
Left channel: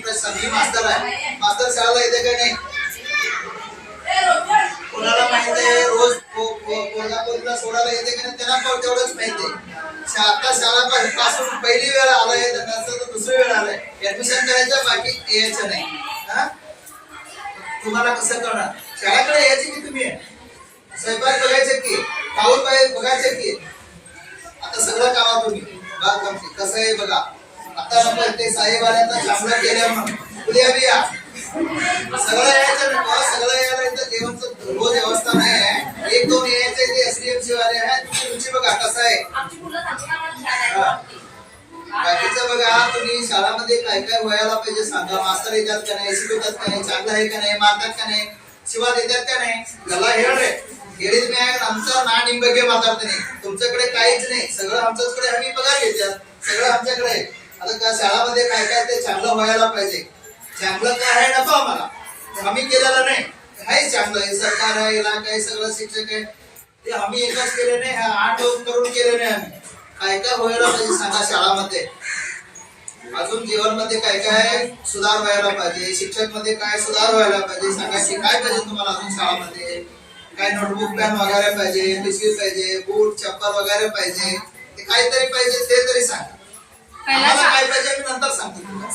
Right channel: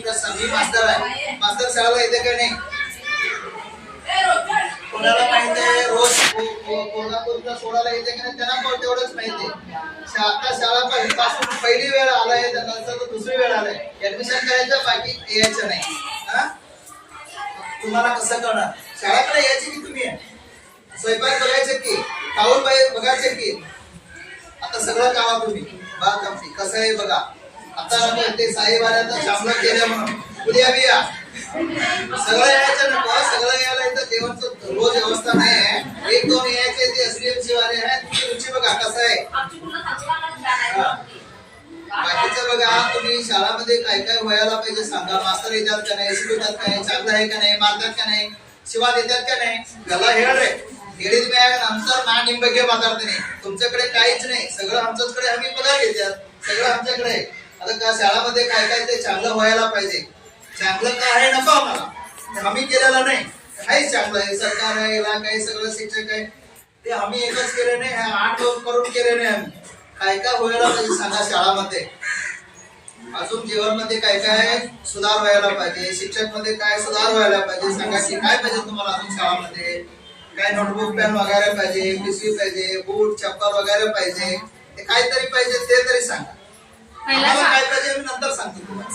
मास्तर आहे. मास्तर शाळेला येते का नाही कोणाला माहिती आहे रोज कोल्हापूरला सोडायला येते का नाही त्यांना तेवढंच माहिती आहे. आता शाळा पासून पहिली वेळ आलाय नंतर दुसरी वेळ आलाय ऍडमिशन करायचं बाकी यायचं नाही. तुम्हाला कसं करणार शाळेकडे यायचे की तुम्ही स्वयंपाक बघायचे की पाऊल बघायचे की आता सगळं कामा तुम्ही बाग आमची कसं आहे बघा. आता नको ते साहेब आले आता शामला केलं म्हणून उद्या बी या सगळं यायचं नको. सगळं यायला इथं जेवणचं रोज व्यवस्था नाही आहे. 1-2 यायचे ते एसडीएमसी वाले आहेत तुमची रुची बघा कसं आहे. बाकीचं बघा तुम्ही शाळामध्ये काय काय व्हायला पाहिजे सांगा. मास्तर येतात का नाही शिकवतात का नाही चांगलं आहे का नाही मारतात का नाही शिवा देतात का नाही गला ಹೇಳ್ರಿ. ಹೇಳಿದ ಮ್ಯಾಗ ನಂತರ ನಾನು ನಿಮ್ಮ ಬಗ್ಗೆ ಮಾತಾಡ್ತೀನಿ. तुमच्याकडे काहीच नाही सगळं आमच्याकडे आम्ही पगार घेतात सगळं आमच्याकडे. आता शाळामध्ये काय काय ते चांगलं व्हायला पाहिजे. चांगलं काय आहे नको आम्हाला आम्ही केलेलं नाही. आहे चांगलं आहे सरकार आहे इलाका आहे सगळं शिक्षक आहे ते आम्ही एकच केले नाही 8 लोक करून केले नाही. आम्ही काय काय व्हायला पाहिजे सांगा शाळामध्ये. अजून जीवनमध्ये काय काय सुधार व्हायला पाहिजे. शिक्षक मध्ये काय सुधार व्हायला पाहिजे सांगा की काय पाहिजे तुम्हाला अजून शाळामध्ये. काय नोटबुक पेन वगैरे पाहिजे पिशवी पाहिजे बूट चप्पल वगैरे पाहिजे ते काहीतरी पाहिजे ते तरी सांगा. आम्हाला काय पाहिजे मी नंतर सांगतो तुम्हाला.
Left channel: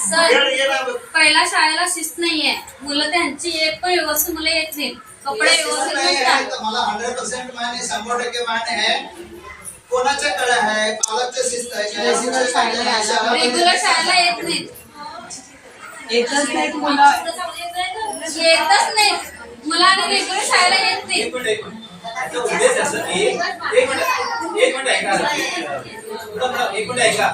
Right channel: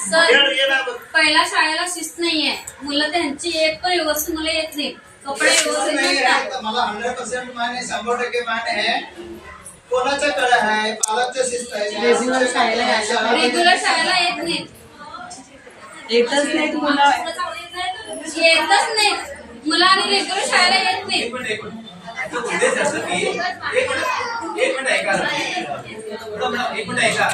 पहिला शाळेला शिस्त नाहीये मुलं त्यांची एक पण व्यवस्थित मुलं येत नाही कपडे व्यवस्थित नसतात. मला 100% माने 100% माने आहे. कोणाच्याकडे आहे पालकचं शिस्त आहे रेग्युलर शाळेला रेग्युलर शाळेला येत नाहीत. येतच नाहीत मुलं येतच नाहीत मुलांनी रेग्युलर शाळेला येत नाहीत. एक मिनिट याचा उद्देश असं की एक मिनिट ऐका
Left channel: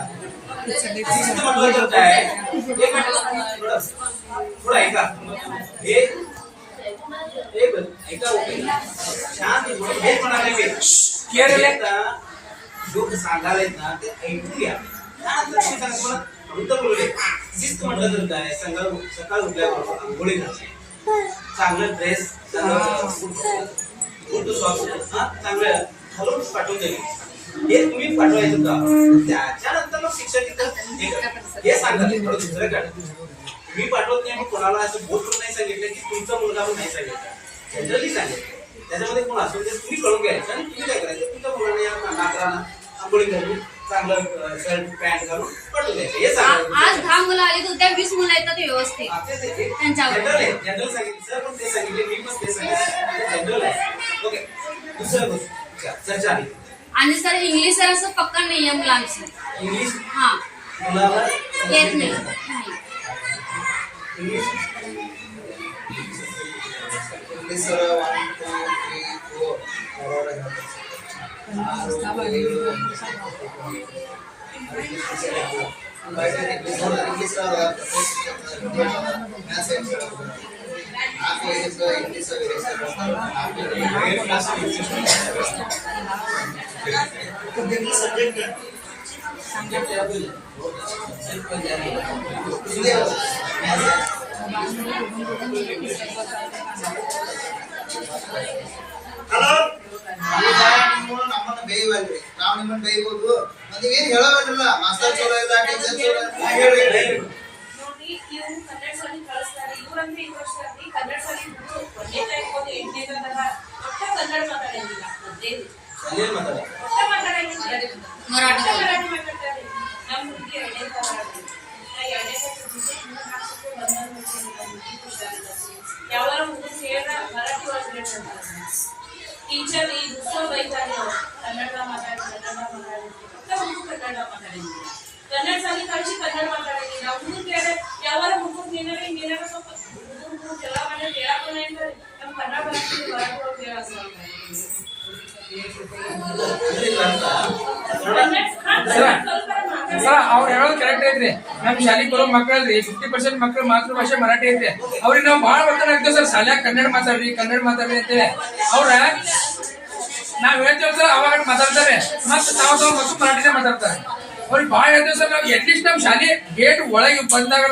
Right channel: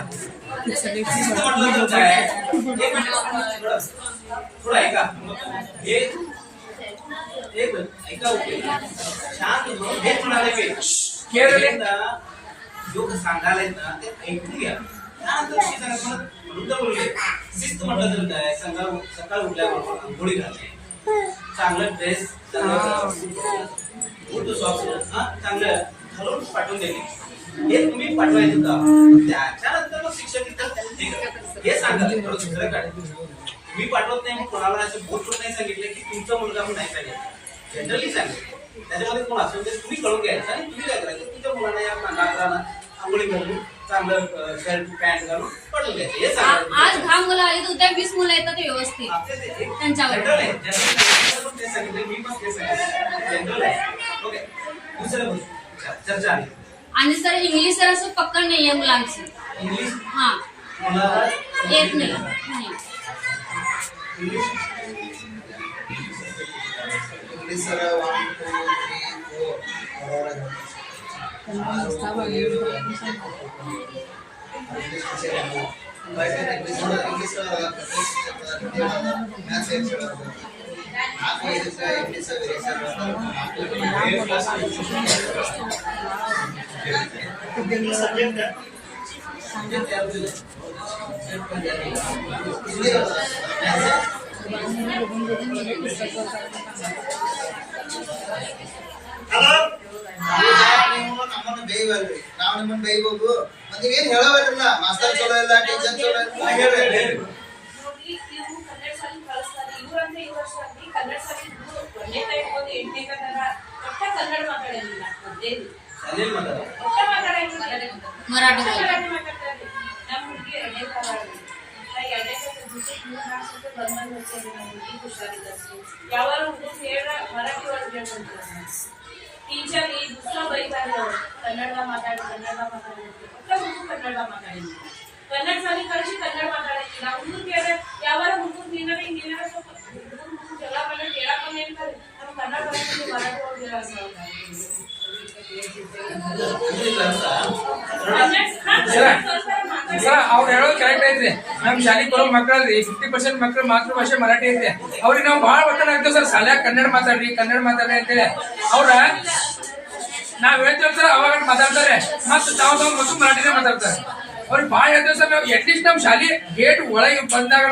शिस्त म्हटलं तर काय एक मिनिट थोडं ऐका हे एक ऐका ओके शांत हे म्हणाले की लोक सांगायला ना ते ऐकून घ्या. त्यानंतर मी सांगत मला वृद्ध बोलले शिस्त म्हटलं तर काय सकाळ उठल्याबरोबर आंघोळी घालणे चांगलं ड्रेस बूट सॉक्स चांगलं घालून पाठवून द्यायचे हे तुम्ही पाठवायचं का. त्याच्यानंतर मग शिक्षक हे सांगा दुसरं काय तुम्ही पाठवत नाही मग कोणाला असं बोट नाही सांगितलं की तुमचा मुलगा पण नाही सांगितलं जनरली सांगितलं त्याच्यामध्ये कोण असेल ते तुम्ही कळून घ्यायचं आणि तुम्ही काय करायचं तुमच्या मुलांना या नागरानं आंघोळी घालून चांगलं शर्ट पॅन्ट घालून पाठवून घ्यायचं हे सांगा. आज 10 मुलं आली तर उद्या 20 मुलं येतात व्यवस्थित त्यांच्यावर पण ते सांगितले मी पण ते सांगितलं जनरल आहे ओके. दुसरं गोष्ट चर्चा आली आणि सर इंग्लिश जर असं पक्का नाहीये मुलांचं इंग्लिश हा मुलाला येत नाही. इंग्लिश सर 1 2 ಹಲೋ ನಮ್ಮನ್ನ ಬೇಯ್ವಲ್ರಿ ನಾವು ನಿಮ್ಮನ್ನ ಬೇಯ್ಬೋದು ನೀವೇನ್ ಹೇಳೋದಿಲ್ಲ, ಮಾಸ್ತರ್ ಚಲೋ ಇಲ್ಲ, ಟೀಚರ್ ಚಲೋ ಇಲ್ಲ, ಹೇಳ್ರಿ. ನೋಡಿ ಇವ್ರು ಕನ್ನಡ ಶಾಲೆ ಕಳಿಸ್ತಾರೆ, ಇವ್ರಂದ್ರೆ ಇವ್ರಷ್ಟೇ ಕನ್ನಡ ಶಾಲೆ ಒಂದನೇ ತಾರೀಕು 8ನೇ ತನಕ ಒಟ್ಟ ಕನ್ನಡ ಮಾತಾಡಂಗಿಲ್ಲ. ಮೊದ್ಲೇದು ಶಾಲೆಯಲ್ಲಿ ಮಾತಾಡೋದು. ಒಟ್ಟ ಮಾತಾಡಂಗಿಲ್ಲ, ಮರಾಠಿ ಮರಾಠಿ ಮಾತಾಡ್ತಾರೆ. ನಮ್ಮ ಹುಡುಗಿ 2ನೇ ತರಗತಿ, 2ನೇ ತರಗತಿ ದಿವಸಕ್ಕೆ 3-4 ಸತಿ ಬಂದ್ ಹೋಗ್ತೇನೆ. ನಮ್ಮ ಹುಡುಗಿ ಹುಷಾರಿಲ್ಲ, ಯಾವಾಗ ಹುಡುಗ ಹೇಳ ಮರಾಠಿ ಒಳಗೆ ಹೇಳ್ತಾರೆ. ಟೀಚರ್ ಈ ದುಸ್ವ ಬೈತಾರೆ, ಅವರು ಕನ್ನಡ ಮಾತಾಡಿ ಒಟ್ಟ ಹುಡುಗ ಕನ್ನಡ ಮಾತಾಡಿಲ್ಲ. ಕನ್ನಡ ಶಾಲೆ ಕಳಿಸಿ ಕನ್ನಡ ಮಾತಾಡಿಲ್ಲ. ಹುಡುಗ ಕೇಳ ಯಾವಾಗ ಹುಡುಗ ಏನಾರ ಸ್ವಲ್ಪ ಹುಡುಗ ಜಗಳ ಮಾಡಿ ಹೇಳಕ್ಕನ ಹೇಳ್ತಾರೆ, ನಮ್ಮ ಕನ್ನಡ ಭಾಷೆ ಮರಾಠಿ ಒಳಗೆ ಹೇಳಕ್ಕೆ ಸರ್ ಅವ್ರು ಹೇಳೋದು ಕರೆಕ್ಟ್ ಐತ್ರಿ. ನಮ್ ಶಾಲೆಗೆ ಬರೋ ಮಕ್ಕಳಲ್ರಿ 50% ಮಕ್ಕಳು ಮಾತೃಭಾಷೆ ಮರಾಠಿ ಐತೆ. ಅವ್ರಿಗೆ ನಾವು ಬಹಳ ಒತ್ತಡ ಆಗ್ತೇವೆ ಸರ್, ಶಾಲ್ಯಾಗ ಕನ್ನಡ ಮಾತಾಡ್ರಿ ಅಂತೇಳಿ. ಅವ್ರ ನಾವ್ ಹೇಳ್ತೇವೆ ಸರ್, ಅವಾಗ ಮಾತಾಡ್ತಾರೆ, ಮತ್ತೆ ತಾವು ಮತ್ತು ಮರಾಠಿನೇ ಮಾತಾಡ್ತಾರೆ. ಅವ್ರಿಗೆ ಭಾಳ ಹೇಳ್ತೇವೆ ಸರ್, ನಾವು ಅಟ್ಲೀಸ್ಟ್ ನಮ್ ಶಾಲೆ ಗೇಟ್ ಒಳಗೆ ಬಂದಾಗ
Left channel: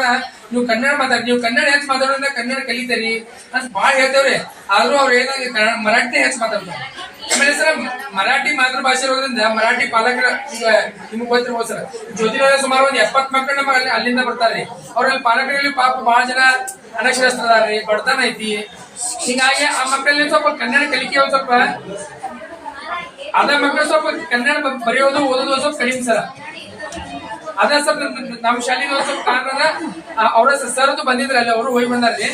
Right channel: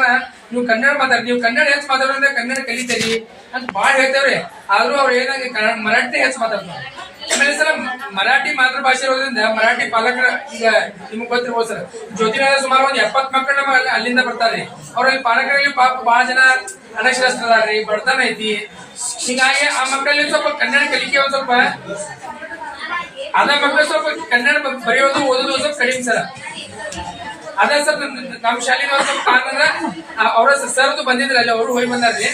ನೀವು ಕನ್ನಡ ಮಾತಾಡ್ರಿ, ನೀವು ಕನ್ನಡ ಹೆಚ್ಚು ಮಾತಾಡೋದ್ರಿಂದ ಕನ್ನಡ ಕಲಿತೀರಿ ಅಂತ ಭಾಳ ಹೇಳ್ತೇವ್ರಿ. ಆದ್ರೂ ಅವ್ರು ಏನಾಗಿ ಮರಾಠಿನೇ ಹೆಚ್ಚು ಮಾತಾಡ್ತಾರೆ. ಆಮೇಲೆ ಸರ್ ಮರಾಠಿ ಮಾತೃಭಾಷೆ ಇರೋದ್ರಿಂದ ಮರಾಠಿ ಪಾಲಕರ, ಈಗ ನಿಮ್ಗೆ ಗೊತ್ತಿರ್ಬೋದು ಸರ್, ಜ್ಯೋತಿನಗರ ಸುಮಾರು ಒಂದು 70 ಮಕ್ಕಳು ನಮಗೆ ಅಲ್ಲಿಂದ ಬರ್ತಾರ್ರಿ. ಅವ್ರಲ್ಲಿ ಪಾಲಕರಲ್ಲಿ ಪಾಪ ಬಹಳ ಜನ ಅನಕ್ಷರಸ್ಥರಾದ್ರಿ, ಬಡತನ ಐತಿ. ಹಿಂಗಾಗಿ ಆ ಮಕ್ಕಳಲ್ಲಿ ಸ್ವಲ್ಪ ಕನ್ನಡ ಕಲಿಕೆ ಒಂದ್ ಸ್ವಲ್ಪ ಅದ ಮಕ್ಕಳು ಸ್ವಲ್ಪ ಕನ್ನಡ ಬರೆಯೋದು ಓದೋದು ಸ್ವಲ್ಪ ಕಡಿಮೆ ಸರ್. ಅದ ಸರ್ ನಮ್ಮ ಶಾಲೆಗೆ ಸ್ವಲ್ಪ ಕಾರಣ ಅಂದ್ರ ಅವ್ರ ಸರ್ದು ಬಂದಿದ್ರ ಅಲ್ಲಿ, ಅವರು ಹೋಗಿ ಬಂದಾರ್ರಿ.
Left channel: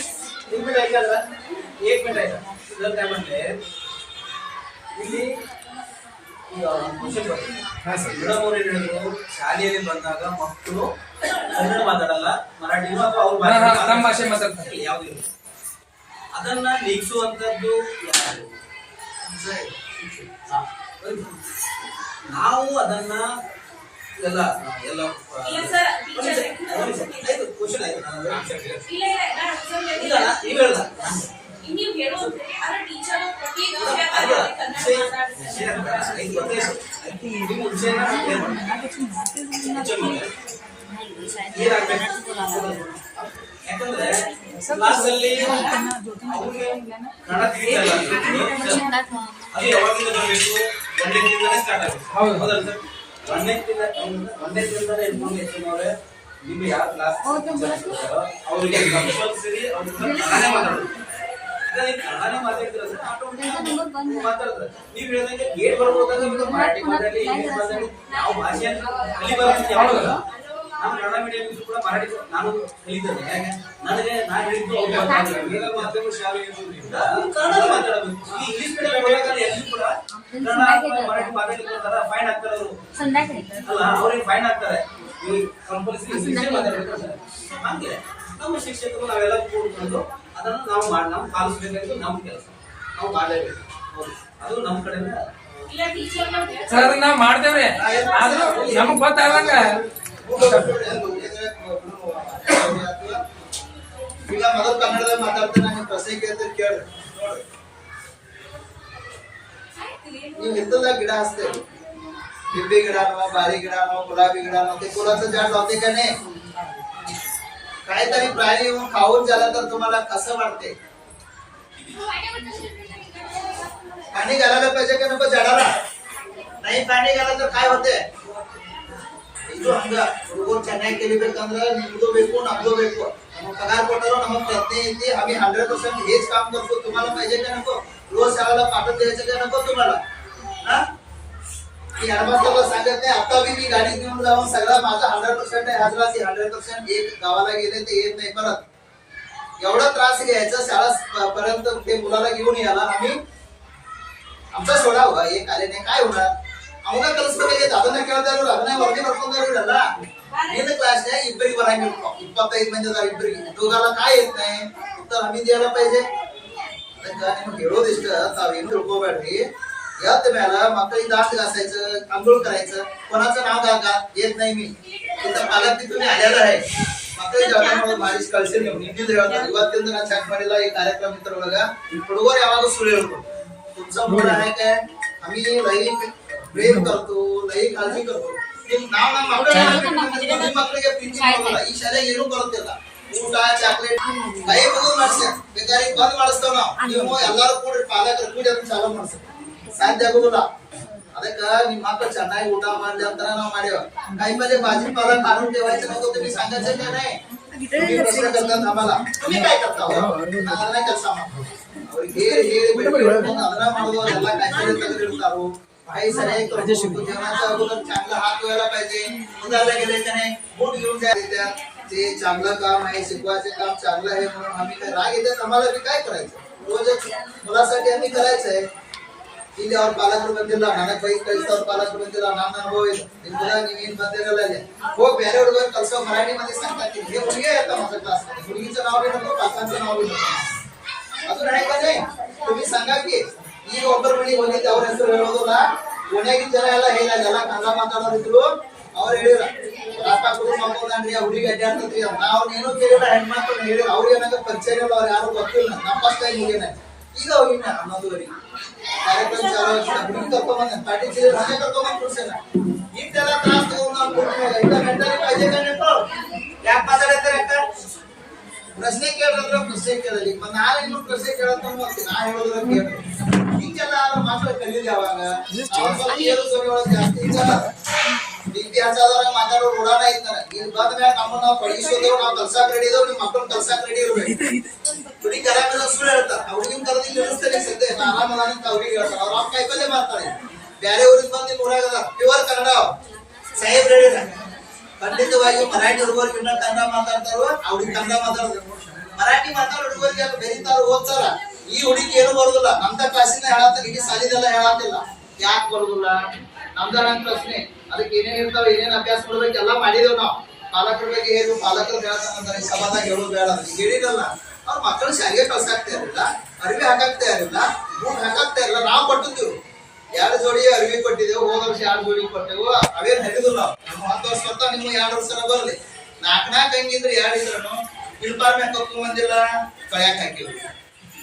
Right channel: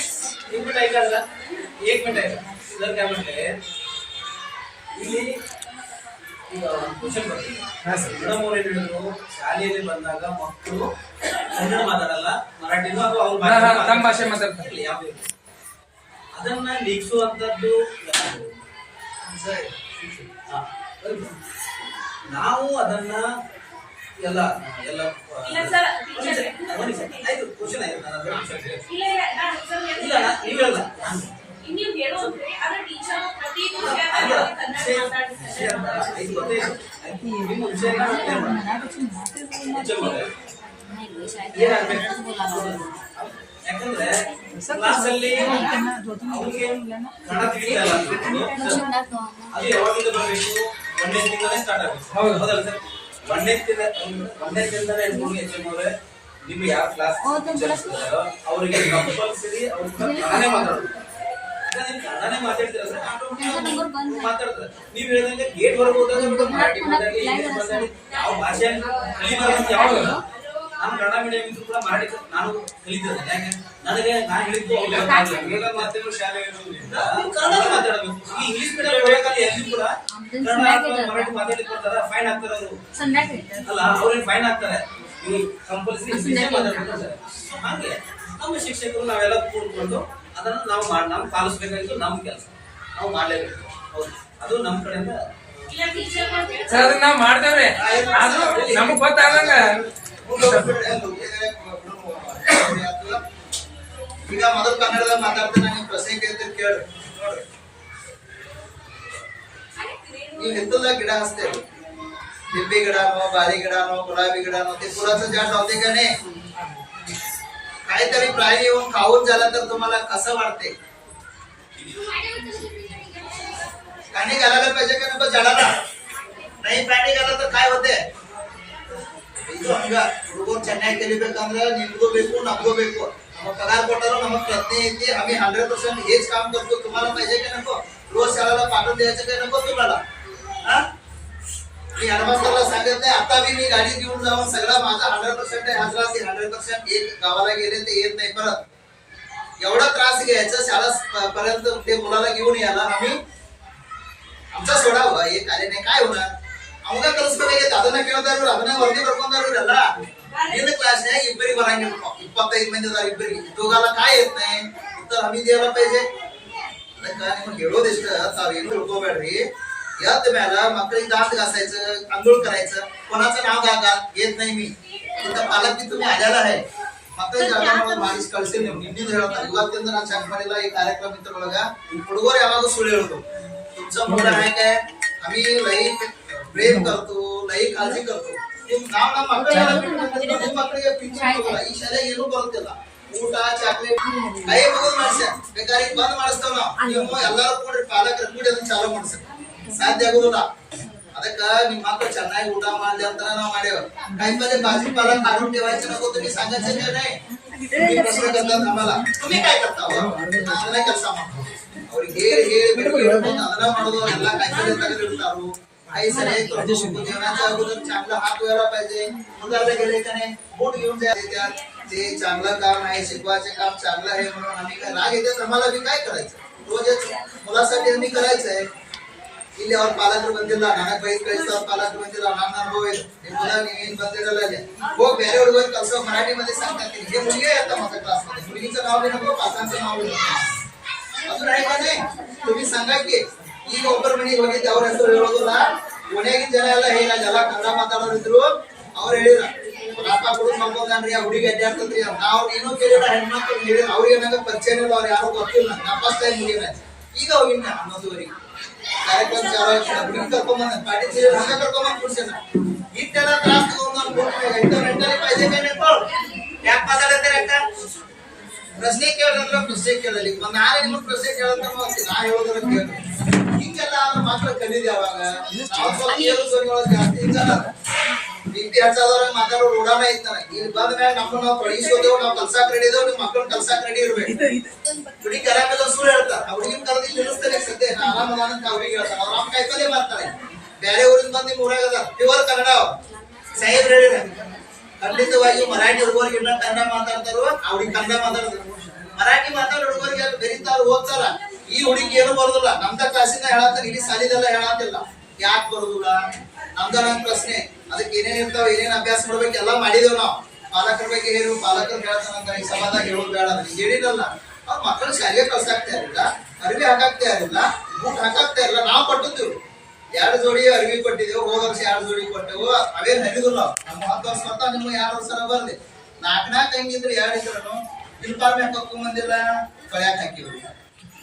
ಇಲ್ಲಿ ಈಗ ಕ್ವಶನ್ ಬರ್ತದೆ. ಮೇಡಮ್ ಅವ್ರು ಏನ್ ಹೇಳಿದ್ರು, ಶಾಲೆಯಲ್ಲಿ ಬಂದಾಗ ಮಕ್ಕಳು ಕನ್ನಡ ಮಾತಾಡಲ್ಲ, ಮರಾಠಿನೂ ಅಥವಾ ಅವ್ರ ನಮ್ಮ ಭಾಷೆ ಮಾತಾಡ್ತಾರೆ. ಯಾವ್ದು ಇಲ್ಲ. ಅದನ್ನ ನೀಗಿಸುವಂತದ್ದು ನಾವು ಅದನ್ನ ಎಲ್ಲ ಇಲ್ಲ ಸರ್, ಆಯ್ತು ಕ್ವಶನ್ ಆಯ್ತು. ಇಲ್ಲ ಇಲ್ಲ ನೀವು ಹೇಳಲ್ಲ, ನೀವು ಹೇಳೋದ್ರೆ ಅದ್ರ ಟೀಚರ್ ಪ್ರತಿ ಯಾಕಂದ್ರೆ ಕ್ಲಾಸ್ ಅಲ್ಲಿ ಅವ್ರಿಗೆ ಕನ್ನಡ ತಿಳಿಯಲ್ಲ, ಅದು ಯಾವಾಗಿಂದ ಬರಬೇಕು, 1ನೇ ದಿನದಿಂದಲೇ ಸ್ಟಾರ್ಟ್ ಆಗುತ್ತೆ. ಹೌದಲ್ಲ ಸರ್? 1ನೇ ದಿನದಿಂದಲೇ ಇಟ್ಕೊಂಡು HM ಅವರೇ ನಿಮ್ಗೆ ಯಾವ ಕ್ಲಾಸ್ ಅವರಿಗೆ ಕಂಪಲ್ಸರಿ ಅವ್ರು ಕನ್ನಡನೇ ಮಾತಾಡೋದು. ಕನ್ನಡನೇ ಮಾತಾಡ್ತೀರ ಸರ್, ಆಟೋಮೆಟಿಕ್ ಮಾತಾಡ್ತಾರೆ. ನೀವ್ ಹೇಳ್ದಂಗೆ ಗೇಟ್ ಬರ್ಬೋದಾಗ ಮರಾಠಿ ಮಾತಾಡಿ, ಇಂಗ್ಲಿಷ್ ಮಾತಾಡಿ, ಯಾವ ಭಾಷೆ ಕಲಿಬಾರ್ದು ಯಾವಾಗ. ನಾನು ಕನ್ನಡ ಮೀಡಿಯಂ ಇದ್ರು ಕೂಡ ಮರಾಠಿ ನಾನು ಕಲಿತಿದ್ದೆ. ಯಾಕೆ ನನಗೆ ನಾ ಹೇಳಿದ್ದು ಮಾಧ್ಯಮ ಶಾಲೆ ಇರೋದ್ರಿಂದ ಕನ್ನಡ ಮಾತಾಡಬೇಕು. ಈ ಇಂಗ್ಲಿಷ್ ಮೀಡಿಯಂ ಹೋಗಕ್ಕೆ ಎಲ್ಲಿ ಕೂಡ ಕನ್ನಡ ಅಥವಾ ಮರಾಠಿ ಮಾತಾಡ್ಲಿಕ್ಕೆ ಬರ್ತಾರ, ಫೈನ್ ಹಾಕ್ತಾರೆ ಅವರು. ಅಲ್ಲ, ಅವ್ರಿಗೆ ಫೈನ್ ಹಾಕ್ತಾರೆ. ನೀವು ಕಂಪಲ್ಸರಿ ಇಂಗ್ಲಿಷ್ ಮಾತಾಡ್ಬೇಕು ಸರ್. ಹಾಗೆ ನಮ್ಮ ಶಿಕ್ಷಕರು ನಾವೆಲ್ಲ ಕೂತ್ಕೊಂಡು ಅದನ್ನ ನಾವು ಕಾಲಿಸ್ಬೇಕಾಗಿದ್ದು ನಮ್ಮ ಕೆಲಸ, ನಾವು ಮಾಡಲೇಬೇಕು. ಹೌದು, ಅದು ನಮ್ಮ ಕಡೆಯಿಂದ ಸರ್ ಅದನ್ನ ನಾವು ಮಾಡ್ತೇವ್ರಿ. ಆದ್ರೂ ನಮಗ್ ಗೊತ್ತಾಗಲ್ಲ. ಈಗ ಮೊದಲು ಕನ್ನಡದಾಗ ಮಾತಾಡ್ತೀನಿ, ನೀವು ಪ್ರಶ್ನೆ ಕೇಳ್ತೀರಿ ಕೇಳ್ರಿ. ನೋಡ್ರಿ, ನೀವು हिंदूला गिडा असते, लिंबी गिडानो, बारी गिडानो, गुलाबी गिडानो, ते पुराचं झाड लावते का नाही? काहीतरी प्राणी येऊन खाऊन झाला तर तुम्हाला कसं वाटते? पाणी घालायला पाहिजे का नको झाडाला? नाही पाणी घाला तर काय होते? ಇದು ಹಂಗ ಹುಡುಗರು ಚೆನ್ನಾಗಿ ಕಲಿಬೇಕಂದ್ರೆ ನಿಮ್ಗೂ ಬೇಕು ನಮಗೂ ಬೇಕು. ನಮ್ಮ पगार ಕೊಟ್ಟರು ನಮ್ಮ ಪ್ರಜ್ಞೆ ಐತಿ, आम्ही 100% हेच काम करतो. तुम्हाला पाहिजे का नको? रोज शाळेला पाठवून द्यायचं का नको तुम्हाला? हा, मी हनुमंताला सांगत नाही, आता मी गाडी घेऊन जाऊन सगळा माझा 100% आहे हजरा, 100% एक गावाला गेले ते येत नाही परत. एवढा त्रास घ्यायचा शाळा पर्यंत ते मुलाला घेऊन यायला आम्ही आमचा सोडावं, एक आले नाही काय होणार? ಅವಾಗ ಕಲಿಸ್ಬೇಕಾಗಿತ್ತು, ಅದನ್ನ ಕೇಳ್ತಾರು, ಅದನ್ನ ವರದಿ ಬರ್ಕೊಂಡಾರು. ಎಲ್ಲ ಏನು ಕ್ಲಾಸ್ನ್ಯಾಗ ಇಬ್ಬರಿಗೆ ಬರಂಗಿಲ್ಲ, 25 ಮಂದಿ ಅದಾರ, ಇಬ್ಬರಿಗೆ दोघाला काय येत नाही उत्तर आम्ही द्यायला पाहिजे. ಅದಕ್ಕೆ ನಿಮ್ಗೆ ಹೇಳೋದಿಷ್ಟ, ತಾವೇನು ತಿಳ್ಕೊಬೇಡ್ರಿ. याद म्याला मಕ್ಕಳಿಗೆ दात घासायचं, आंघोळ करायचं, कोणाचं नाव येत नाही मी इथं पालक तुम्ही आलेला आहे. ಮಕ್ಕಳಿಗೆ ಜಗಳ ಮಾಡಿಸಿ ಕಳಿಸಿ ನೀವು ನಿಂತಿದ್ದು ಹೇಳ್ತಾರೆ. ಇವತ್ತಿಂದ ನಾನು ಚೆಕ್ ಮಾಡಿಲ್ಲ ಈ ಕಾರ್ಯಕ್ರಮ ಇದ್ರೊಳಗ ಹುಡುಗರು ಯಾವಾಗ ಸುಳ್ಳು ಹೇಳ್ತು. तुमचा मुलगा आहे काय, आम्ही लई प्रेम करतो, लई काळजी करतो. ನಾವು ನಮ್ಮ ಮಕ್ಕಳಿಗೆ ಪ್ರೀತಿ ಮಾಡೋಲ್ಲ. ಈ ಶಾಲೆ ಏನು ಬರುತ್ತಿಲ್ಲ, ಊಟ ಚಾಕ್ಲೇಟ್ ಕೈ ಮುಗಿದು ಮಾಡಿಸ ಬೇಕಾದ್ರೆ ಬಂದ್ ಮಾಡಿಸ್ತೇವೆ ನಾವು. ನೀವು ಎಲ್ಲಾರು ಕೂಡಿ ಪಾಲಕರು ಕೂಡಿ ಅದನ್ನ ಚಾಲೂ ಮಾಡಿಸ್ರಿ, ಸಾಧ್ಯ ಆಗುದಿಲ್ಲ. ಅದಕ್ಕ ನಿಮ್ ಮಕ್ಳು ಚೆನ್ನಾಗಿ ಊಟ ಮಾಡ್ಲಿ ಅಂತ ನಾವ್ ಮಾಡ್ಯಾವ काहीपल्ले भाजीपाला काढून ठेवायचं नको तुम्ही सांगायचं काय नाही तुम्ही प्रश्न करतात आम्हाला तुम्ही काय करता ಅದನ್ನ ಕೆಲಸ ಮಾಡ್ತಾರೆ ಅವ್ರಿಗೆ ಹೇಳಿ ಬಿಡ್ಕೊಂಡು ಅದನ್ನ ಮಾಡೋದು ಎಲ್ಲ ಕಾಯಿಪಲ್ಲೆ ತೆಗೆದಿಡ್ತಾರು आई सरियाಗಿ करतो जेवणाच्या अगोदर चांगला हात धुवायला पाहिजे उदारला गेले का नाही बूट घेऊन जायचे ते चांगलं काम आहे शिकवायचे काम चांगलं आहे म्हणून आम्ही काय राग येतात आम्हाला बी काय करायचं रोजच मुलासाठी आम्ही करायचंय ಇಲ್ಲಿ ಅವ್ರ ಪಾಲಕರು ಬಂದಿಲ್ಲ ನನಗ್ ಬೈಕ್ ಕಳಿಸ್ತಾವ್ರ ಪಾಲಕರು ಬಂದಿಲ್ಲ ನಾನು ಹೋಗಿ ನಿಮ್ಗೆಲ್ಲ ನೀವೇನ್ ಬಂದಿರಲ್ಲ ಹೋಗಿ ಬೇರೆ ಹುಡುಗರು ಕಲ್ಸೋ ಮರಾಠಿ मध्ये सांगतात हे मुलगी येतात माझ्या क्लास मध्ये मुलगीचं नाव बी नको पालकांचं नाव बी नको अजून आहे का नाही तुम्ही सांगा की ಈಗ ಒಬ್ಬರ ಮನೆಗೆ ಹೋಗಿದ್ದೆ ಅವ್ರ ಹೆಸರು ಹೇಳೋದಿಲ್ಲ ಓಣ್ಯಾಗಿನ ಜನ ಎಲ್ಲ ಹೇಳಲ್ಲ ಕನ್ನಡ ಮಾತಾಡೋರು ಇದ್ರು ಅವ್ರು ಹೇಳಿರ ರಾಪ ಕುಡುಂಬ ಮಕ್ಕೊಂಡ್ರಿ ಆ ಹುಡುಗಿ ಅಡ್ಡಾಡ್ತದ್ರಿ ನಾವು ಏನೋ ಕೇಳಿಲ್ಲ ಹೆಣ್ಮಕ್ಳು ಹೇಳಿರ ಅವ್ರಿಗೆ ನಂಗೆ ಪರಿಚಯ ಇಲ್ಲ ಅವ್ರು ಯಾರು ಗೊತ್ತಿಲ್ಲ ನಾ ಫಸ್ಟ್ ಟೈಮ್ ಮುಗಿಯೋಣ ಈಗ ಹೋಗಿನ ಅನ್ನೋದುವರೆಗೆ कार्यक्रम चालू आहे ಹುಡುಗಿ ಕರ್ಕೊಂಬಂದ ಪಾರ್ಟಿ ಸೇರಿ ಹಂಗೆ ಕರ್ಕೊಂಬಂದ ಕೂರ್ಸೇನ ಇಷ್ಟೆಲ್ಲ ತ್ರಾಸ ತಗೊಂಡು ನಾವು ಕೂರ್ತೀವಿ ಇಂತ ಮೆಂಟಲಿ ಪಾहिजे का नाही पण ಯಾಕೆ ಮಾತಾಡತ್ತೀರ ಅಕ್ಕ ಪ್ರಶ್ನೆ ಕೇಳಿದ್ರೆ ಪ್ರಶ್ನೆ ಕೇಳಲಿ ನಾನು ನಿಮ್ಗೆ ಪ್ರಶ್ನೆ ಕೇಳಂತ ನಾ ಹೇಳೋದ್ರ ಕೇಳಿ ಹಿಂಗೆಲ್ಲ ಅವ್ರ ಮಕ್ಕಳು ಕಲಿಯೋದು ಯಾವಾಗ ನಾವು ಸ್ವಲ್ಪ ಏರು ಸರಿ ಒಳಗೆ ಜಾಸ್ತಿ ಇದ್ದಾರ ವಿದ್ಯಾರ್ಥಿಯಾದವ್ರಾಗ ಮಾತಾಡೋ ರೂಢಾನ ಐತನ ಇಲ್ಲಿ ಬಂದ ಮ್ಯಾಗ ನಮ್ಮನ್ನ ನಾವು ಪಡಿಸೋದೇವು ನಾವು ಕಲ್ಸಾಕ್ ರೆಡಿ ಇದೇವು ನಿಮ್ಮ ಮಕ್ಕಳನ್ನ ಕಲ್ಸಾಕ್ ರೆಡಿ ಇರ್ಬೇಕು ಹುಡುಗಿ ಕರೆಯಲ್ಲ ಸುಳ್ಳು ಹೇಳ್ತಾರ ಆ ಹುಡುಗಿನ ಕರೆದಿ ನಿಲ್ಲಿಸ್ತಾರೆ ಸದ್ಯ ಆರಾಮದಾನ ಅಂತ ಹುಡುಗಿ ಹೇಳ್ತಾರ ಅವ್ರ ಅಮ್ಮ ಕಾಯಿಪಲ್ಲೆ ಮಾಡ್ತಾರೆ ಬೇರೆ ಊರಿಂದ ಬಂದು ನಿಮ್ಮ ಊರಾಗ ಅದ ಪ್ಯೂರ್ ಕನ್ನಡ ಸಾಹೇಬ್ರ ಹೇಳಿರ ಖಂಡಿತವಾಗಿ ಮರಾಠಿ ಹುಡುಗರಿಗೆ ಇನ್ನ ಕನ್ನಡ ಮಾತಾಡ್ತಾರೋ ಆ ಹುಡುಗಿ ಕನ್ನಡ ಮಾತಾಡ್ತಾರೆ ಮರಾಠಿ ಮಾತಾಡೋ ಹುಡುಗರಿಗೆ ಅಲ್ಲಿ ಬೆರೀತಾರ ಓದ್ತಾರ ಈ ಹುಡುಗಿ ಏನು ಬರುದಿಲ್ಲ ನಮ್ದ ಕ್ಲಾಸಿಂದ ಹೇಳತ್ತಾರ ಇಡೀ ಸಾಲಿದೆಲ್ಲ ಹೇಳತ್ತಿಲ್ಲ ಯಾಕೆ ಬರುದಿಲ್ಲ ನಮ್ದ ನನ್ ಪ್ರಶ್ನೆ ಅದಕ್ಕೆ ಏನೇನ್ ಇರ್ತಾವ ಏನೇನ್ ಅಭ್ಯಾಸ ಮಾಡ್ಬೇಕು ಎಲ್ಲ ಮಾಡಿದೇವ್ ನಾವು ಪಾಲಕರ ಬಗ್ಗೆ ಹೇಳು ಪಾಲಕರು ಹೇಳ್ತಾನಂತ ಈ ಸಭಾದಾಗ ಹೇಳೋದು ಬೇಡ ಈಗ ಹೇಳಿರಲ್ಲ ಅವ್ರ ಮಕ್ಕಳು ಶಾಲೆಗೆ ಕಳ್ಸಾಕ್ತಾ ಇರಲಿಲ್ಲ ಅರಿವಿ ಹಾಕಾಕ್ತಾ ಇರಲಿಲ್ಲ ಬೂಟ್ ಹಾಕಾಕ್ತಾ ಇರಲಿಲ್ಲ ನಾವು ಕೊಟ್ಟಿದ್ದೇವು 2 ಜೋಡಿ ಅರಿವಿ ಕೊಟ್ಟಿದ್ದೇವು ಹೋದ ವರ್ಷ 2 ಜೋಡಿ ಕೊಟ್ಟೆವು ಅವೇನ್ ಹರಿದಿಲ್ಲ ನಮ್ಮ 10 ವರ್ಷ ಬರ್ತಾವ ನಿಮ್ಮ 2 ವರ್ಷ ಬರ್ಲಿ 4 ಹಂಗಿದ್ರೆ 2 ಇದ್ರೂ ಇಲ್ಪಾರ್ ಮ್ಯಾಗ ಕರ್ಕೊಂಡ್ ಕಳ್ಯಾಕ್ ಹಾಕಿವಿ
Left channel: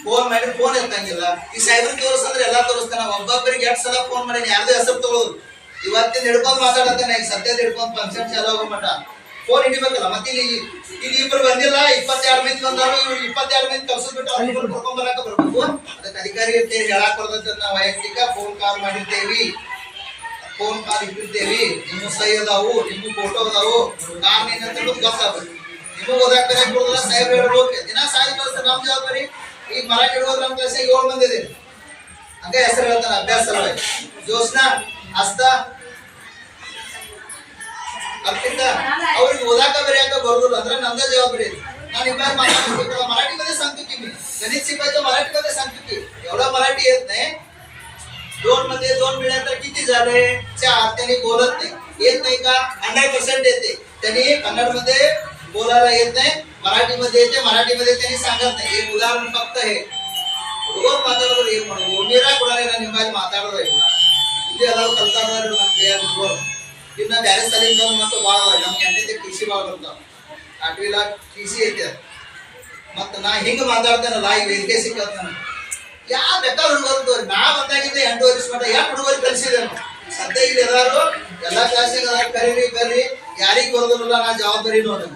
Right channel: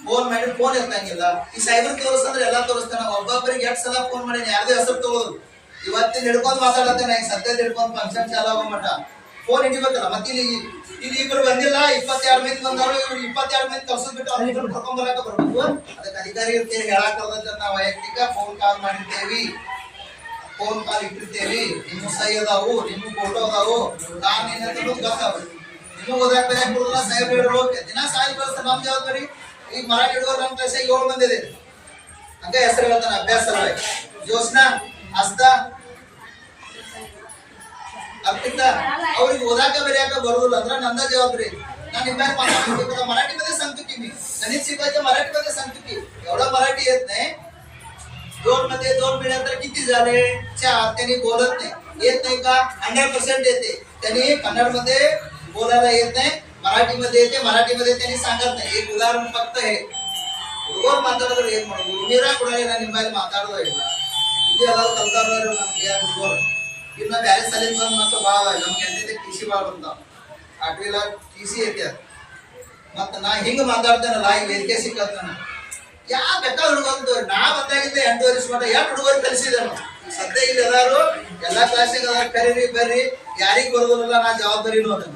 ಫೋನ್ ಮಾಡಿದ್ರೆ ಫೋನ್ ಎತ್ತಂಗಿಲ್ಲ ಈ ಸೈಬರ್ ತೋರಿಸಂದ್ರೆ ಎಲ್ಲಾ ತೋರಿಸ್ತಾನ ಒಬ್ಬೊಬ್ಬರಿಗೆ 2 ಸಲ ಫೋನ್ ಮಾಡಿ ಯಾರ್ದು ಹೆಸರು ತಗೊಳ್ಳೋದು ಇವತ್ತಿಂದ ಹಿಡ್ಕೊಂಡ್ ಮಾತಾಡತ್ತೇನೆ ಈಗ ಸದ್ಯದ ಹಿಡ್ಕೊಂಡ್ ಫಂಕ್ಷನ್ ಚಾಲು ಆಗೋ ಮಟ ಫೋನ್ ಹಿಡಿಬೇಕಲ್ಲ ಮತ್ತೆ ಇಲ್ಲಿ ಇಬ್ರು ಬಂದಿಲ್ಲ 22 ಮಂದಿ ಬಂದಾರು ಇವ್ರು 22 ಮಂದಿ ಕಳ್ಸಿದ್ಬಿಟ್ಟು ಅವ್ರಿಬ್ರು ಕರ್ಕೊಂಡ್ ಬರಾಕ ಬರ್ಬೇಕು ಅದಕ್ಕೆ ಅಧಿಕಾರಿ ಇರ್ತೇವೆ ಹೇಳಾಕ್ ಬರ್ತದ ನಾವು ವೈಯಕ್ತಿಕ ಫೋನ್ ಕಾಲ್ ಮಾಡಿರ್ತೇವಿ ಫೋನ್ ಕಾಲ್ ಇಟ್ಟಿರ್ತೇವಿ ನಿಮ್ಮ ಸಹಿ ಅದಾವು ನಿಮ್ಮ ಫೋಟೋ ಅದಾವು ಕಾರಣ ಏನಂತ ಗೊತ್ತಾಗ್ಬೇಕು ನಿಮಗ್ ಓದಾಕ್ ಬೇರೆ ಕೊಡುದಿಲ್ಲ ಸಾಹೇಬ್ ಹೇಳೋರು ದಿನ ಸಾಲಿ ಕಳಿಸ್ತಾರೆ ನಮ್ ಜವಾಬ್ದಾರಿ ಈಗ ಮರಾಠಿ ಹುಡುಗರು ನಮ್ಮ ಕ್ಲಾಸ್ 7 ಮಂದಿ ಇದೆ ಹಂಗ ಹೆಸರು ಹೇಳ್ತಾನೆ ಅಭ್ಯಾಸ ಸಲುವಾಗಿ ಜೋಸ್ನಾ ಹಸ್ತಾ ಅರ್ಪಿತಾ ಅವ್ರಿಗೆ ಓದಾಕ बऱ्याका बरोबर ಅಂದ್ರೆ ನಂದ जबाबदारी ನಾನು ನಿಮ್ಮ माताडतो मराठी मध्ये सांगतो की मी गणित शिकायचं मराठी मध्ये सांगतो की एवढा मराठी येत नाही 2 मध्ये 2 मिळाले तर किती झाले 4 त्यांनी बोलत नाही येत नाही का 100% येते त्यांनी कन्नड मध्ये बोलायला येत नाही मराठी मध्ये येते मराठी मध्ये त्यांनी सांगत नाही एक उदाहरण फक्त हे ಹುಡುಗರು ಮಾತಾಡೋದು ಏನ್ ಮಾಡೋದು ಮೀರಾ ಕೊಡಲಿ ನಾನು ನಿಮ್ಮ ಮೇಲೆ ಮಾತಾಡೋದು ಇಲ್ಲ ಇಲ್ಲಿ ಎಲ್ಲ ಕಲ್ತಾರ ನಮ್ಮ ಪ್ಲೇಯರ್ ಹುಡುಗರು ಇನ್ನ ಬ್ಯಾರೆ ಸಲಿಂದ ಬಂದು ಮತ್ತು ಭಾಳ ನಮ್ಗೆ ಎಂಟೈತೆ ಕೃಷಿ ಭಾಳ ಬಂತಾವ 8वीला ಕೃಷಿ ಐತೆ ಮತ್ತ ನಾ ಹಿಂಗ ಮಾತಾಡ್ತೇನಲ್ಲ ಈಗ ವೇದಿಕೆ ಸಿಕ್ಕತ್ ನಾನು ಯಾ ಬೇಕಾದ ಹುಡುಗರು ನಾ ಬಂದಾಗಿಂದ 8 ವರ್ಷ ಮಟ್ಟ 8 ಹುಡುಗರು ಕಲಿಸಿದೇನು ಸದ್ಯ ಇಲ್ಲಿ ಅದಾರು ಎಲ್ಲಾ ಕ್ಲಾಸಿಗೆ ಅದಾರ ಕರೀರಿ ಬರ್ರಿ ಯಾರಿಗ್ ಬರೋದಿಲ್ಲ ನಾ ಜವಾಬ್ದಾರಿ ನೋಡೋಣ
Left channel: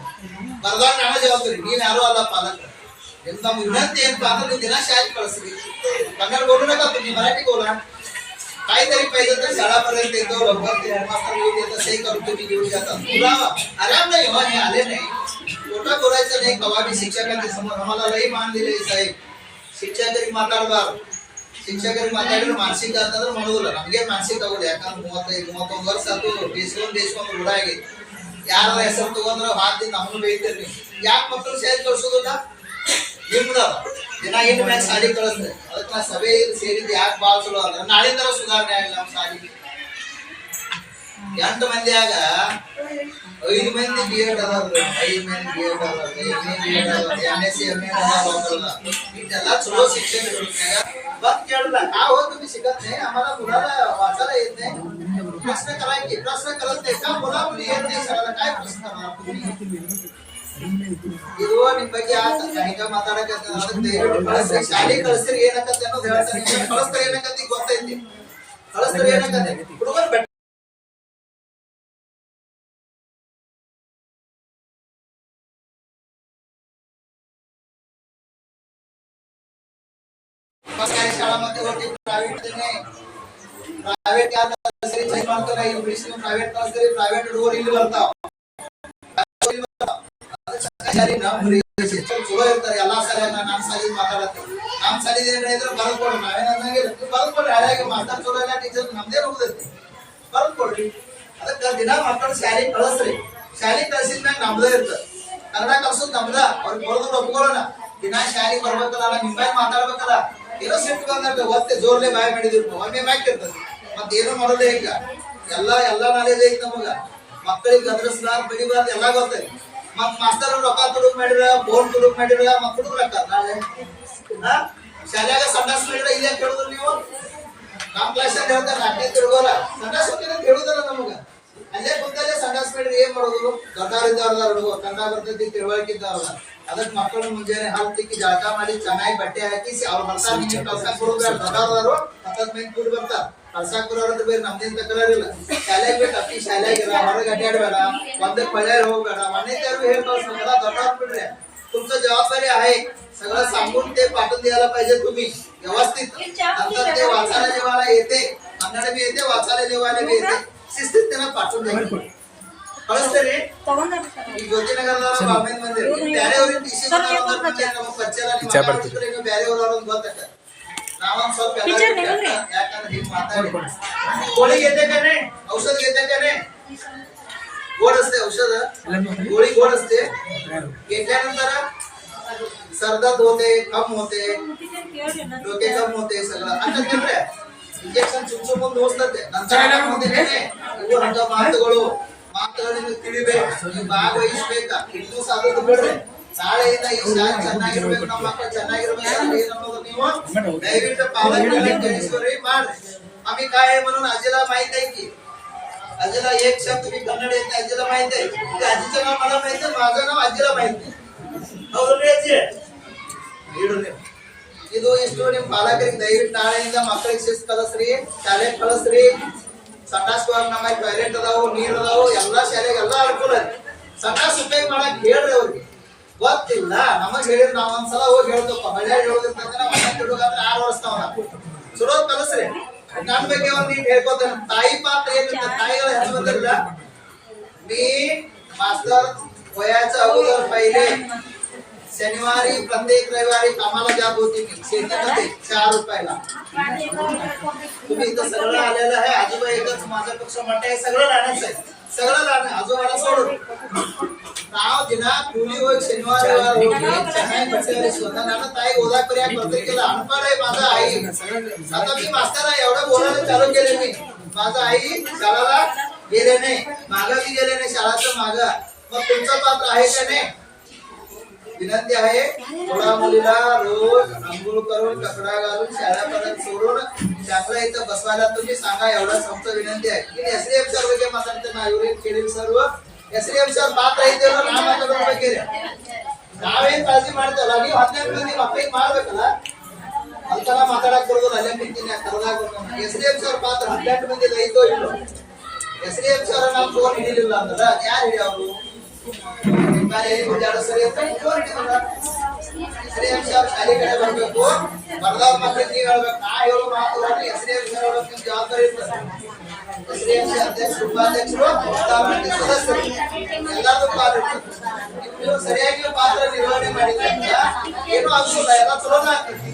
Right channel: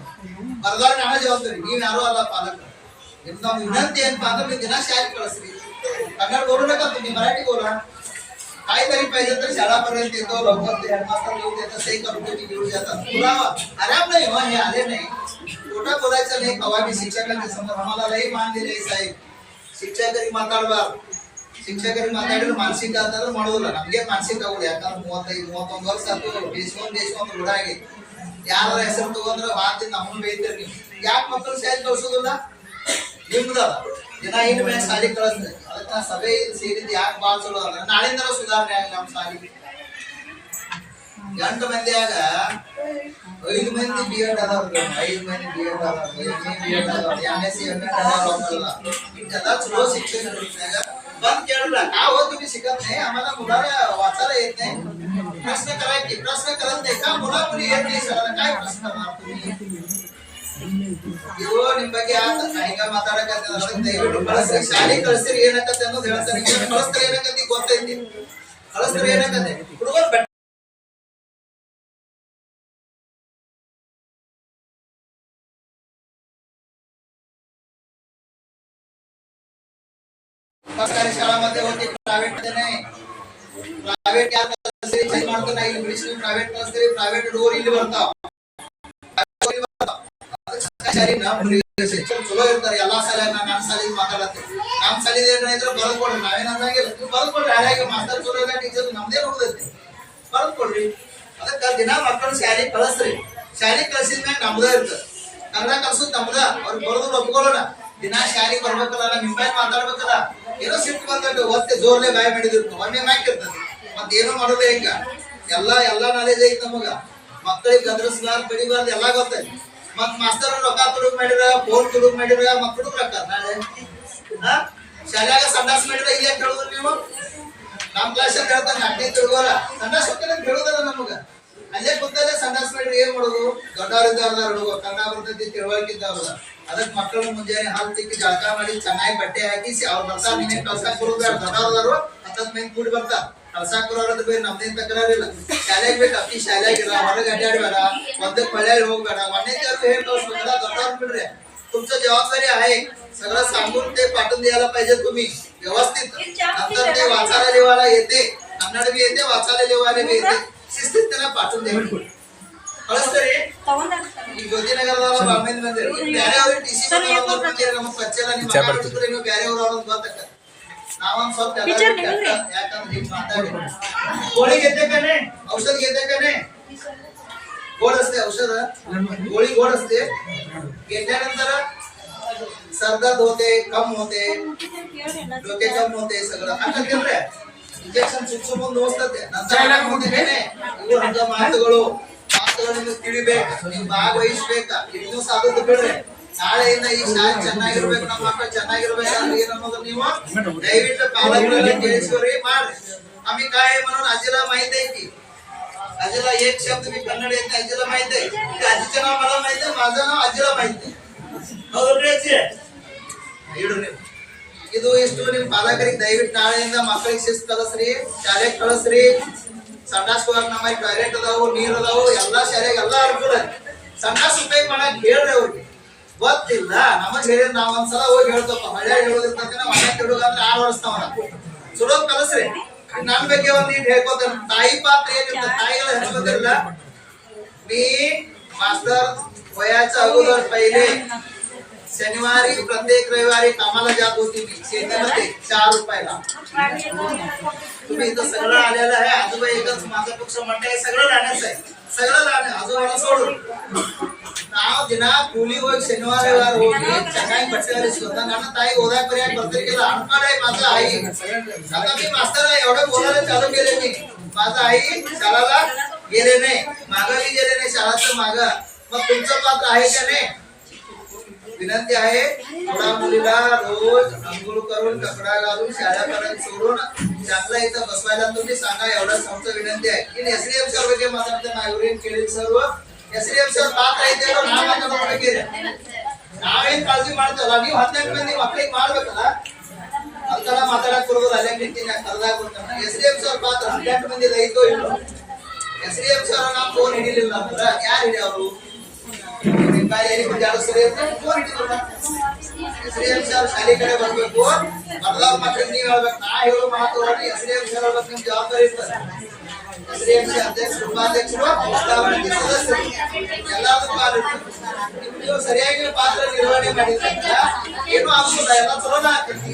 ಬರ್ದಾಗ ನಾನು ಜವಾಬ್ದಾರಿ ನೀವ್ ಯಾರು ಅಲ್ಲ ಪಾಲಕರು ನಿಮ್ ನಮ್ ವಿನಂತಿ ಏನಪ್ಪಾ ಅಂದ್ರೆ ನೀವು ದಿನ शाळेत कळसरी कन्नड बोलू नका तुम्ही मराठी बोला काहीतरी पाहिजे तर शाळापर्यंत येतो लवकर ते हेडमास्टर येऊन येतात सही करून तुम्ही घेऊन जातात पुरावा आराम नाही हो हे आले नाही खोटा बोलायचं नाही कवा मी शिक्षकांच्या समोर आम्हाला लई मान दिले साहेब ಶಿಕ್ಷಕರಿಗೆ ಮಾತಾಡಬಾರ್ದು ಶಿಕ್ಷಕರಿಗೆ ಮಾತಾಡಿದ್ರೆ ಮಾನಸಿಕ ಅಂತಂದ್ರೆ ಮಾಡೋದಿಲ್ಲ ನಮಗೆ ಮಾನಸಿಕ ಆಗೋದು ಯಾಕಂದ್ರೆ 35-31 ವರ್ಷ ಆಯ್ತು ಬೇಸ್ಕೊಂಡು ರೂಢ ಆಗೈತಿ ಯಾರ ಹೆಸರು ತಗೊಂಡ್ರೆ ಹಾಕಿ ನಮ್ಮನ್ನು ಬೈತೀರಿ ನೀವು ಯಾಕೆ ಮಕ್ಕಳು ಶಾಲೆ ಕಳ್ಸೋದಿಲ್ಲ ನಿಮ್ದ ದಿನ ಇನ್ನು ಮ್ಯಾಗ ಶಾಲೆ ಕಳಿಸ್ತಾರೆ ಅದಕ್ಕೆ ನಾ ಸಭೆ ಸೇರಿದ್ದು ಯಾಕೆ ಭಾಳ ಚಲೋ ಅಂದ್ರೆ ನಾಳಿಂದ ಸುಧಾರಣೆ ಆಗಿಲ್ಲ ನಮ್ಮ ಶಾಲೆಗೆ 8 ಮಂದಿಯಾಗ 5 ಮಂದಿ B.Ed ಅದಾವ್ರಿ 5 ಮಂದಿ B.Ed ಅದಾವ B.Ed ಅದಾವ MSc MA अदावಲ್ಲ ಇಷ್ಟೆಲ್ಲ ಚಲೋ शिक्षक बंद केळला का हो तुम्ही शिकत नाही आम्हाला मुलाला वाचायला येत नाही प्रश्न करायचे प्रश्न करत नाही का मुला मुली येत नाही शाळेला काय प्रश्न करणार तुम्ही ಇದು ನಿಮ್ಮ ಬಗ್ಗೆ ಹಿಂಗ ಮಾತಾಡಕತ್ತ ಅದಕ್ಕೆ ದಯವಿಟ್ಟು ಕಳಿಸ್ರಿ ಶಾಲೆ ಕಳಿಸ್ರಿ ಏನಕ್ಕಂತ ಅನ್ನೋದು ಹೇಳ್ತಾರೆ ಕಳಿಸ್ತಾರೆ ಏನಕ್ಕಂತ ಗೊತ್ತೈತಿ ಕಳಿಸ್ತಾರೆ ಏನಕ್ಕಂತ ಹುಡುಗರು सरकारी शाळांमध्ये होते प्रायव्हेट मध्ये नाही प्रायव्हेट ಚೇಂಜ್ ಮಾಡ್ತಾನೆ ಇಂಗ್ಲಿಷ್ ನೀವು ಪ್ರೈವೇಟ್ ಕಳಿಸ್ತೀರಿ ಪ್ರೈವೇಟ್ ಹುಡುಗರು ಇಲ್ಲಿ ಬರ್ತಾವ ಚಲೋ ಇರ್ತಾರೆ ಎಲ್ಲಾ ಶಾಲೆ ನನ್ನ ಶಾಲೆ ಮಾತಾಡತ್ತೀವಿ ನಮ್ ಶಾಲೆ ಏನಿದ್ರು ಬರೆದ್ಕೊಡ್ರಿ ನಾವೇನ್ ಅನ್ನಂಗಿಲ್ಲ ನೀವು ಬರೆದ್ಕೊಡ್ರಿ ಹಳೆಯಾಗಿ ಮಾಸ್ತರ್ ಚಲೋ ಇಲ್ಲ ಟೀಚರ್ ನಮ್ದೇ ಹೋಗುದೈತಿ ಬರೆದ್ಕೊಡ್ರಿ ಅದಕ್ಕ ದಿನ ಮಕ್ಕಳು ಶಾಲೆಗೆ ಕಳಿಸ್ರಿ ಶಾಲೆಗೆ ಕಳ್ಸಿದ ಮ್ಯಾಗ ನಮ್ದ ಇರ್ತದೆ ಕನ್ನಡ ಕಲ್ಸೋದ್ ನಮ್ದ ಅವ್ರಿಗೆ ಬರೋದು ಒಪ್ಕೊಳ್ಳೋಣ ದಿನ ಶಾಲೆಗೆ ಬರ್ಬೇಕಲ್ಲ ನಮ್ ಹಿಂಗಾಗಿ ಮಾತಾಡ್ಬೇಕಲ್ಲ ಏನೋ ಸಿಟ್ಟು ಬಂದಾಗ ಒತ್ತೆ ಜೋರ್ಲೆ ಬಾಯಿ ಮಾಡಿದಿರ್ತಾವ ಒಮ್ಮೆ ಮ್ಯಾಕಿರ್ತದೆ ಮತ್ತೇನೋ ಮಾಡೋದೇ ಈಗ ಎಲ್ಲಾ ನಾಲೆಜ್ ಐತಿ ನಮಗ ಮಕ್ಕಳಿಗೆ ಗದರಿಸ್ಬಾರ್ದು ಬಡಿಬಾರ್ದು ಎಲ್ಲಾ ಗೊತ್ತೈತಿ ಮತ್ ಮಾಸ್ತರ್ ರೊಕ್ಕ ತುಡುಗ್ ಮಾಡಿರ ಫೋನ್ ತುಡುಗ್ ಮಾಡಿರ ಮಕ್ಕಳು ರೊಕ್ಕ ನಾಳೆ ಶಾಲ್ಯಾಗ ಸಂಡಾಸ್ ಮಾಡಿರ ಇಲ್ಲೇ ಕೇಳುದ್ರ ನೀವು ನಮ್ ಕ್ಲಾಸ್ ಅಂತ ಹೇಳ್ತಾರೆ 4ನೇ ತಿರುಗೋರ ಸಂಡಾಸ್ ಹೋಗ್ತಾನೆ ಕೇಳುದಲ್ಲ ನಮಗ ಅಲ್ಲೇ ಕುಂತಲ್ಲೇ ಸಂಡಾಸ್ ಮಾಡಿರಿ ಏನ್ ಮಾಡೋದು ದೊಡ್ಡವರಿದ್ದವ್ರದ ಹುಡುಗ ಕನ್ನಡ ಬರ್ತೈತಿ ತಿಳುವಳಿಕೆ ಇದ್ದವ್ರದ ಅದಕ್ಕೆ ಮಕ್ಕಳು ಮುಂಜಾನೆ ಹಾಲು ತಿಕ್ಕಿ ಜಳಕ ಮಾಡಿ ಚೆನ್ನಾಗಿ ಬಟ್ಟೆ ಹಾಕಿಸಿ ಅವ್ರು ಬರ್ತಾರ ನಿನ್ನೆ ಕಳ್ಸಾಕ್ ಬರುದು ದೊಡ್ಡವ್ರದಾರು 10 ಮಂದಿ ಕೂಡಿ ಬರ್ತಾರ ಕಳ್ಸಾಕ್ ಬರೋದ್ರ ಬೇರೆ ನಮ್ದೇನ್ ತಕರಾರಿಲ್ಲ ಶಾಲೆಗೆ ಬೇಕು ಅಕ್ಕಿ ಶಾಲೆಗಿರ ಹೊರಗೆ ಅಡ್ಡಾಡ್ಬೇಡ ಒಂದಕ್ಕೆ ಮಳೆಯಲ್ಲಿ ಹೋಗ್ಬೇಡ ಒಂದೇದಾರು ಹೇಳಿ कळसಬೇಕಲ್ಲ दौडावर बिडरे तुमचं जबाबदारी आहे सगळं सांगून ते पाठवून द्यायला पाहिजे तुम्ही व्यवस्थित नंतर ते वाचायला जेवायला येते कन्नड बी येते वाचायला जेवायला बी येते शिस्तीत त्यांना पाठवून द्यायला कळस्तरी ಈ ಜ್ಯೋತಿನಗರದವರ ಬಾಲ್ಮೇನ್ ಮಂದಿರ ಬ್ಯಾರೆಯವ್ರಿಗೆ ಟಿಸಿ ಬಂದವರು ಬಂದಿರ ನಮ್ಮ ಪಚ್ಚಲ ನಿಮ್ಮ ಬ್ಯಾರೆಯವರು ಅವ್ರನ್ನ ಗೊತ್ತಾಗ್ತದೆ ನಾವೊಂದ್ ಸ್ವಲ್ಪ ಯಾಕಂದ್ರೆ ಹಿಂಗ್ ಮಾತಾಡಿ ಗೋಳಿ घेते औषध घेते गोड असते औषध गोळी गोड असते घेतल्यानंतर सर्दत होते कम होते डोके कम होते सगळं ಅಂದ್ರೆ ಇಂಜೆಕ್ಷನ್ ಚುಚ್ಚುಕೊಂಡು ಹೋಗ್ತದೆ ನಂತರ ಏನಾಗುತ್ತೆ ಇವು ಹಂಗ ಮಾತುಗಳು ನಿಮಗೆ ತಿಳಿಬೇಕು ನೀವು ಭಾಗವಹಿಸ್ಬೇಕಾ ಇಷ್ಟು ದಿವಸ ಆದದ್ದು ಬಿಡ್ರಿ ನಾಳೆಯಿಂದ ಈ ಶಾಲೆ ಚೆನ್ನಾಗಿರ್ಬೇಕು ನಮ್ಮ ಮಕ್ಕಳು ಚೆನ್ನಾಗಿರ್ಬೇಕು ಅಂದ್ರೆ ಏನನ್ನೋದು ನೀವು ದಯವಿಟ್ಟು पालकांना ತಿಳಿಸ್ಕೊರಿ ಮಾಡ್ರಿ आम्ही काय म्हणून आजीला माहित आहे की आजीला एक शब्द मी कन्नड येते आजीला माहित आहे की आजीचं नाव मला माहित आहे माझं नाव आजीला माहित आहे ಹೌದ್ರಿ ಅಜ್ಜಿ ಇದು ಎಷ್ಟು ನಿಮ್ ಪಾಲಕರಿಗೆ ದಯವಿಟ್ಟು ನಾಳೆಯಿಂದ ಮಕ್ಕಳಿಗೆ ಶಿಸ್ತು ಕಲಿಸ್ರಿ ಶಾಲೆಗೆ ಕಳಿಸ್ರಿ ಸಂಡಾಸ್ ನಮ್ಮಲ್ಲಿ ಟಾಯ್ಲೆಟ್ ಅದಾವು ನೀರ್ ಅದಾವು ಎಲ್ಲಾ ಶಾಲೆಗೆ ಎಲ್ಲಾ ಅನುಕೂಲ ಸಂಡಾಸ್ ಉಪಯೋಗ ಮಾಡಕ್ ಹೇಳ್ರಿ ಅವ್ರಿಗೆ ಗೊತ್ತಿಲ್ಲ ನಮಗ್ ಹೇಳಿ ನಾವ್ ಒಂದ್ಸಲ ಹೋಗಿ ಹೇಳ್ತಪ್ಪ ಹಳ್ಳಿ ಹೇಳೋದಿರ್ತಂದ್ರೆ ನಾವ್ ಅಣ್ಣ ತಿರುಗ ಅಂದ್ರೆ 6 ವರ್ಷ ಚಲೋ ಕಲಿಸ್ರಿ ನನ್ ಬಗ್ಗೆ ಒಂದ್ ನೀಟ್ ಹೇಳ್ಕೊತಾನೆ ತಾಯಿ ಪಾತ್ರ ಏನಿರ್ತದೆ ತಾಯಿಗಳ ಹೆಸರು मी मास्तर वयाच्या अगोदर पहिले शनिवारी प्रत्येक रविवारी कामाला जात होती मी शेतीमध्ये 4 रुपयाला तुम्ही इथं सगळं आलेलं आहे आजोबा एकच माझा पक्ष मोठा आहे सगळं राहण्याचं आहे सगळं राहणे आजोबाला सोडून ನಾವು ದಿನ ಕೂಲಿ ಹೋಗಿ ಶನಿವಾರ ರವಿವಾರ ಹೋಗಿ ಚೆನ್ನಾಗಿ ಬಟ್ಟೆ ಹೊಲಿಸ್ಕೊಂಡು ನನ್ನ ತಾಯಿ ಓದಾಕ್ ಬರ್ಯಾಕ ಬರ್ತಿರ್ಕಿಲ್ಲ अनपढ आहे माझा आई आता मी मास्तर एवढं बोलायला चालू केले मी माझा आई शाळेला गेले नाही मागावी गेले नाही शाळेचं माग मग तुमचं पात्र आहे का नाही विनंती आहे थोडा मुलीला रोज अंघोळ करून कपडा घालून शाळेपर्यंत सोडून चांगला इथं बसवायला तुम्ही सांगा एवढंच आमचं विनंती आहे की एसडीएम सर ಬಗ್ಗೆ ಮಾತಾಡ್ತೇನೆ ನಾ ಇವ್ರೇನ್ ಕೇಳಿಲ್ಲ ಸರ್ ಎಸ್ಡಿಎಂ ಸರ್ ಪಾತ್ರ ಐತೆ ನಾ ಮಾತಾಡೋಕೆ ನಾವೇನ್ ಕಾಳಜಿ ಮಾಡ್ತೇವಲ್ಲ ನೀವು 18 ಮಂದಿ ಮಕ್ಕಳಿಗೆ ಮಾಡ್ಬೇಕಲ್ಲ ಅಂತೆಲ್ಲ ಮಾತಾಡಕ್ ಬರೋದಿಲ್ಲ ಅಲ್ಲೇ ನಿಂತಿನ ಕರೆದಾಗ ಎಸ್ಡಿಎಂ ಸರ್ ಪಾತ್ರ 18 ಮಂದಿ ಐತೋ ಇಲ್ಲೋ ಎಸ್ಡಿಎಂ ಸರ್ ನಾವು ಫೋನ್ ಹಿಡಿಲಿಲ್ಲ ಅಂದ್ರೆ ಯಾರು ಹಿಡಿಯವರು ಎಸ್ಡಿಎಂ ಸರ್ ಶಾಲೆ ಕಡೆ ಬರ್ಬೇಕು ಬರ್ದವ್ರ ಮಕ್ಕಳಿಗೆ ನೀವ್ ಹೇಳ್ಬೇಕು ನಾ ಹೇಳೋ ಮಾತು ಎಸ್ಡಿಎಂ ಸರ್ ಹೇಳ್ಬೇಕು ನಿಮ್ ಜವಾಬ್ದಾರಿ ಇರ್ತದೆ ಎಸ್ಡಿಎಂಸಿ ಅಧ್ಯಕ್ಷರು ಉಪಾಧ್ಯಕ್ಷರು ಸದಸ್ಯರು ಎಲ್ಲಾರ್ದು ಪಾತ್ರ ನೀವು ಸರಿಯಾಗಿ ಪಾತ್ರ ನಿರ್ವಹಣೆ ಮಾಡಿದ್ರೆ ಏನು ಆಗುದಿಲ್ಲ ಎಲ್ಲ ಚಲೋನ ಆಗ್ತೈತಿ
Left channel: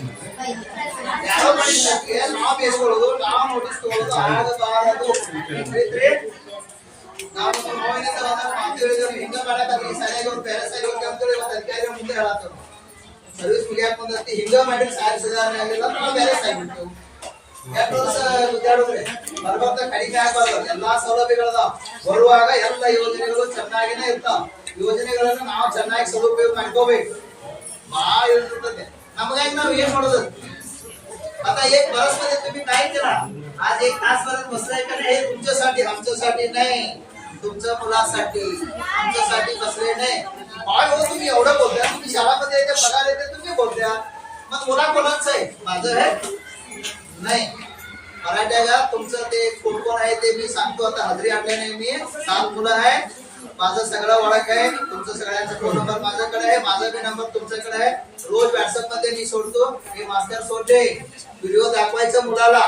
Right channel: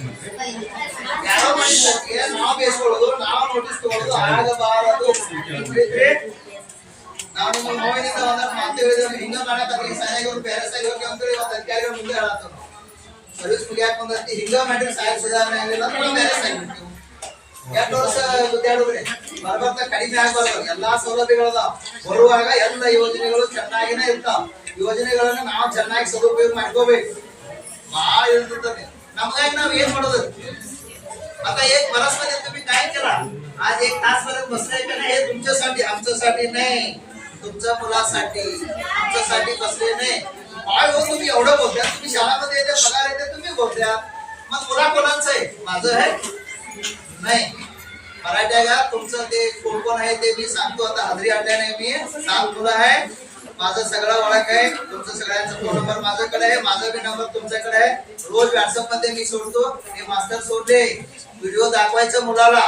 ಯಾರೋ ಮಾಡಿದ್ದಕ್ಕೆ ನಾವು ಬೇಯಿಸ್ಕೊಳ್ಳೋದು ನಾವು ನೋಟಿಸ್ ತಗೊಳ್ಳೋದು ಆಗಬಾರದು ನಾವು ನೋವಿನಿಂದ ಒಂದಷ್ಟು ಮಾತು ಹೇಳಿದ್ರೆ ಹಿಂಗ ಮಾಡಕ್ಕಾಗ್ಲಿ ಸರಿಯಾಗಿ ಅವ್ರು ಬೇರೆ ಸರಿ ಹೋಗಿ ಅಂತೇಳಿ ಇವತ್ತು ಅಧಿಕಾರಿಗಳು ಮುಂದೆ ಹೇಳತ್ತವ ಸರ್ವಿಸ್ ಮುಗಿಯಾಕ ಬಂದೈತಿ ಹಿಂಗ ಮಾಡಿದ್ರೆ ಸಾರಿ ಸುಧಾರಣೆ ಆಗಲಿಲ್ಲ ನಾವು ಬೇರೆ ಸಾಗಿ ಬಿಡ್ತೇವೆ 2 ವರ್ಷ ಗುದ್ದಾಡಿದ್ರೆ ಬರ್ಬರ್ತಾ ಕಡಿಮೆ ಆಗಬಾರ್ದು ಎಲ್ಲಾ ಸೌಲಭ್ಯಗಳದಾವ ಬರುವಾಗ ಎಲ್ಲ ಯೋಜನೆಗಳು ಚೆನ್ನಾಗಿನೇ ಇರ್ತಾವ ಯೋಜನೆಗಳನ್ನ ನಾವು ಚೆನ್ನಾಗಿ ಸದುಪಯೋಗ ಮಾಡ್ಕೋಬೇಕು ಬಹಳ ಇರ್ತದೆ ನಮಗಾಗಿ ನಾವು ಏನ್ ಮಾಡೋದು आता एक परस्पर तुम्ही काय केला आज 1 तास परत बसलाय का नाही हे तुमच्यासाठी आमच्यासाठी नाही तुमच्या मुलासाठी आमच्यासाठी बसले नाही काय हो तुम्ही एवढं बोलता तुम्ही शाळेमध्ये येते पगार येते तुम्ही बोलता मग मुला कोणाचं आहे माझं आहे नाही मराठ्यागा तुमचं ते कोण कोण आहे ते मी सांगतो आता हजरी आणल्याने मी 7 मुलं आहे माझं सगळं ओळख आहे तुमचं सगळ्यांचा फोन नंबर माझ्याकडे आहे माझा बी नंबर तुमच्याकडे आहे रोज व्हॉट्सअप मध्ये मी सोडतो हे मास्टर सोडले व्हिडिओ दाखवायचं मुलाला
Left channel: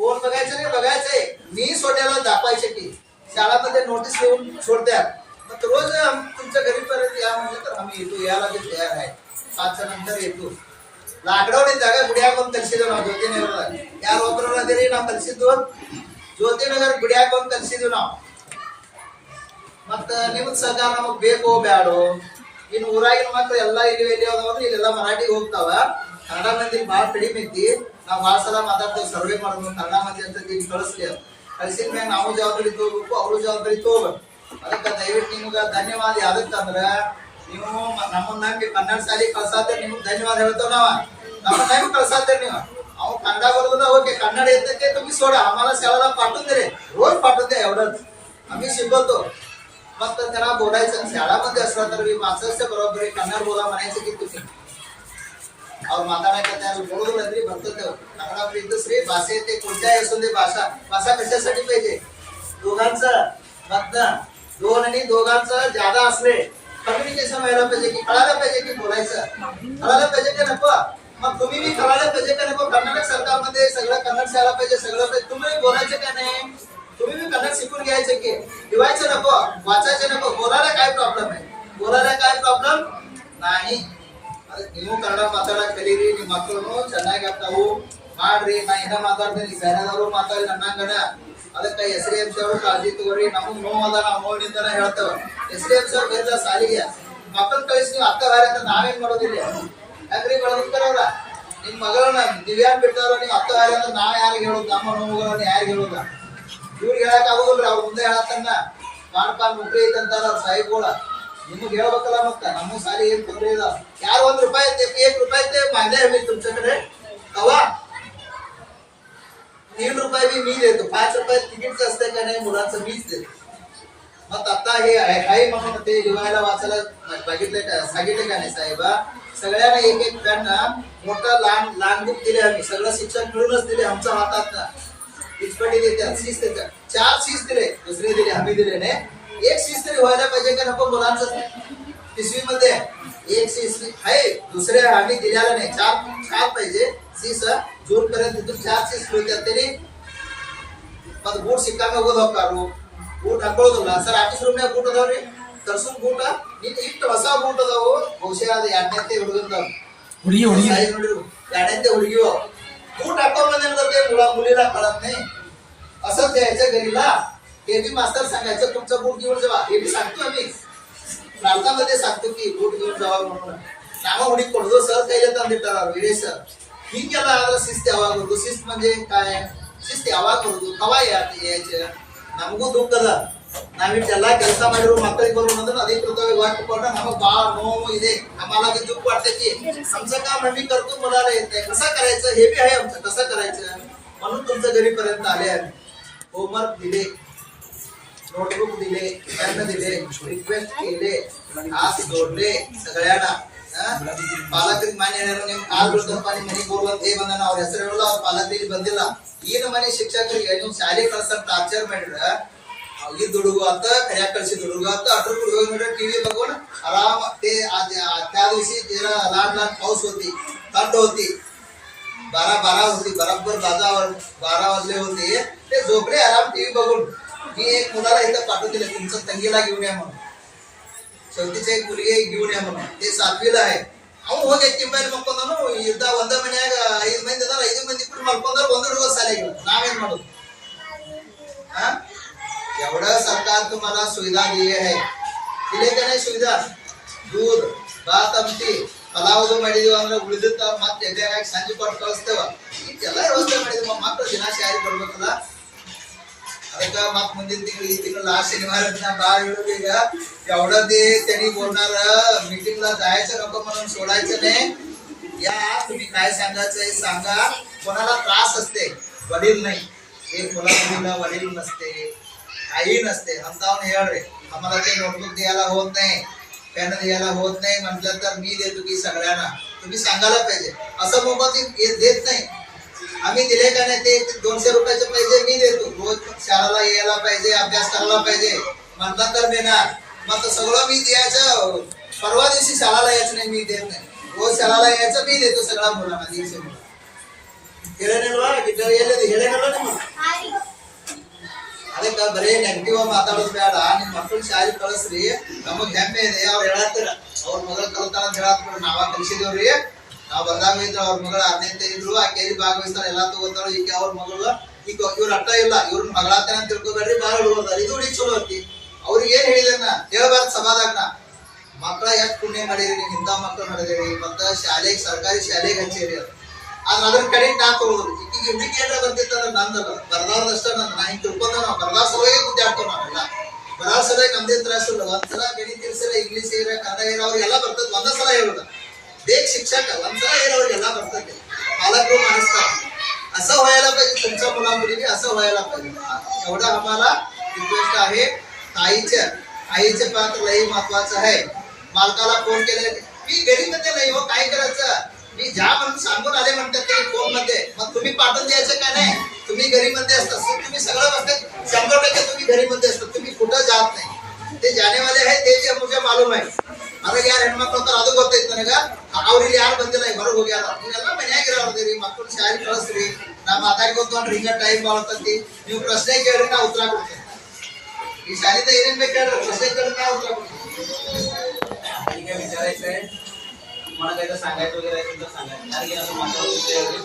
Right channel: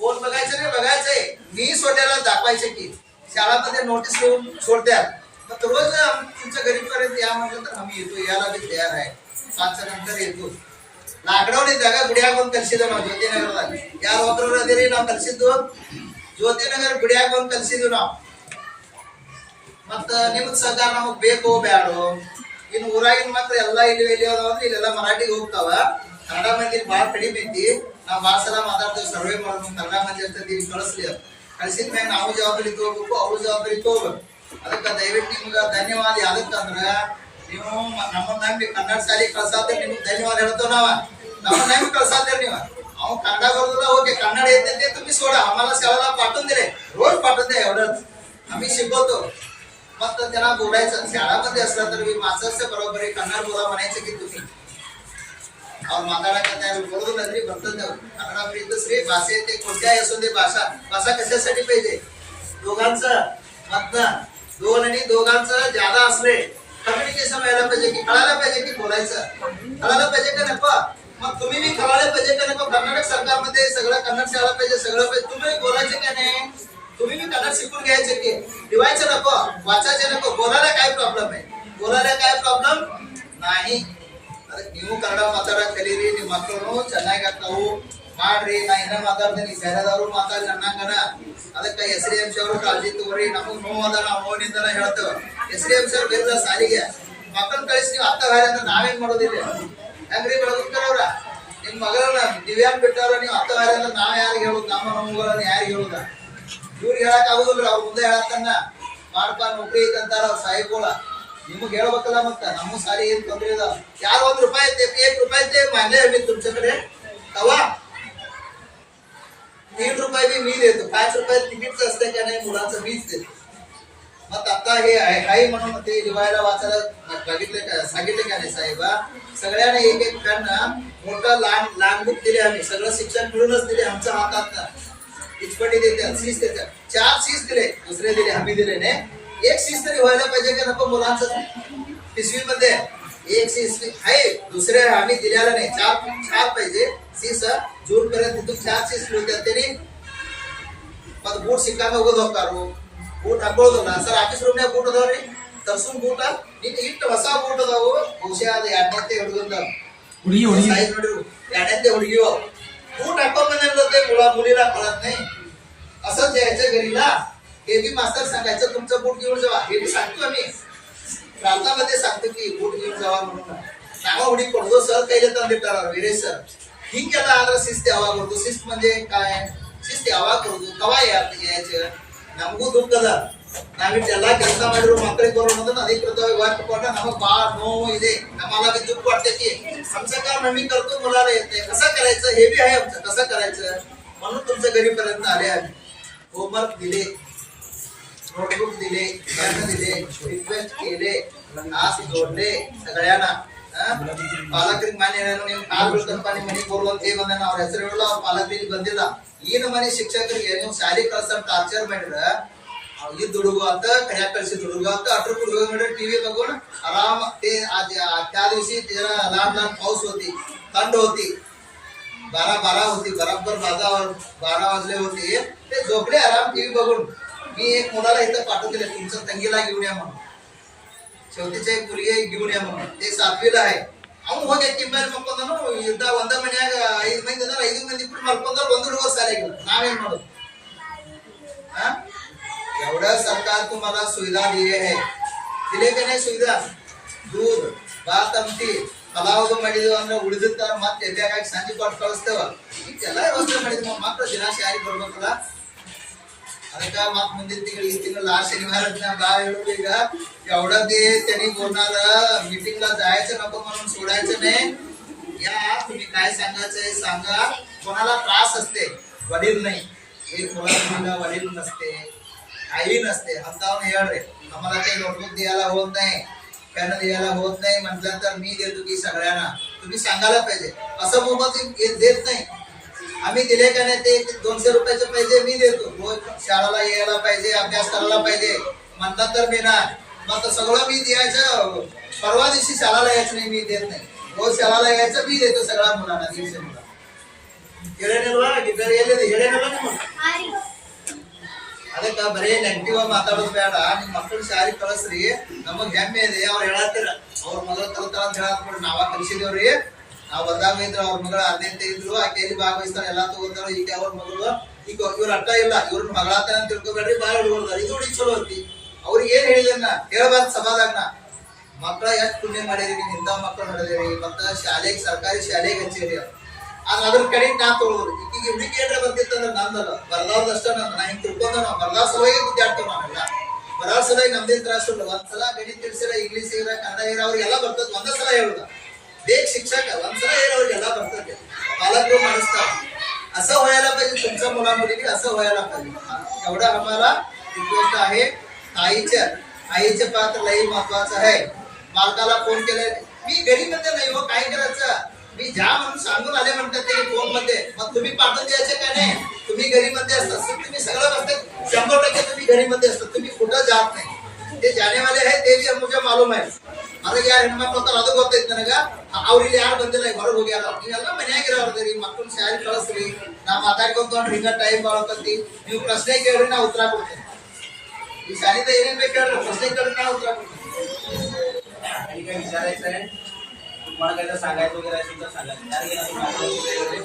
कोण बघायचं नाही, बघायचंय मी सोडल्याला दाखवायचे की शाळामध्ये नोटीस लिहून सोडत्यात. मग रोज तुमच्या घरीपर्यंत या म्हटलं तर आम्ही येतो, यायला बी तयार आहे. 5 नंतर येतो. ಲಾಕ್ಡೌನ್ ಇದ್ದಾಗ ಗುಡಿಯಾಗ ಬಂದು ಕಲ್ಸಿದ್ವಿ ನಾವು ಜ್ಯೋತಿನಗರದಾಗ. ಯಾರು ಒಬ್ಬರು ಅದಿರಿ ನಾವು ಕಲ್ಸಿದ್ದು ಜ್ಯೋತಿನಗರ ಗುಡಿಯಾಗ ಬಂದು ಕಲ್ಸಿದ್ವಿ ನಾವು. ಮತ್ತ ನಿಮ್ಗೆ ಸಹಕಾರ ನಮಗ್ ಬೇಕೋ ಬ್ಯಾಡೋ. ಇನ್ನು ಊರಾಗಿನ ಮಕ್ಳು ಎಲ್ಲಾ ಇಲ್ಲಿ ಅದಾವಂದ್ರೆ ಇಲ್ಲೆಲ್ಲ ಮರಾಠಿಗೆ ಹೋಗ್ತಾವ. ಕನ್ನಡ ಮಂದಿ ಭಾಳ ಕಡಿಮೆ ಐತಿ. ನಾವು ಭಾಳ ಸಲ ಮಾತಾಡ್ತೇವೆ, ಸರ್ವೆ ಮಾಡೋದು ಕನ್ನಡ ಮಂದಿ ಅಂತ ಕಳಿಸ್ಲಿ ಅಂತ. ಕಳ್ಸಿದ ಮ್ಯಾಗ ನಾವು ಜವಾಬ್ದಾರಿ ತಗೋಬೇಕು, ಅವರು ಜವಾಬ್ದಾರಿ ತಗೋಬೇಕು. ಅದಕ್ಕೆ ದಯವಿಟ್ಟು ನಿಮ್ಗೆ ಧನ್ಯವಾದ. ಯಾದಕ್ಕಂದ್ರ ನೀವು ನಮ್ಮನ್ನ ನಂಬಿ ಕನ್ನಡ ಶಾಲೆ ಕಳ್ಸಾತೀರಿ, ನಿಮ್ಗೆ ಧನ್ಯವಾದ ಹೇಳ್ತೇವೆ ನಾವ. नम्म नाही कळसाल ನೀವು अहो कांदा बरोबर ओके कन्नड येते ते तुम्ही सोडा, आम्हाला शाळेला पाठवून दिले, रोज पाठवून द्या एवढंच आम्ही शिकवतो. मग त्यांना बोलायचं शाळामध्ये असलं तर मी मास्टरच्या बरोबर कन्नड बोला म्हणायचं की तुम्ही ಅವ್ರು ಮಾತಾಡಕತ್ತ बोलೋದ್ರಲ್ಲಿ ಬರ್ತದೆ. ಕನ್ನಡ ಪ್ರೀತಿಸ್ರಿ, ಭಾಷೆ ते कोणत्याही असू दे. भाषा कशासाठी पाहिजे? दोघांचं मतदान, दोन आणि दोघांचं ज्यादा असले कम्युनिकेशन व्हायला पाहिजे की कळायला पाहिजे की बोलायचं कळायला पाहिजे का नको. मग तुम्ही बी कळायला पाहिजे का नको. कर्नाटक सरकारमध्ये सगळं कन्नड शाळा पाहिजे, सगळं पाहिजे. तुम्ही बोलायचं का नाही? तुम्ही बी कन्नड शिकून घ्यायचे की लिवायचं नको, वाचायचे नको. बोलायला काय प्रॉब्लेम आहे? बोलायला काय प्रॉब्लेम नाही. ಅದಕ್ಕೆ ನೀವು ಕನ್ನಡ ಮಾತಾಡಕ್ ಕಲೀರಿ. ನಿಮ್ಮ ಮಕ್ಕಳು ಚೆನ್ನಾಗಿ ಆಗ್ತಾವು ಮಾಡ್ರಿ. ನಾ ಏನ ಮಾತಾಡ್ತೀನಿ, ಬೇರೆದವರು ಮಾತಾಡಿ ನನ್ನಂಗನ. ಅದಕ್ಕೆ SDMC ಅವರು ಕಾಳಜಿ ತಗೋರಿ. ನಮಗ್ ನೋವದ, ನಾವು ನೋಡಿಂದನ ಹೇಳ್ತೇವೆ. SDMC ಅವ್ರು ಬೇರೆ ಸಾಲಿಗೆ ಮಕ್ಕಳನ್ನ ಕಳಿಸಿ ನೀವು ಅತ್ತ ಬೇರೆ ಅಂತ ನಾವೇನ್ ಮಾಡೋದಿಲ್ಲ. ಹೆಂಗ್ರಿ ಬೆಳಗುತ್ತಾರ ಅವ್ರ ನಿಮ್ ಮಗಳನ್ನ ದಿವ್ಯಾಂಗ್ ಬಿಟ್ಟವ್ರ ನೀವು ಅತ್ತ ಬೇರೆ ಅಂದ್ರೆ ನಾವ್ ಯಾರಿಗೆ ಹೇಳೋದು? ನಮ್ಮ ನೋವುಗಳನ್ನ ಯಾರಿಗೆ ಹೇಳೋದ? ಇವ್ರಿಗೆ ಹೇಳಕ್ ಆಗೋದಿಲ್ರಿ. ಅವ್ರ ಮುಂದೆ ಹೇಳತ್ತನ್ನ ಮಾಡಪ್ಪ ನೌಕರಿ ಐತಂತಾರ ಅವ್ರ ಸಾಹಿಬ್ಗಳ. ನಿಮಗೆ ಹೇಳ್ಬೇಕಲ್ಲ. मग ನಮ್ಮ साली ಏನ್ ತೊಂದ್ರೆ ಇಲ್ಲ. ಯಾರು ₹1 ₹1 मागले आम्ही तुमच्याकडे तवा ₹3 बी मी देतो. ₹5 तिकीटचं असते का नाही मुलांचं मीच देतो. मग आता हे काही म्हणून ते लिवायला वाचायला बघितले का, सांगितले का नाही साहेब? सगळ्यांना एक त्यांना मोठं लहान बुक दिले आम्ही. सगळं शिक्षण मिळूनच दिले आमच्या हातात. इचपटी देतात, शीस देतात. 4 शीस दिले, दुसरे दिले, आम्ही दिले नाही. एक शीस तरी व्हायला पाहिजे का नको मुलांचं? पिशवीमध्ये एक शीस आहे, दुसरे आम्ही दिलेला नाही. 4 पाहिजे शीस. जून पर्यंत तिथून 4 शीस मिळतात तरी. मग बूट ಸಿಕ್ಕಾಗ ಹೋಗೋದು ಹೋಗ್ತಾರು. ಬೂಟ್ ಹಾಕೊಳ್ಳೋದಿಲ್ಲ ಸರ್. ಆಫೀಸ್ ರೂಮ್ನಾಗ ಬೂಟ್ ಅದಾವ್ರಿ, ತರ್ಸುನ್ ಬೂಟ ಇಟ್ಟು ಹೊಸ ಬೂಟ್ ಅದಾವು. ಬಹುಶಃ ಅದು 2ನೇ ಹುಡುಗಂದ साईज ನೋಡಿರು. 2ನೇ ಹುಡುಗಿಯೋ बूट हाಕೊಂಡ್ मुलीला कळत नाही. असंच द्यायचं घरीला. हे बी मास्तर सांगायचं तुमचं बूट घेऊन जावा. हे बी सांगतो आम्ही प्रार्थनामध्ये सांगतो की बूट घेऊन जावा म्हणून. ನಾವ ಹುಡುಗಿ ಕೊಡೋದು ಸರ್ ಕೈಗೆ ತಂದಿಟ್ಟಾರ ವೀರೇಶ್ ಸರ್. ಹಿಂಗೆಲ್ಲ ಆದ್ರೆ ಶಿಸ್ತು ಯಾವಾಗ ಬರೋದು? ಶಿಸ್ತು म्हणजे काय? ಶಿಸ್ತು ಯಾವಾಗ ಬರೋದು? ಕವಾ ಯಾಯ್ತು? ನಮಗೂ ದುಃಖ ಅದ. ನಾವಿಟ್ಟೆಲ್ಲ ಕೆಲಸ ಮಾಡಿರೋ ಮಕ್ಕಳಿಗೆ ಬರೋದನ್ನ अधिकृतವಾಗಿ वाक्य ಕೊಟ್ಟ नमग बाळ ನೋವು ಇದೆ. आम्हाला बी दुःख वाटते की आमचं काम आम्ही करतो, मुलाला येत नाही. कसं करायचं हे बी आहे आमचं. कसं करायचं म्हणून तुमच्या घरीपर्यंत आले आम्ही. होमवर्क दिले, नोटबुक दिले, पेन दिले, रिक्वेस्ट केले, हात जोडले सगळ्यांना. ಪಾಲಕರಿಗೆ ಮಾನ್ಯ ನೀವು ಕಾಲ್ ಬೀಳ್ತಪ್ಪ ನಿಮ್ಮ ಮನೆಗೆ ಬರುವಂತ ಬಂದ ಅವ್ರ ಹೆಸರು ಹೇಳಲ್ಲ. ಅವ್ರ ಪಾಲಕರಿಗೆ ಬಂದಿಲ್ಲ. ಏನು ಮನೆ ಶಿಕ್ಷಕರಿಗೆ ನೀವು ಶಾಲೆ ಕಳ್ಸಕ್ ಟಾರ್ಚರ್ ಮಾಡಿದ್ರ ಇದ್ದ ಹುಡುಗ ಅಂತ ಕನ್ಯಾಕ್ ಕಳ್ಸಿದ ಹುಡುಗ ಅಂತ अठर पुढे होऊन टीव्ही बघून आराम ते त्या दिवशी जरा लहान पाऊस होती, थंड होती, 12 होती, बरोबर 12 वाजले होते. ते झोपले आराम टीव्ही बघून. मी एक मुलाला इथं पाठवून दिले तुमचं ತಂಗಿला घेऊन या म्हणून. शेवटीचे एक मुलगी घेऊन या म्हणून. ते 7वीला आहे. ಅವ್ನು ಹೋಗಿ ಕಿಂಬಲ್ಲಿ ಮಲ್ಕೊಂಡನು. ಇದ್ದ ಒಂದ ಮನ್ಯಾಗ 5 ಮಂದಿ ಅದಾರ. 5 ಮಂದಿ ಕೂಡ ಮಲ್ಕೊಂಡ್ರ ಒಂದು ಹುಡುಗ ಶಾಲೆಗೆ. ನಾವೇನ್ ಮಾಡೋದು? एवढं सरकार तुम्हाला सुविधा दिली आहे. दिले का नाही सुविधा? दूध, भात, आमटी, ಪಲಾವ್ ಮಾಡಿದ್ವಿ ಅಂದ್ರೆ ಉಳಿದಿತ್ತ ಮತ್ತೆ ಎಬ್ಯಾಗ ಸಂಜೆ ಕೊಟ್ಟು ಕಳಿಸ್ತೇವ. ಇದೆಲ್ಲ ವ್ಯವಸ್ಥೆ ಮಾಡಿದ್ವಿ. ಮಕ್ಕಳು ದಿನ ಶಾಲೆಗೆ ಬರ್ಬೇಕಲ್ಲ. ಅದಕ್ಕೆ मग ಮುಂದಿನ ತಿಂಗಳು ಈ ತಿಂಗಳು लास्ट शनिवार बा ಹೇಳೋದು ಈಗ एवढं ते त्यांनी बोलणार मीटिंगला जायचं नको म्हणून सोडायचं नाही. या तुम्ही काय सांगायचंय सांगा. कोणाला त्रास असते, वडील नाही. एक मुलाला वडील नसते, आई नसते. अंतावून ಹೇಳ್ರಿ आम्हाला ते नोटबुक द्यायला होत नाही, पेन द्यायला होत नाही म्हटलं तर मी देतो की सगळ्यांना. तुम्ही सांगायला पाहिजे. असं मोबाईल देत नाही आम्ही. दिले का नाही ते ₹200 पैसे मी देतो. रोज शाळेला यायला पाहिजे, अभ्यास करायला पाहिजे म्हटलं तर देणार. मग सगळं मी द्यायचं. परवा दिवशी शाळेला यायचं नाही, मी देत नाही. रोज शाळेला यायचं मी देतो सगळ्या मुलांना. 100 मुलांना केळेनेलवा ಡಿಕ್ಲೇರ್ ಎಲ್ಲಿದೆ ಹೇಳೇನಲ್ಲ ನಿಮ್ಗೆ ಅದಕ್ಕ ಬರೀ ನೆಗೆಟಿವ್ ಆಗಿ ಮಾತಾಡೋದು ಬೇಡ. ನಿಮ್ ಮಕ್ಕಳು ಶಾಲೆ ಕಳಿಸ್ರಿ, ನಮಗ್ ಹೆಮ್ಮೆ ಇದೆ. ಅವ್ರು ಹೇಳತ್ತೀರ ಅವ್ರ ಮಗಳು ಕಲಿತಾಳ ಅಂತ ಹೇಳತ್ಬಿಡ್ರಿ, ನಾವ ಕಲಿಸಿದೇವ್ರಿ. ನಾವ್ ಬಂದಾಗ ಇದ್ರು ಅವ್ರ ಮಗಳು 6ನೇ ಇದ್ರು, ಆಕೆಯಲ್ಲಿ ಭಾಗವಹಿಸ್ತಾಳೆ, ಎಲ್ಲಾ ತಗೋತಾಳ. ಈಗ ಅವ್ರ ಮಗಳು ಈಗ ಇವ್ರ ಅಟ್ಟ ಇಲ್ಲ, ಇವ್ರನ್ನ ಮಗಳಾತನ ಅಂತ ತಿಳ್ಕೊಬೇಡ್ರಿ, ಬಾಳ ಹುಡುಗದ ಇದು ಹುಡುಗಿ ಚಲೋ ಐತಿ. ಅವ್ರಿಗೆ ಏನ್ ಹೇಳಿದನ್ನ ಹೇಳ್ಬಾರ್ದು ಸಭಾದಾಗ. ಮಕ್ಕಳ ಎಷ್ಟ್ ಪುಣ್ಯ ಮಾಡಿರಿ ನೀವು, ಇಂಥ ಮಕ್ಕಳು ನಡೆದಿರಿ. ಮತ್ತ ಶಾಲೆಗೆ ಸರ್ಕಾರಿ ಶಾಲೆಗೆ ಹಚ್ಚಿರಿ. ಆದ್ರೆ ಅದ್ರ ಕಡೆ ನಾ ತೊಗೊಳುದು. ಈಗ ಹುಡುಗಿ ಏನ್ರ ಬರ್ತಿತ್ತಂದ್ರೆ ನಂದಲ್ಲ, ಬರ್ದವ್ರದಷ್ಟ ನಂದು. ನಾ ಹಿಂಗ್ ತಿಳ್ಕೊಂಡವ್ ನಾವು ಬರ್ದಾರ ಸಲುವಾಗಿ ಗುದ್ದಾಡ್ತೇವ್ ನಾವೆಲ್ಲ. ಬರಾರ್ ಸಲುವಾಗಿ ನಮ್ದೇನ್ ತ್ರಾಸ ಇಲ್ಲ. ಒಂದ್ಸಲ ಗಣಿತ ಇರ್ಸಿರ, ಇಂಗ್ಲೀಷ್ ಇರ, ಕನ್ನಡ ಇರ, ಅವ್ರಿಗೆಲ್ಲ ಬರ್ತದೆ. ಒಂದ ಸಲ ಹೇಳುದ ಬೇಗ ಶಿಕ್ಷಕ ಒಂದ್ಸಲ ಹೇಳ, ಅವ್ರಿಗೆಲ್ಲ ಬರ್ತದೆ. पालक माणसं असं व्हायला पाहिजे. तुमच्या मुला मुलीने असं व्हायला पाहिजे. एवढा आम्हाला रिक्वेस्ट आहे. आईचे पात्र लई महत्वाचं आहे. मालकाला फोन केला, मी घरी मध्ये नाही हो, काय करायचं, मी ज्या म्हणून सांगून आले म्हणतात ते फोन मध्ये, मग तुम्ही पाठवून द्यायचं का नाही. तुम्ही घरी मध्ये असतात, तुम्ही सगळं बघतात, 100% तुम्ही घरी मध्ये असतात, तुम्ही कुठं जात नाही. ते जाने वाले आहे ते मुझे मालूम है. ಅದಾಗ ಯಾರು ಹೆಣ್ಮಕ್ಳು ಅಂತಾರ ಅದು ಗೊತ್ತೈತಿ ನನಗ. ಅವ್ರಿಗೆ ಯಾರು ಬಂದಿಲ್ಲ, ಹೊರಗೆ ಹೋಗ್ಯಾರ. ನೀವೆಲ್ಲ ಮನ್ಯಾಗಿರೋರ್ದಿರಿ, ಮಕ್ಕಳು ಶಾಲೆ ಕಳಿಸ್ರಿ. ನಾ ಮಾತಾಡ್ಕೊಂತ ಹಿಂಗ ಟೈಮ್ ಬಾಳತಂತಿ. ನೀವು ಪ್ರಶ್ನೆ ಕೇಳ್ರಿ, ನಾ ಉತ್ತರ ಕೊಡ್ತೇನೆ. ಈ ಶಾಲೆದ ಏನೇನ್ ಬೇಕು ಹೇಳ್ರಿ, ಪ್ರಶ್ನೆ ಕೇಳ್ರಿ, ನಾ ಉತ್ತರ ಕೊಡ್ತೇನೆ. आणि काय विचारायचं आहे, तुम्हाला काय तर सांगायचं वगैरे असेल तर सांगा. ಯಾರಿಗೆ ಏನಾದ್ರು ಮಾತಾಡೋದು ಹೇಳ್ರಿ.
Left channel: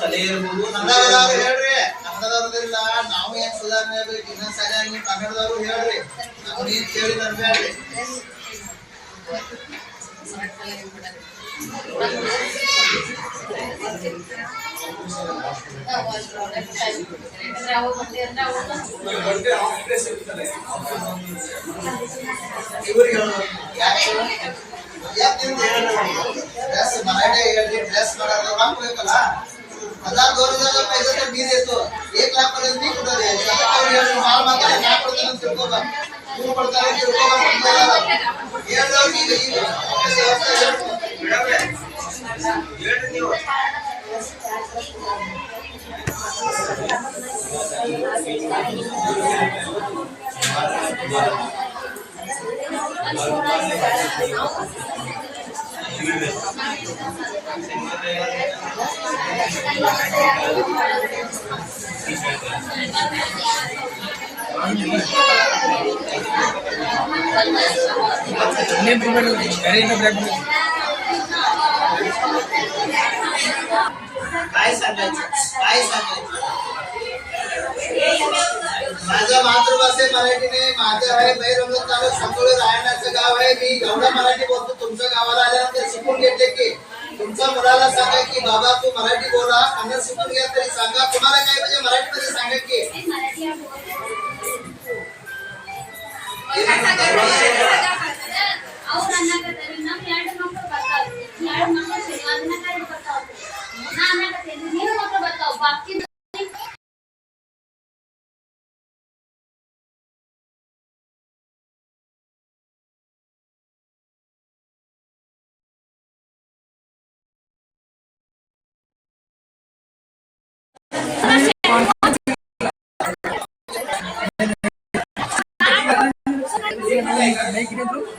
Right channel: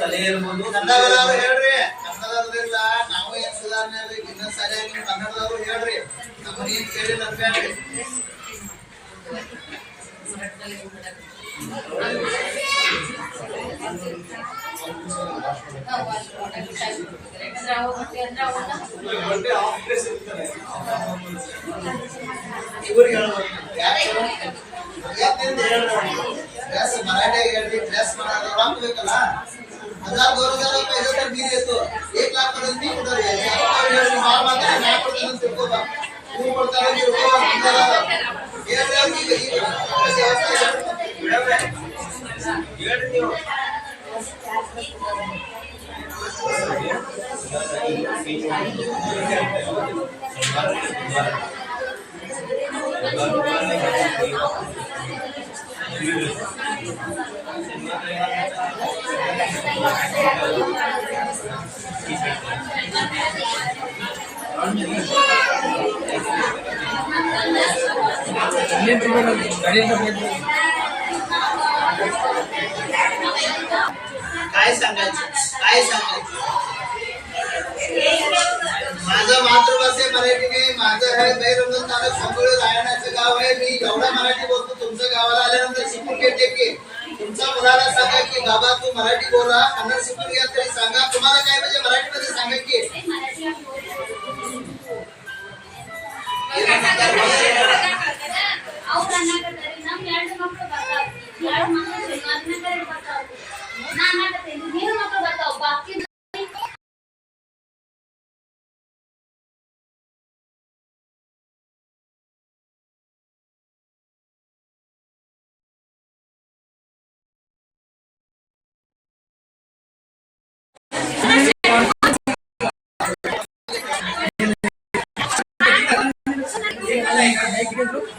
ಸಲಹೆ ಇರ್ಬೋದು. ಕನ್ನಡದವ್ರು ಹೇಳ್ರಿ, ಕನ್ನಡದವ್ರದಿಲ್ಲ, ನಾವು ಏನ್ ಸುಧಾರಣೆ ಬೇಕು. ಇನ್ನೊಂದ್ ಸಲ ನೀವು ಕನ್ನಡದವ್ರು ಹೇಳ್ರಿ, ನಾವು ನೀನ್ ಕೇಳಿ ನನ್ಬೇಡ್ರಿ. ಇವ್ರಿಗೆ ड्रेस मराठी ಹೇಳ್ರಿ, ड्रेस ಮಾಡೋದು ರೊಕ್ಕ ಬೇಕಲ್ಲ. 1000-2000 पैसे तर मी देतो. 1 लाख पर्यंत मी कुठं द्यायचं. माल मागायला नाही पडतं ना, तिरकोबा तू पडताना तिरकोबा काय सांगायचं. माझा मातृभाषा मराठी नाही. माझं आहे बैरंगण तालुका सांगोळे रायनाचं गाव आहे. मी एवढा मराठी बोलतो. तुमच्या गावाला आल्यानंतर शिकून घेतले की तुमच्या मुलाला सांगा की बाबा तू मराठी बोला, कन्नड शिकून घ्या तरी सांगा. तुम्हाला काय म्हणजे मराठीमध्ये सांगा की ಅವ್ರು ಅನ್ನಕತ್ತಾರೆ ನಮ್ 2 ಮಕ್ಕಳು ಬರ್ತಾವ, 2 ಮಕ್ಕಳು ಶನಿವಾರ ದಿನ ಕರೆಕ್ಟ್ ಬರ್ತಾವ. ನಾ ಅನ್ನಕತ್ತೇನೆ ನೀನು ಮಕ್ಕಳು ಬರ್ತಾವ, ಬಾಕಿ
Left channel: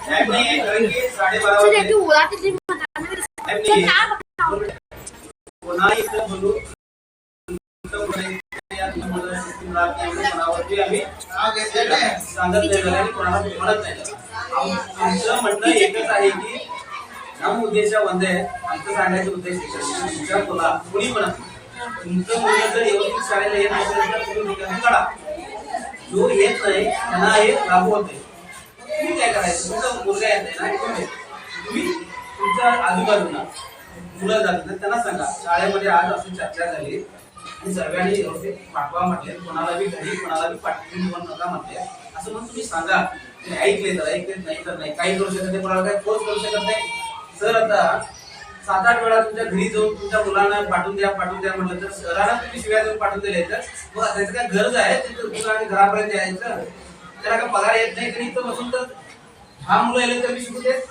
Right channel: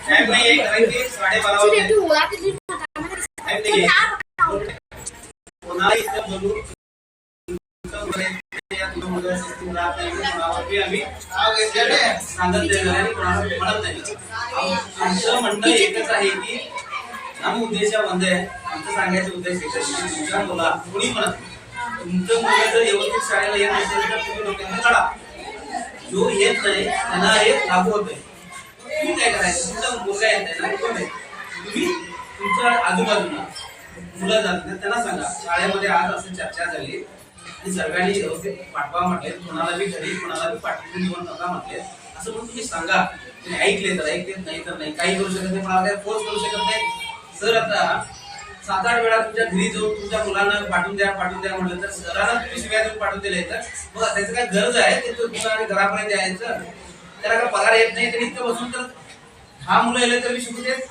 टाइम नहीं है, करेंगे 12:30 पुन्हा इथं बोलू. कोणावरती आम्ही सांगत नाही आणि कोणाला म्हणत नाही. आमचं म्हणणं एकच आहे की ನಮ್ಮ ಉದ್ದೇಶ ಒಂದೇ. आमचं सांगायचं उद्देश एकच आहे. तुमच्या मुला कुणी म्हणत तुमचं मुलं जर व्यवस्थित शाळेला येत असेल तर तुम्ही डोक्याने काढा. जो येत नाही त्यांना हे लागू होत नाही. तुम्ही काय करायचं, तुमचा मुलगा येत नाही ना, तुम्ही तुमच्या आजूबाजूला मुलं जात नाही त्यांना सांगा शाळेमध्ये आज असं चर्चा झाली आणि सर्वांनी व्यवस्थित पाठवा म्हटले. कोणाला बी घरी कोणाला बी पाठवून देऊ नका म्हटले. असं म्हणून तुम्ही सांगा. तुम्ही ऐकलेत नाही तर नाही, काही करू शकत नाही, कोणाला काही फोर्स करू शकत नाही. सर आता 7-8 वेळा तुमच्या घरी जाऊन तुमच्या मुलांना पाठवून द्या म्हटलं तर सरांना तुम्ही शिव्या देऊन पाठवून दिले तर मग त्याचं काय गरज आहे ते तुम्हाला घरापर्यंत यायचं. त्याला काय पगार येत नाही तरी इथं बसून तर 10 मुलं आले तर मी शिकू देत,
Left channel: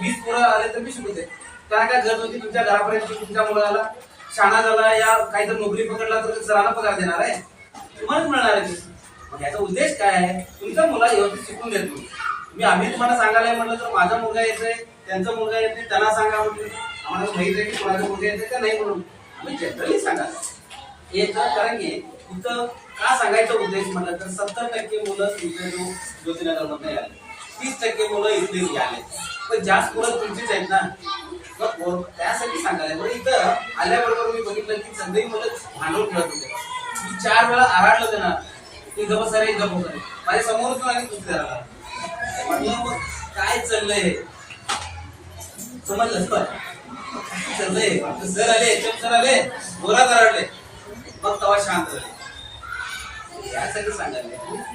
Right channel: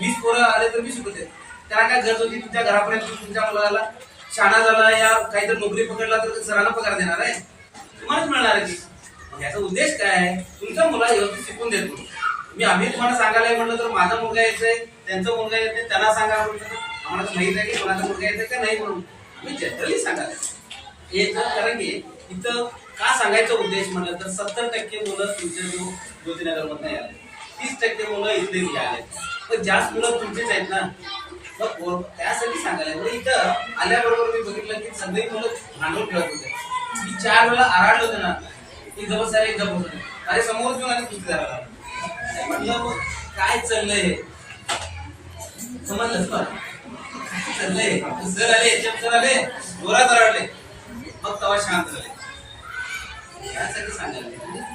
20 पोरं आले तर मी शिकू देत. त्याला काय गरज होती तुमच्या घरापर्यंत तुमच्या मुलाला शाळा झाला या काहीतरी नोकरी पकडला तर सरांना पगार देणार आहे, तुम्हालाच मिळणार आहे. मग याचा उद्देश काय आहे, तुमच्या मुला व्यवस्थित शिकून देतो. आम्ही तुम्हाला सांगायला म्हटलं तर माझा मुलगा यायचंय, त्यांचा मुलगा येत नाही त्यांना सांगा म्हटलं आम्हाला माहित आहे की कोणाचा मुलगा येतं का नाही म्हणून आम्ही जनरली सांगायला येतं. कारण की इथं का सांगायचा उद्देश म्हणलं तर 70% मुलं तुमचे ज्योतिनगर मधून आले, 30% मुलं इथले आले, पण जास्त मुलं तुमचीच आहेत ना. मग त्यासाठी सांगायला बरं इथं आल्याबरोबर मी बघितलं की सगळी मुलं भांडवल खेळत होते. मी 4 वेळा आराडलं होतं ना, इथं बसायला इथं बसायला माझ्या समोर पण आणि कुस्ती झाला. म्हटलं मग काय चाललंय हे, समजलं काय चाललंय. सर आले, एचएम सर आले, जोरात आरडले, मग तवा शांत झाले. यासाठी सांगायला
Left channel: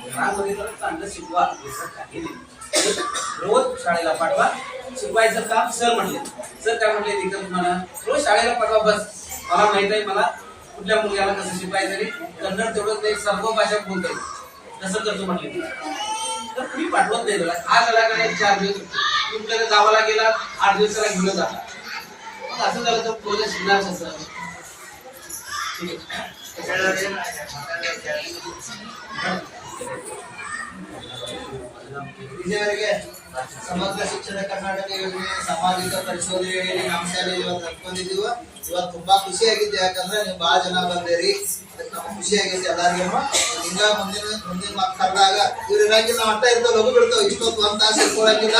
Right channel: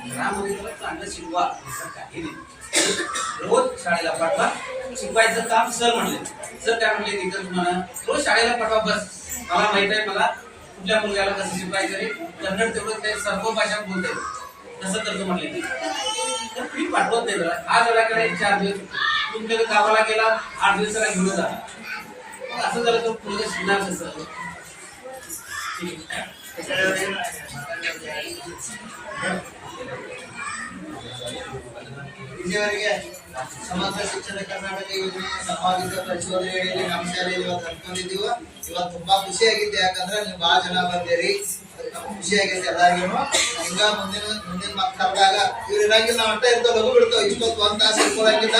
घरामध्ये तर चांगलं शिकवा, असं काही नाही. रोज शाळेला पाठवा, शिकवायचं काम सर म्हणले. सर काय म्हणले तिथं तुम्हाला रोज शाळेला पाठवा, बस मला माहित आहे मला कुठल्या मुलग्याला कसं शिकवायचं रे, कन्नड तेवढं काही सर्व भाषा बोलता येईल तसं करतो म्हणले. तर तुम्ही पाठवत नाही त्याला. आज आला का नाही 4 दिवस तुमच्या गावाला गेला 8 दिवसाला घेऊन जा. मग असं झालं तर प्रोजेक्ट शिकणार कसं. ठीक आहे ಇಲ್ಲಿಯವರೆಗೆ ಸಮಗ್ರ ಶಿಕ್ಷಣ ಕರ್ನಾಟಕ ಯೋಜನೆ ಸಾಮಾಜಿಕ ಪರಿಶೋಧನೆ ಅಡಿಯಲ್ಲಿ ನಮ್ಮ ಶಾಲೆಯಲ್ಲಿ ಇವತ್ತು ಹಮ್ಮಿಕೊಂಡಿದ್ದೀವಿ. ಇವತ್ತು ತುಂಬಾ ಖುಷಿಯಾಗಿದ್ದೆ, ಯಾಕಂದ್ರೆ ನೀವು ಬಹಳ ಜನ ಬಂದಿರಿ, ಅದಕ್ಕೆ ನಮ್ಗೆ ಖುಷಿ ಆಗೈತೆ ಎಲ್ಲರಿಗೂ. ಹಿಂಗ ಮುಂದಿನ ಮತ್ ಕರೆದಾಗ ಇವ್ರು ಇರಂಗಿಲ್ಲ, ನಾವು ಅಟ್ಟ ಇರ್ತೇವೆ, ಲಘು ಬಿಡ್ತಾವ, ಇಷ್ಟೊತ್ತು 1 ತಾಸು ಇಟ್ಕೊಳಂಗಿಲ್ಲ.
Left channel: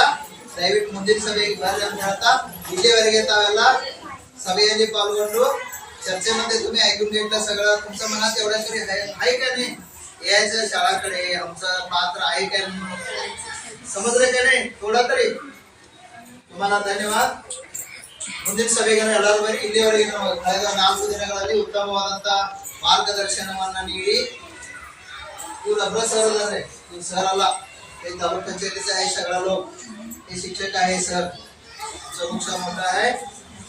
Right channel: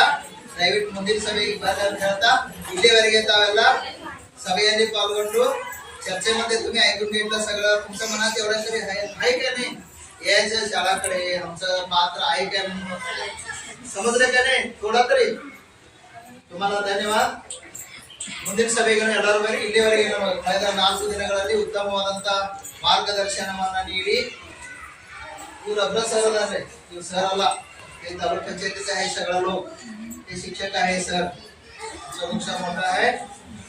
ದಯವಿಟ್ಟು ಮುಂದಿನ ಸಭೆಗೆ ಬರ್ರಿ ಅಂತ ಹೇಳ್ತಾ, ಇಲ್ಲಿಯವರೆಗೆ ತಾವೆಲ್ಲ सभेಯಲ್ಲಿ पालगొंಡು चर्चेमध्ये तुम्ही ऐकून घेतलं सगळं. तुमच्या मनात एवढं तरी आहे का नाही यायचं शाळाकडे, आमचं पात्र आहे का समजलं का नाही थोडा तरी. तुम्हाला ಧನ್ಯವಾದ. ಮುಂದಿನ ಸಭೆಗೆ ಎಲ್ಲರೂ ಬರಿ. ಇಲ್ಲಿವರೆಗೆ ಕಳೆದ 4 ದಿನಗಳಲ್ಲಿ ಉತ್ತಮವಾದಂತ ಮಾರ್ಗದರ್ಶನವನ್ನ ನೀಡಿ ಇವ್ರು अब्र सर झाले, इव्ह सर आला ते तालुका पंचायतीचे आहे सगळा लोक, ते शिक्षक आहे सर, समोर मोठा आहे,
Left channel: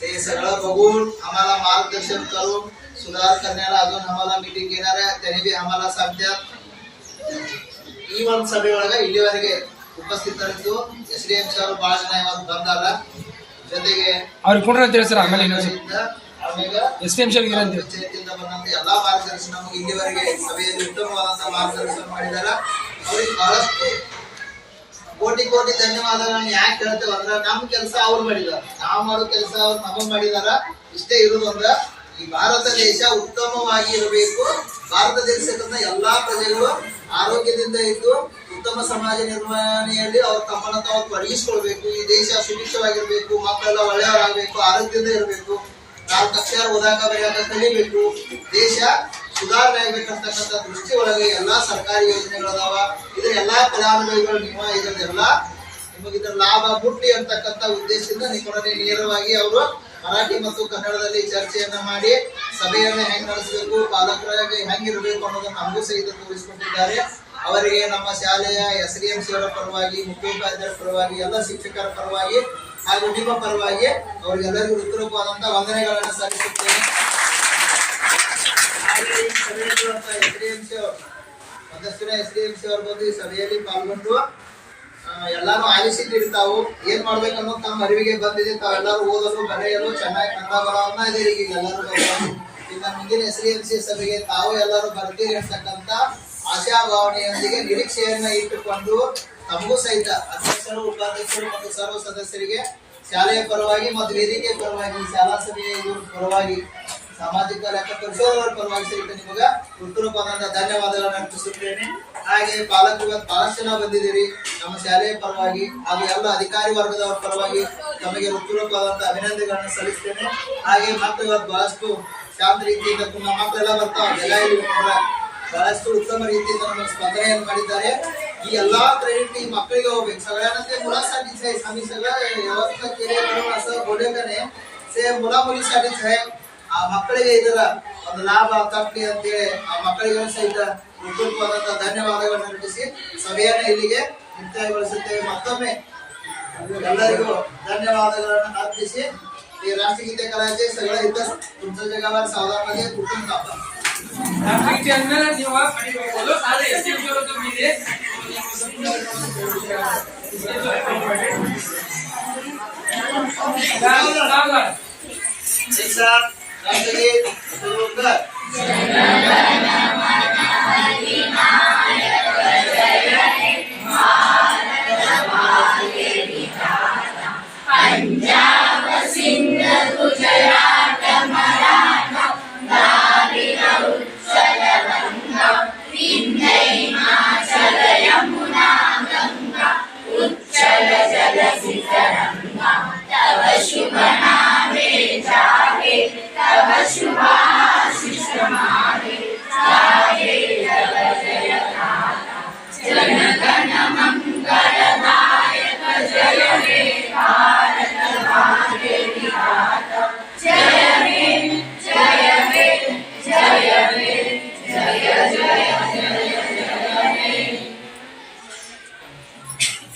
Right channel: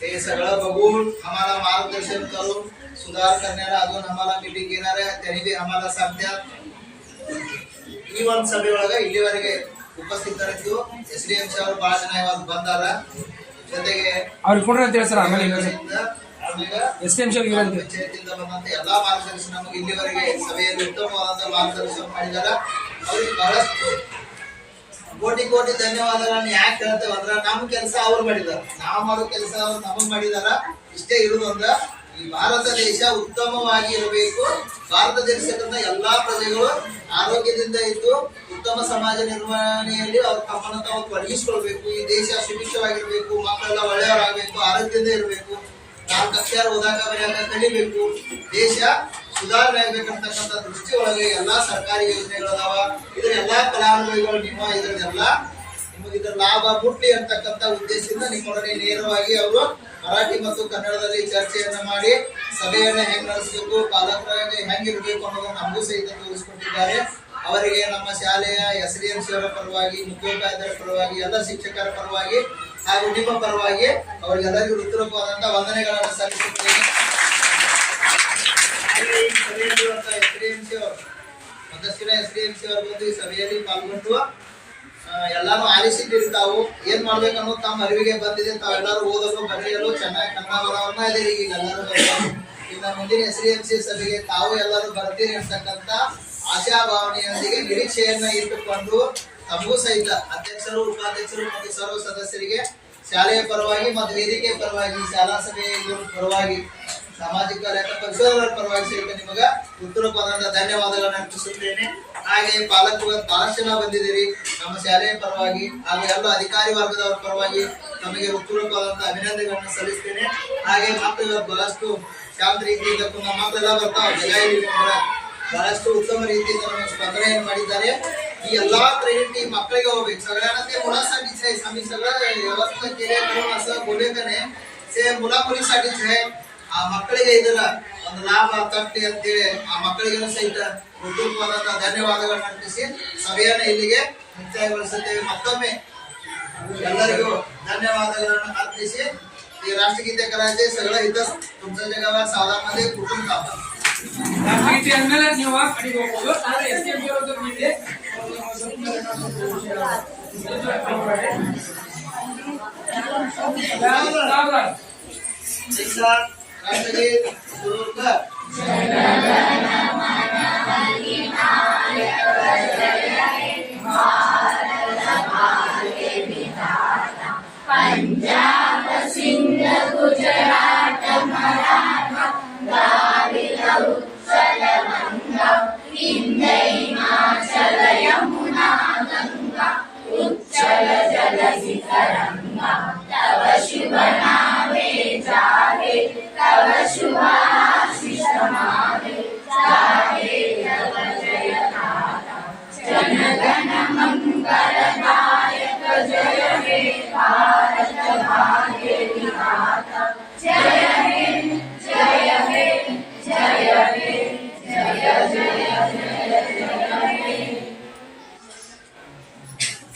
ते सगळं बघून आम्हाला मार्गदर्शन करून सुधार करण्याला अजून आम्हाला मीटिंग घेणार आहे. त्यांनी बी आम्हाला सांगतात. ಈ ಒಂದು ಸಭೆಯೊಳಗೆ ಇಲ್ಲಿವರೆಗೆ ಉಪಸ್ಥಿತರಿದ್ದು SDMC ಅವರು ಬಹಳ ಜನ ಇವತ್ತು ಬಂದಾರ. ಜೊತೆಗೆ ಅವ್ರಿಗೆ ಕೊಡ್ರಿ ಅಂತ ಹೇಳಿ ಸರ್. ಆಮೇಲೆ SDMC ಪಂಚಾಯತಿಯಿಂದ ಬಂದಂತ ಎಲ್ಲಾ ಮಾರ್ಗದರ್ಶನ ನಮಗೆ ಇಲ್ಲಿವರೆಗೆ ಸಭೆಯಲ್ಲಿ ಉತ್ತಮವಾದಂತ ಮಾರ್ಗದರ್ಶನ ಮಾಡಿದಾರ. ಅವ್ರಿಗೆ ಬಹಳಷ್ಟು ಕೋಟಿ ಕೋಟಿ ಧನ್ಯವಾದಗಳನ್ನ ಯಾಕೆ ಹೇಳ್ತೇವೆ ಅಂದ್ರೆ ನಮ್ಮ ಕೆಲಸ ಅವ್ರು ಮಾಡಿದಾರ, ನಾವು ಮಾಡೋ ಕೆಲಸ ಅವ್ರು ನಮಗ್ ಮಾಡಿದಾರ. ಇಷ್ಟೇ ಇರುವುದು ಅಂದ್ರ ಈ ಭಾರತ ದೇಶ ಉತ್ತಮವಾಗಿ ಇರಬೇಕು, ಭಾರತ ದೇಶದ ಎಲ್ಲಾ ಪ್ರಜೆಗಳು ಆರೋಗ್ಯದಿಂದ ಇದ್ದು ಉತ್ತಮ ಸಮಾಜ ನಿರ್ವಹಣೆಯಲ್ಲಿ ಅವ್ರ ತಮ್ಮನ್ನ ತಾವು ತೊಡಗಿಸ್ಕೊಳ್ಬೇಕು. ಈ ದೇಶ ಸುಭಿಕ್ಷವಾಗಿರ್ಬೇಕು, ಮಕ್ಕಳೆಲ್ಲ ಒಳ್ಳೆಯವರಾಗಬೇಕು, ಆರೋಗ್ಯದಿಂದ ಇರಬೇಕು, 4 ಅಕ್ಷರ ಓದಾಕ ಬರೆಯಾಕ ಕಲಿಬೇಕು, ದೇಶ ಸುಧಾರಣೆ ಆಗ್ಬೇಕಂತಕ್ಕಂಥ ದೃಷ್ಟಿ ಒಳಗೆ ಎಲ್ಲಾ ಸರ್ಕಾರಿ ಯೋಜನೆಗಳದಾವ. ಇದ್ರ ಎಲ್ಲಾ ಫಲಾನುಭವಿಗಳು ನಿಮಗೆ ಇದರ ಲಾಭ ಮುಟ್ಲಿ ಅಂತಕ್ಕಂಥ ಉದ್ದೇಶದಿಂದ ನಿಮ್ಮೊಡನೆ ನೇರವಾಗಿ ಅವರು ಮರಾಠಿ ಮತ್ತು ಕನ್ನಡದಲ್ಲಿ ಚರ್ಚೆಯನ್ನ ಮಾಡಿ ಸಭೆಯನ್ನ ಹೆಂಗ್ ನಡೆಸಬೇಕು, ಪಾಲಕರಾಗಿ ಹೆಂಗಿರ್ಬೇಕು ಅನ್ನೋದನ್ನ ನಮಗೂ ಸಹಿತ ತೋರಿಸಿಕೊಟ್ಟಿದ್ದಾರೆ. ಅವರಿಗೆ ನಮ್ಮ ಶಾಲೆಯ SDMC ಅವರ ಪರವಾಗಿ, ಮುಖ್ಯೋಪಾಧ್ಯಾಯರ ಪರವಾಗಿ, ಎಲ್ಲ ಶಿಕ್ಷಕರ ಪರವಾಗಿ ಹಾಗೂ ನಿಮ್ಮ ಪರವಾಗಿ ಅವರಿಗೆಲ್ಲರಿಗೂ ಹೃತ್ಪೂರ್ವಕವಾದಂತಹ ವಂದನೆಗಳನ್ನು ಸಲ್ಲಿಸುತ್ತೇನೆ. ಹಾಗೆ ಈ ಸಭೆಯಲ್ಲಿರುವಂತ SDMC ಅವರು ಒಂದಷ್ಟು ದಿನ SDMC ಅವರು ಬಂದು ಈ ಸಭೆಯಲ್ಲಿ ಪಾಲ್ಗೊಂಡು ಎಲ್ಲಾನು ಆಲಿಸಿಟ್ಟಿರ್ತಾವು. ಏನ್ ಮಾಡ್ಬೇಕು ಅನ್ನೋದು ತಮ್ಮ ಅರಿವಿಗೆ ಬಂದಿದೆ. ತಾವೆಲ್ಲರೂ ಓದಲು ಬರೆಯಲು ಚೆನ್ನಾಗಿ ಕನ್ನಡ ಬರೋವನ್ನ ಇದೀರಿ. ಈಗ ಎಲ್ಲರೂ ಬರೋದು ಇನ್ನ ಮುಂದಿನ SDMC ಸಭೆಗೆ ತಾವು ಎಲ್ಲರೂ ಬರ್ತೀರಿ ಅಂತಕ್ಕಂಥ ಆಶಾಭಾವನೆಯೊಂದಿಗೆ ನಿರೀಕ್ಷೆಯನ್ನ ಇಟ್ಟುಕೊಂಡು ತಮಗೂ ಸಹಿತ ಅಧ್ಯಕ್ಷರು, ಉಪಾಧ್ಯಕ್ಷರು ಮತ್ತು ಸರ್ವ ಸದಸ್ಯರಿಗೆ ಶಾಲೆಯ ಪರವಾಗಿ ಮತ್ತು ವೇದಿಕೆ ಪರವಾಗಿ, ಶಾಲಾ ಸಭೆಯ ಪರವಾಗಿ, ಸಾಮಾಜಿಕ ಲೆಕ್ಕ ಪರಿಶೋಧಕರ ಪರವಾಗಿ ಸಹಿತ ನಿಮಗ ಹೃತ್ಪೂರ್ವಕವಾದಂತಹ ಧನ್ಯವಾದಗಳನ್ನು ಅರ್ಪಿಸುತ್ತೇನೆ. ಹಾಗೆ ಪಾಲಕರು ಬಹಳಷ್ಟು ಜನ ಬಂದಿದ್ದೀರಿ. ನಮ್ಮ ಶಾಲೆಯ ಪರವಾಗಿ ಹಾಗೂ ಎಲ್ಲ ಅಧಿಕಾರಿ ವರ್ಗದವರ ಪರವಾಗಿ ತಮಗೆ ಹೃತ್ಪೂರ್ವಕವಾದಂತಹ ಅಭಿನಂದನೆಗಳನ್ನು ಸಲ್ಲಿಸ್ತೇನೆ. ಹಾಗೆ ಮಕ್ಕಳು ಇವತ್ತು ಬಹಳಷ್ಟು ಶಾಂತ ರೀತಿಯಿಂದ ನಮ್ಮ ಮಕ್ಕಳೆಲ್ಲ ಬರ್ತಾವ ಜಗಾಯಿ ಬಹಳಷ್ಟು ಉತ್ತಮ ರೀತಿಯಿಂದ ನಮಗೆ ಸ್ಪಂದನೆಯನ್ನು ಮಾಡಿದ್ದಾರೆ. ಈ ಎಲ್ಲಾ क्रेडिट ही मಕ್ಕಳಿಗೆ होवे. सगळ्यांना ते मुलासाठीच आहे. आम्ही सगळं व्यवस्था केली म्हणून असं बोलले नाही, ते मुला-मुलीसाठीच आहे. ಆ ಮಕ್ಕಳಿಗೆ ಇದರ ಒಂದು ಲಾಭ ತಪ್ಪಲಿ ಅಂತೇಳಿ ಆ ಮಕ್ಕಳಿಗೆ ಸಹಿತ ಹೃತ್ಪೂರ್ವಕವಾದಂತಹ ಧನ್ಯವಾದಗಳನ್ನು ಅರ್ಪಿಸಿ ಸಭೆಯನ್ನು ಇಲ್ಲಿಗೆ ಮುಕ್ತಾಯಗೊಳಿಸುತ್ತೇವೆ. ಮತ್ತೊಮ್ಮೆ ಎಲ್ಲರಿಗೂ ಧನ್ಯವಾದಗಳನ್ನು अर्पिಸಿ ಈ ರಾಷ್ಟ್ರಗೀತೆ करायचे सगळं इथं तुमच्या जगावर सावधानमध्ये कुटुंब कापा. ನೀವು ಕಡಿಗೆ ಹೋಗ್ಬೋದು. ಆದ್ರೆ SDMC ಅವರದ್ದು ಇದೆ. राष्ट्रगीत सुरू कर. पंजाब सिंध ಶುಭ ಶಿಷ್ಟ ಮಾಡಿ ಚಾಗೆ